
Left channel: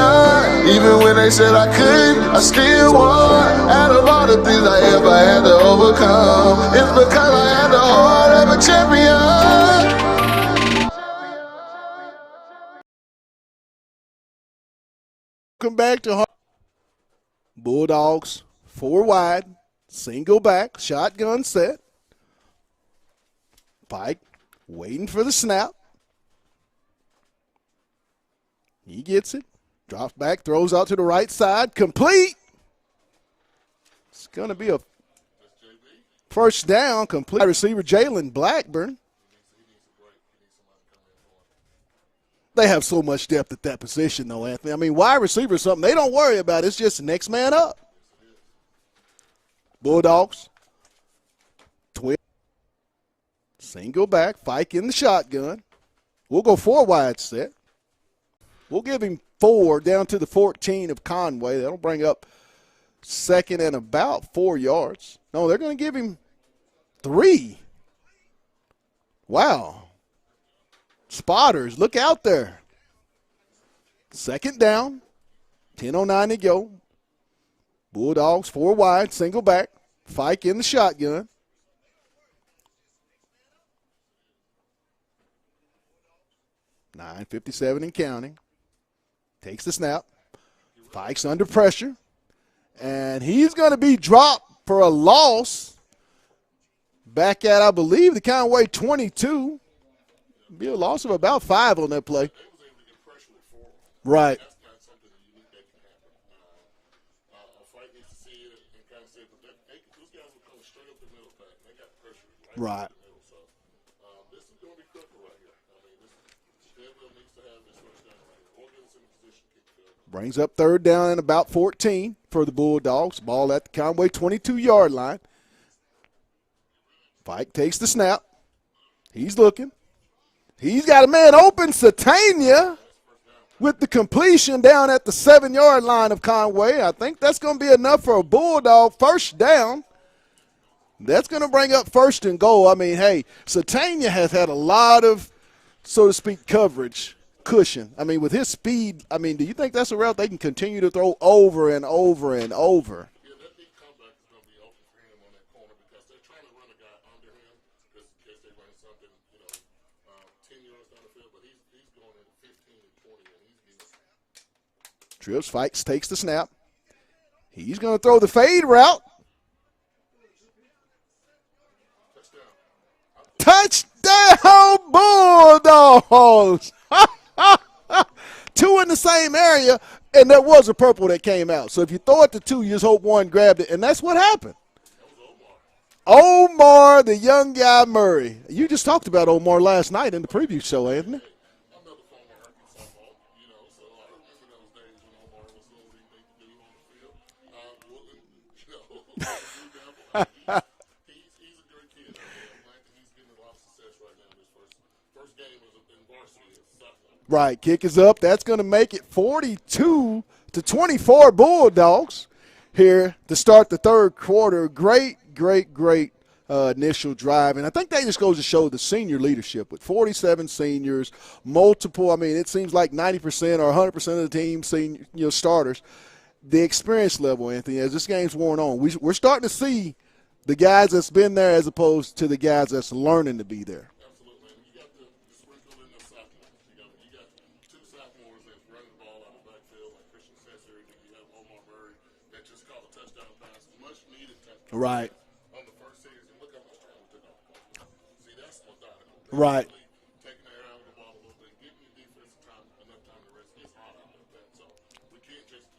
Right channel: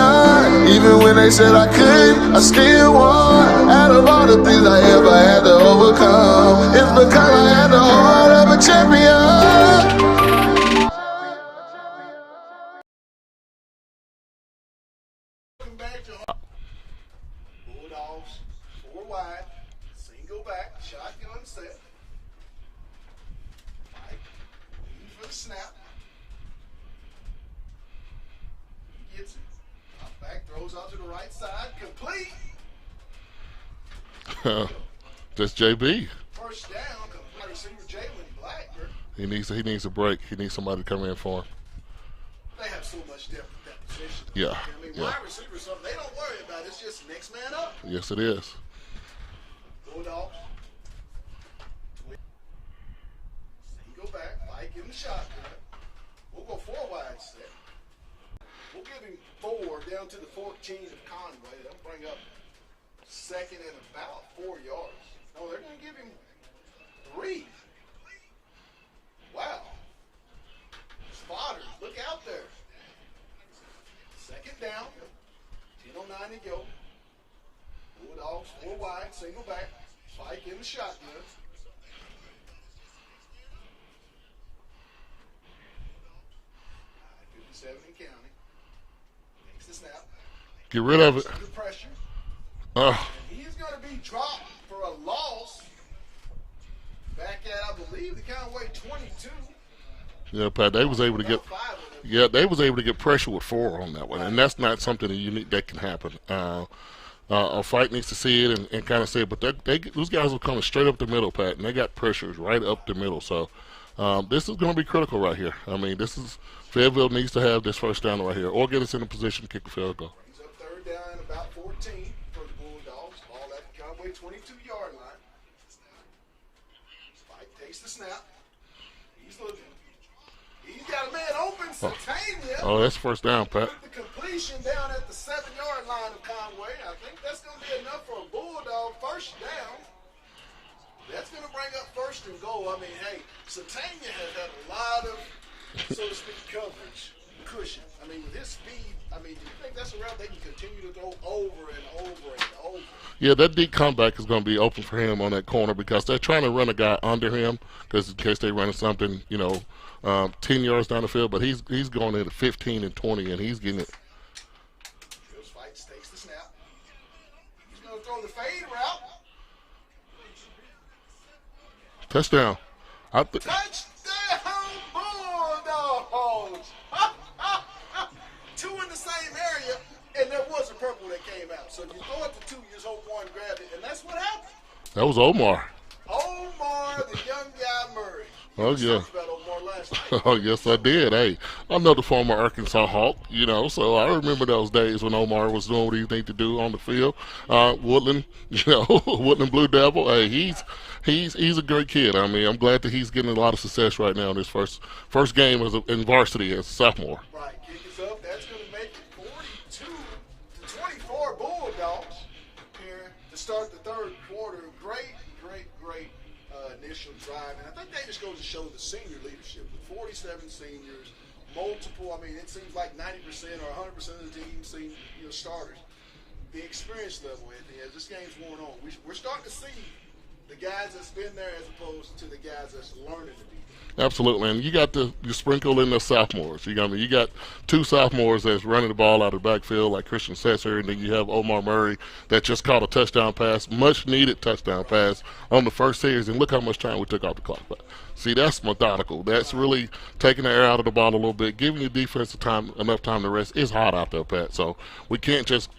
Even when they said I couldn't, I still won. Out of all the things I ever had to overcome, it's because I had the heart of a champion. Welcome back to Bulldogs. 4 wide, single back, shotgun set. Pike waiting for the snap. He gets it, drops back, throws out to the right side, complete. It's going to be a That's JB. first down, complete. Receiver Jalen Blackburn. He needs a break. He needs somebody to come in for him. They have so much depth at that position, though, Yeah. Anthony. I mean, wide receiver is something they don't worry about. It's just the next man up. Yes, it is. Bulldogs. Twin. Single back. Fike in the shotgun. We'll go 4 wide set. We'll give him 4 down to the 14 of Conway. That'll bring up second and about 4 yards. No, they're going to give him 3. Wow. Spotters, look out there. Second down. 10:09 to go. Bulldogs 4 wide, single back. Fike in the shotgun. .57 and counting. Takes the snap. Get rid of Mike's it. under pressure. And he's going to be dropped for a loss. Back at, I believe, the Conway 22. Yeah, Pat, they was Also able to about get 5 on that play. Yeah, they was able to get pressure with 4 on that one. Right. And that's not something that unique that can happen. A fight needs to see it and kind of say it, but those guys are coming straight up the middle, Pat, and they got pressures right up the middle. So this is going to be critical right here. I mean, Fayetteville needs to have this first down right here or get us in a position to kick a field goal. Brings up 3rd down and about 14 for the Bulldogs. Ball at the Conway 22-yard line. Fike takes the snap. He's looking. He's got a man open, Satania. Oh, that's first down, Pat. With the completion down at the 7-yard line of Conway. I think that's going to be enough for a Bulldog first down. That's going to bring up first and goal. I mean, hey, Satania has had a lot of, so to speak, coverage, cushion. I mean, with his speed, I mean, do you think that's a route they can continue to throw over and over and over? Yeah, that deep comeback is going to be open for him on that corner because they're trying to run a guy under him because in case they run something, 10 yards down the field, but he's going into 15 and 20, and he's getting it. Trips fights, takes the snap. He's going to throw the fade route. Touchdown. Touchdown, Bulldogs. 2 in the same area, and there was a purple that came out. So if you throw it to 2, you just hope one grabbed it, and that's what happened. That was Omar. Omar, the young guy Murray. You just yeah. talked about Omar last night in the preview yes, show. I did. Hey, I'm another former Arkansas Hawk, so I remember those days when Omar was doing what he needed to do on the field. Woodland, Woodland Blue Devil. Hey, he's a great kid. I mean, I'm glad that he's getting a lot of success right now in his first game in varsity as a sophomore. Right, kick is up. That's going to make it 42-24 Bulldogs here to start the third quarter. Great initial drive. And I think that just goes to show the senior leadership with 47 seniors, multiple. I mean, it seems like 90% or 100% of the team, starters. The experience level, Anthony, as this game's worn on, we're starting to see the guys that's been there as opposed to the guys that's learning to be there. Absolutely, and you got you sprinkle in the sophomores. You got 2 sophomores that's running the ball out of the backfield like Christian Setzer, and then you have Omar Murray that just caught a touchdown pass, much needed touchdown pass on the first series, and look how much time we took off the clock. But see, that's methodical. That's really taking the air out of the ball a little bit, giving your defense enough time to rest. It's hot out there, Pat, so we can't just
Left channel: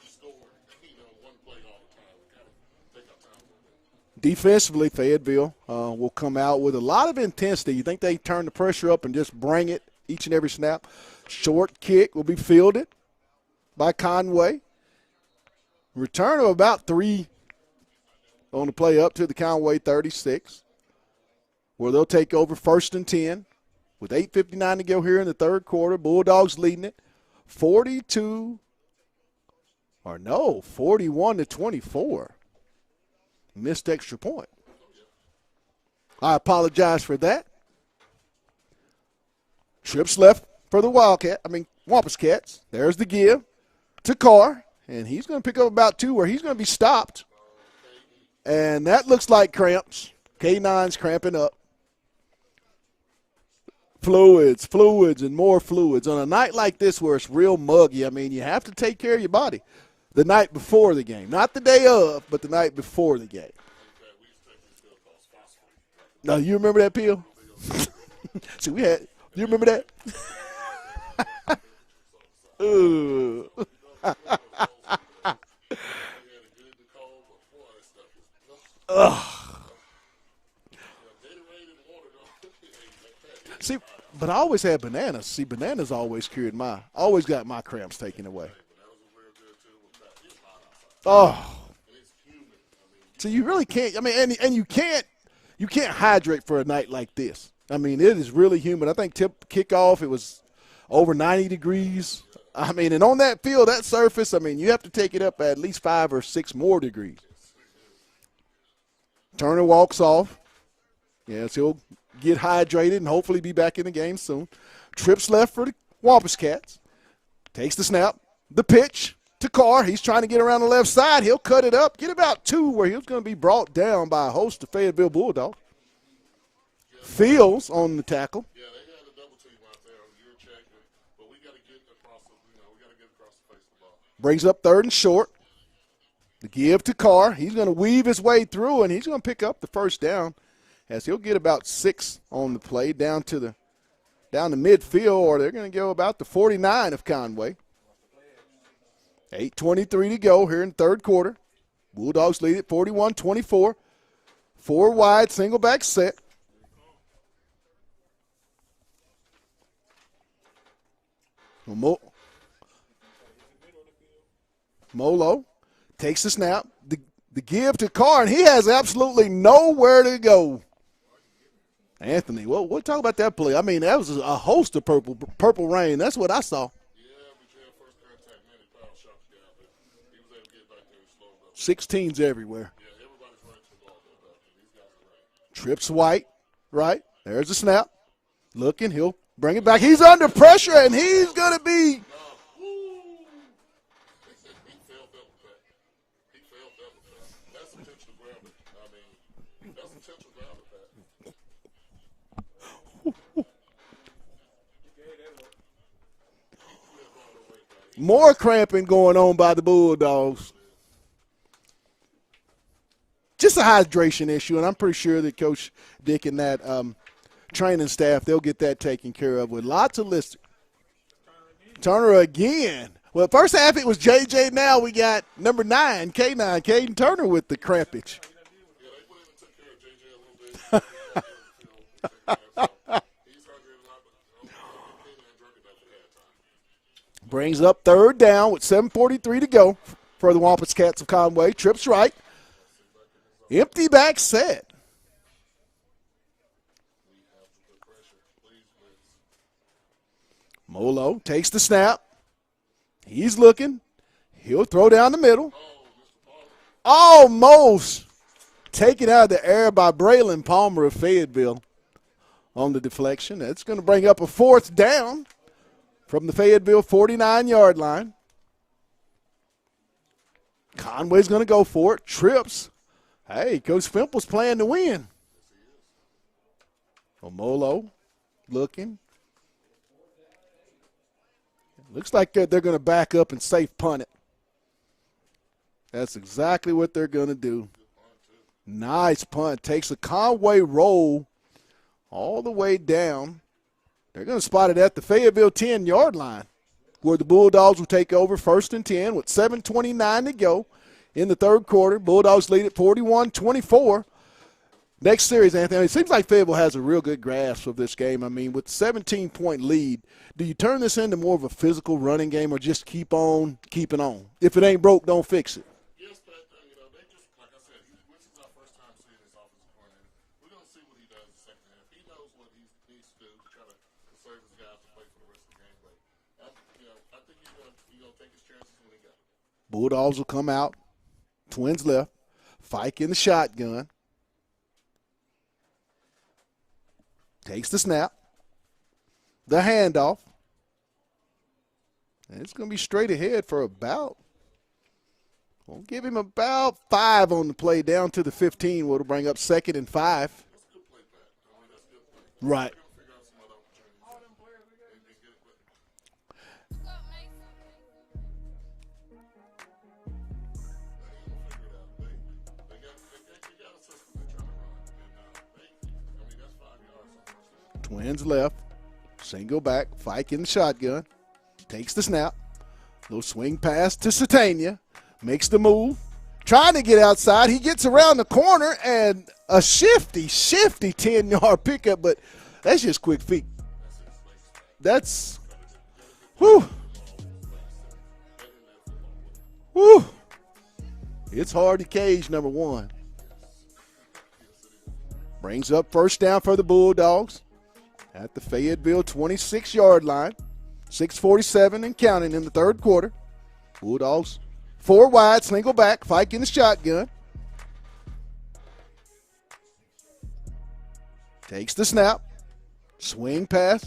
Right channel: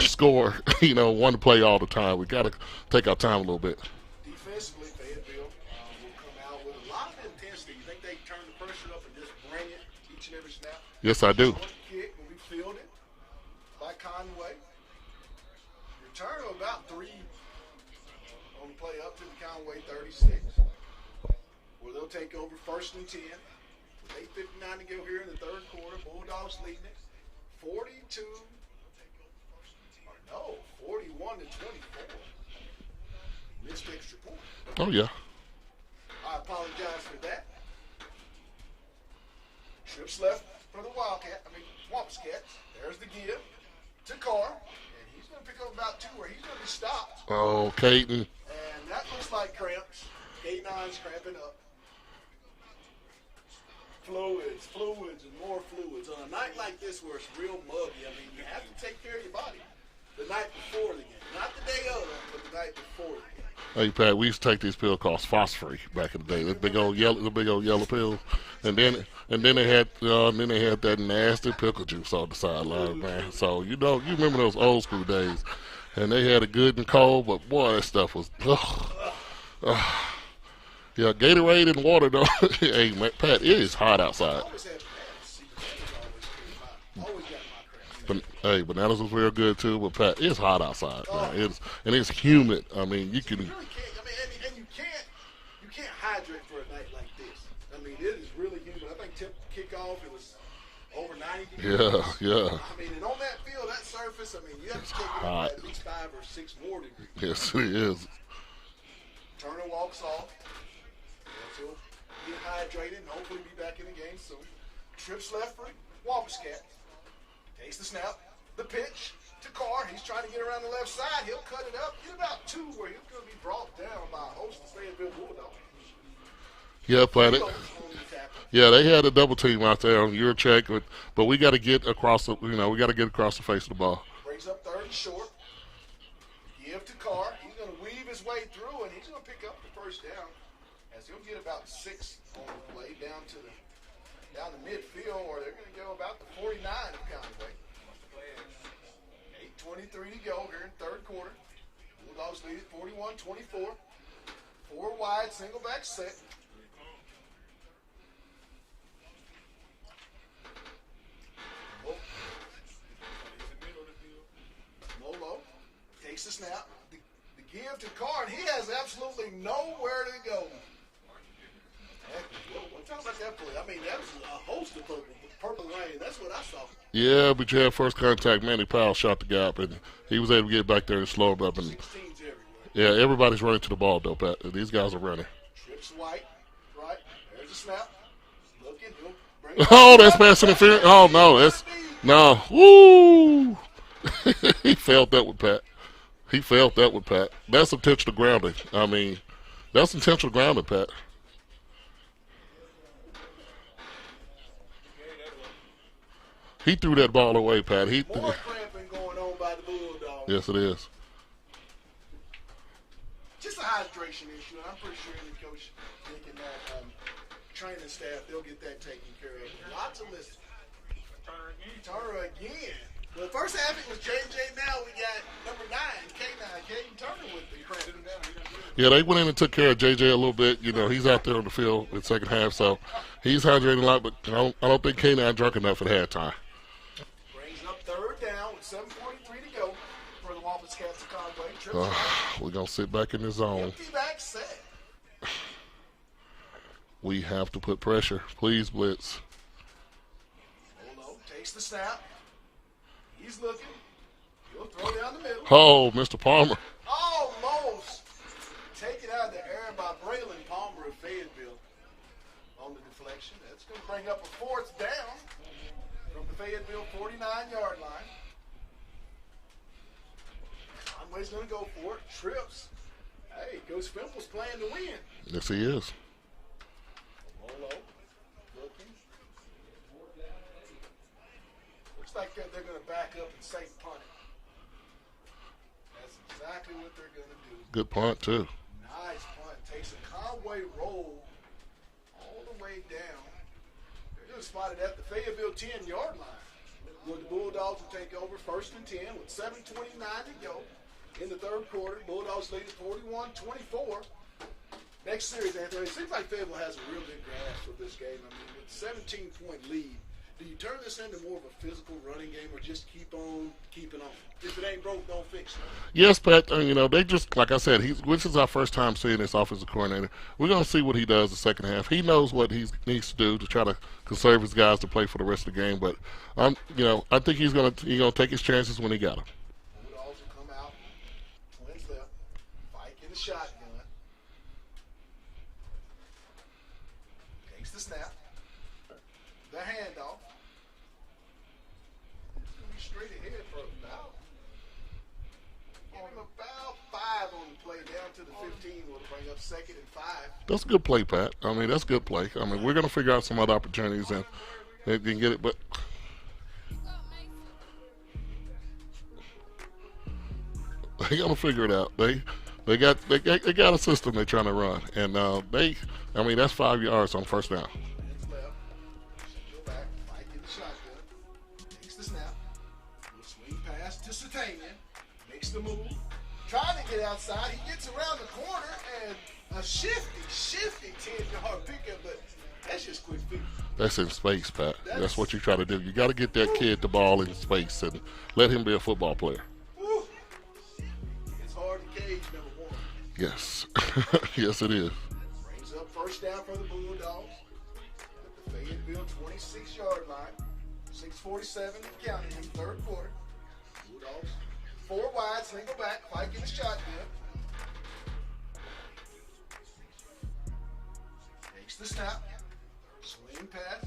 score, one play all the time. We got to take our time a little bit. Defensively, Fayetteville will come out with a lot of intensity. You think they turn the pressure up and just bring it each and every snap? Yes, I do. Short kick will be fielded by Conway. Return of about 3 on the play up to the Conway 36, where they'll take over 1st and 10 with 8:59 to go here in the third quarter. Bulldogs leading it 41-24. Missed extra point. Oh, yeah. I apologize for that. Trips left for the Wampus Cats. There's the give to Carr, and he's going to pick up about 2 where he's going to be stopped. Oh, Caden. And that looks like cramps. K9's cramping up. Fluids, and more fluids. On a night like this where it's real muggy, I mean, you have to take care of your body the night before the game. Not the day of, but the night before the game. Hey, Pat, we used to take these pills called Phosphorus back in the day. Now, you remember that pill? The big old yellow pill. So and then they had that nasty pickle juice on the sideline. So, you remember those old school days. And they had it good and cold, but, boy, that stuff was Yeah, Gatorade and water, though. Hey, man, Pat, it is hot outside. But I always had bananas. See, bananas always always got my cramps taken away. Hey, bananas was real good, too. But, Pat, it's hot outside. Oh. It's humid. I mean, you really can't. I mean, and you can't hydrate for a night like this. I mean, it is really humid. I think kickoff, it was over 90 degrees. Yeah. I mean, and on that field, that surface, I mean, you have to take it up at least 5 or 6 more degrees. Yes, it is. Turner walks off. Yes, he'll get hydrated and hopefully be back in the game soon. Trips left for the Wampus Cats. Takes the snap. The pitch to Carr. He's trying to get around the left side. He'll cut it up. Get about 2 where he's going to be brought down by a host of Fayetteville Bulldogs. Yeah, Fields on the tackle. Yeah, they had a double team out there on your check, but we got to get across the face of the ball. Brings up 3rd and short. The give to Carr. He's going to weave his way through, and he's going to pick up the first down, as he'll get about 6 on the play down to midfield, or they're going to go about the 49 of Conway. 8:23 to go here in third quarter. Bulldogs lead it 41-24. 4 wide, single back set. Molo takes the snap. The give to Carr, and he has absolutely nowhere to go. Anthony, we'll talk about that play. I mean, that was a host of purple rain. That's what I saw. Yeah, but you had first contact. Manny Powell shot the gap, and he was able to get back there and slow him up. And 16s everywhere. yeah, everybody's running to the ball, though, Pat. These guys are running. Trips White, right? There's the snap. Looking, he'll bring it back. Oh, He's that's under pass pressure. interference. Oh, He's no. going to be. No. Woo! He failed that with Pat. That's intentional grounding. I mean, that's intentional grounding, Pat. He threw that ball away, Pat. More cramping going on by the Bulldogs. Yes, it is. Just a hydration issue, and I'm pretty sure that Coach Dick and that training staff, they'll get that taken care of with lots of lists. Turner again. Well, first half it was JJ. Now we got number 9, K9, Caden Turner with the crampage. Yeah, they went in and took care of JJ a little bit. You know, he's out there on the field in the second half, so he's hydrating a lot, but I don't think K9 drunk enough at halftime. Brings up third down with 7:43 to go for the Wampus Cats of Conway. Trips right. We're going to sit back in the zone. Empty back set. We have to put pressure. Please, blitz. Molo takes the snap. He's looking. He'll throw down the middle. Oh, Mr. Palmer. Almost taken out of the air by Braylon Palmer of Fayetteville on the deflection. That's going to bring up a fourth down from the Fayetteville 49-yard line. Conway's going to go for it. Trips. Hey, Coach Fimple's playing to win. Yes, he is. Omolo looking. Looks like they're going to back up and safe punt it. That's exactly what they're going to do. Good punt, too. Nice punt. Takes a Conway roll all the way down. They're going to spot it at the Fayetteville 10-yard line, where the Bulldogs will take over 1st and 10 with 7:29 to go in the third quarter. Bulldogs lead at 41-24. Next series, Anthony, it seems like Fayetteville has a real good grasp of this game. I mean, with 17-point lead, do you turn this into more of a physical running game or just keep on keeping on? If it ain't broke, don't fix it. Yes, Pat, you know, they just, like I said, this is our first time seeing this offensive coordinator. We're going to see what he does the second half. He knows what he needs to do to try to conserve his guys to play for the rest of the game. But, you know, I think he's going to take his chances when he got them. Bulldogs will come out. Twins left. Fike in the shotgun. Takes the snap. The handoff. And it's going to be straight ahead for about, we'll give him about 5 on the play down to the 15. We'll bring up 2nd and 5. That's a good play, Pat. I mean, that's good play. I mean, Right. We're going to figure out some other opportunities and get it, but they got to figure it out. They got a system they're trying to run, and I mean, that's 5 yards on first down. Twins left. Single back. Fike in the shotgun. Takes the snap. Little swing pass to Satania. Makes the move. Trying to get outside. He gets around the corner and a shifty 10-yard pickup, but that's just quick feet. That's in space, Pat. That's That's what you try to do. You got to get that kid the ball in space and let him be a football player. Woo. It's hard to cage, number 1. Yes. Yes, it is. Brings up first down for the Bulldogs at the Fayetteville 26-yard line. 6:47 and counting in the third quarter. Bulldogs 4 wide, single back, Fike in the shotgun. Takes the snap. Swing pass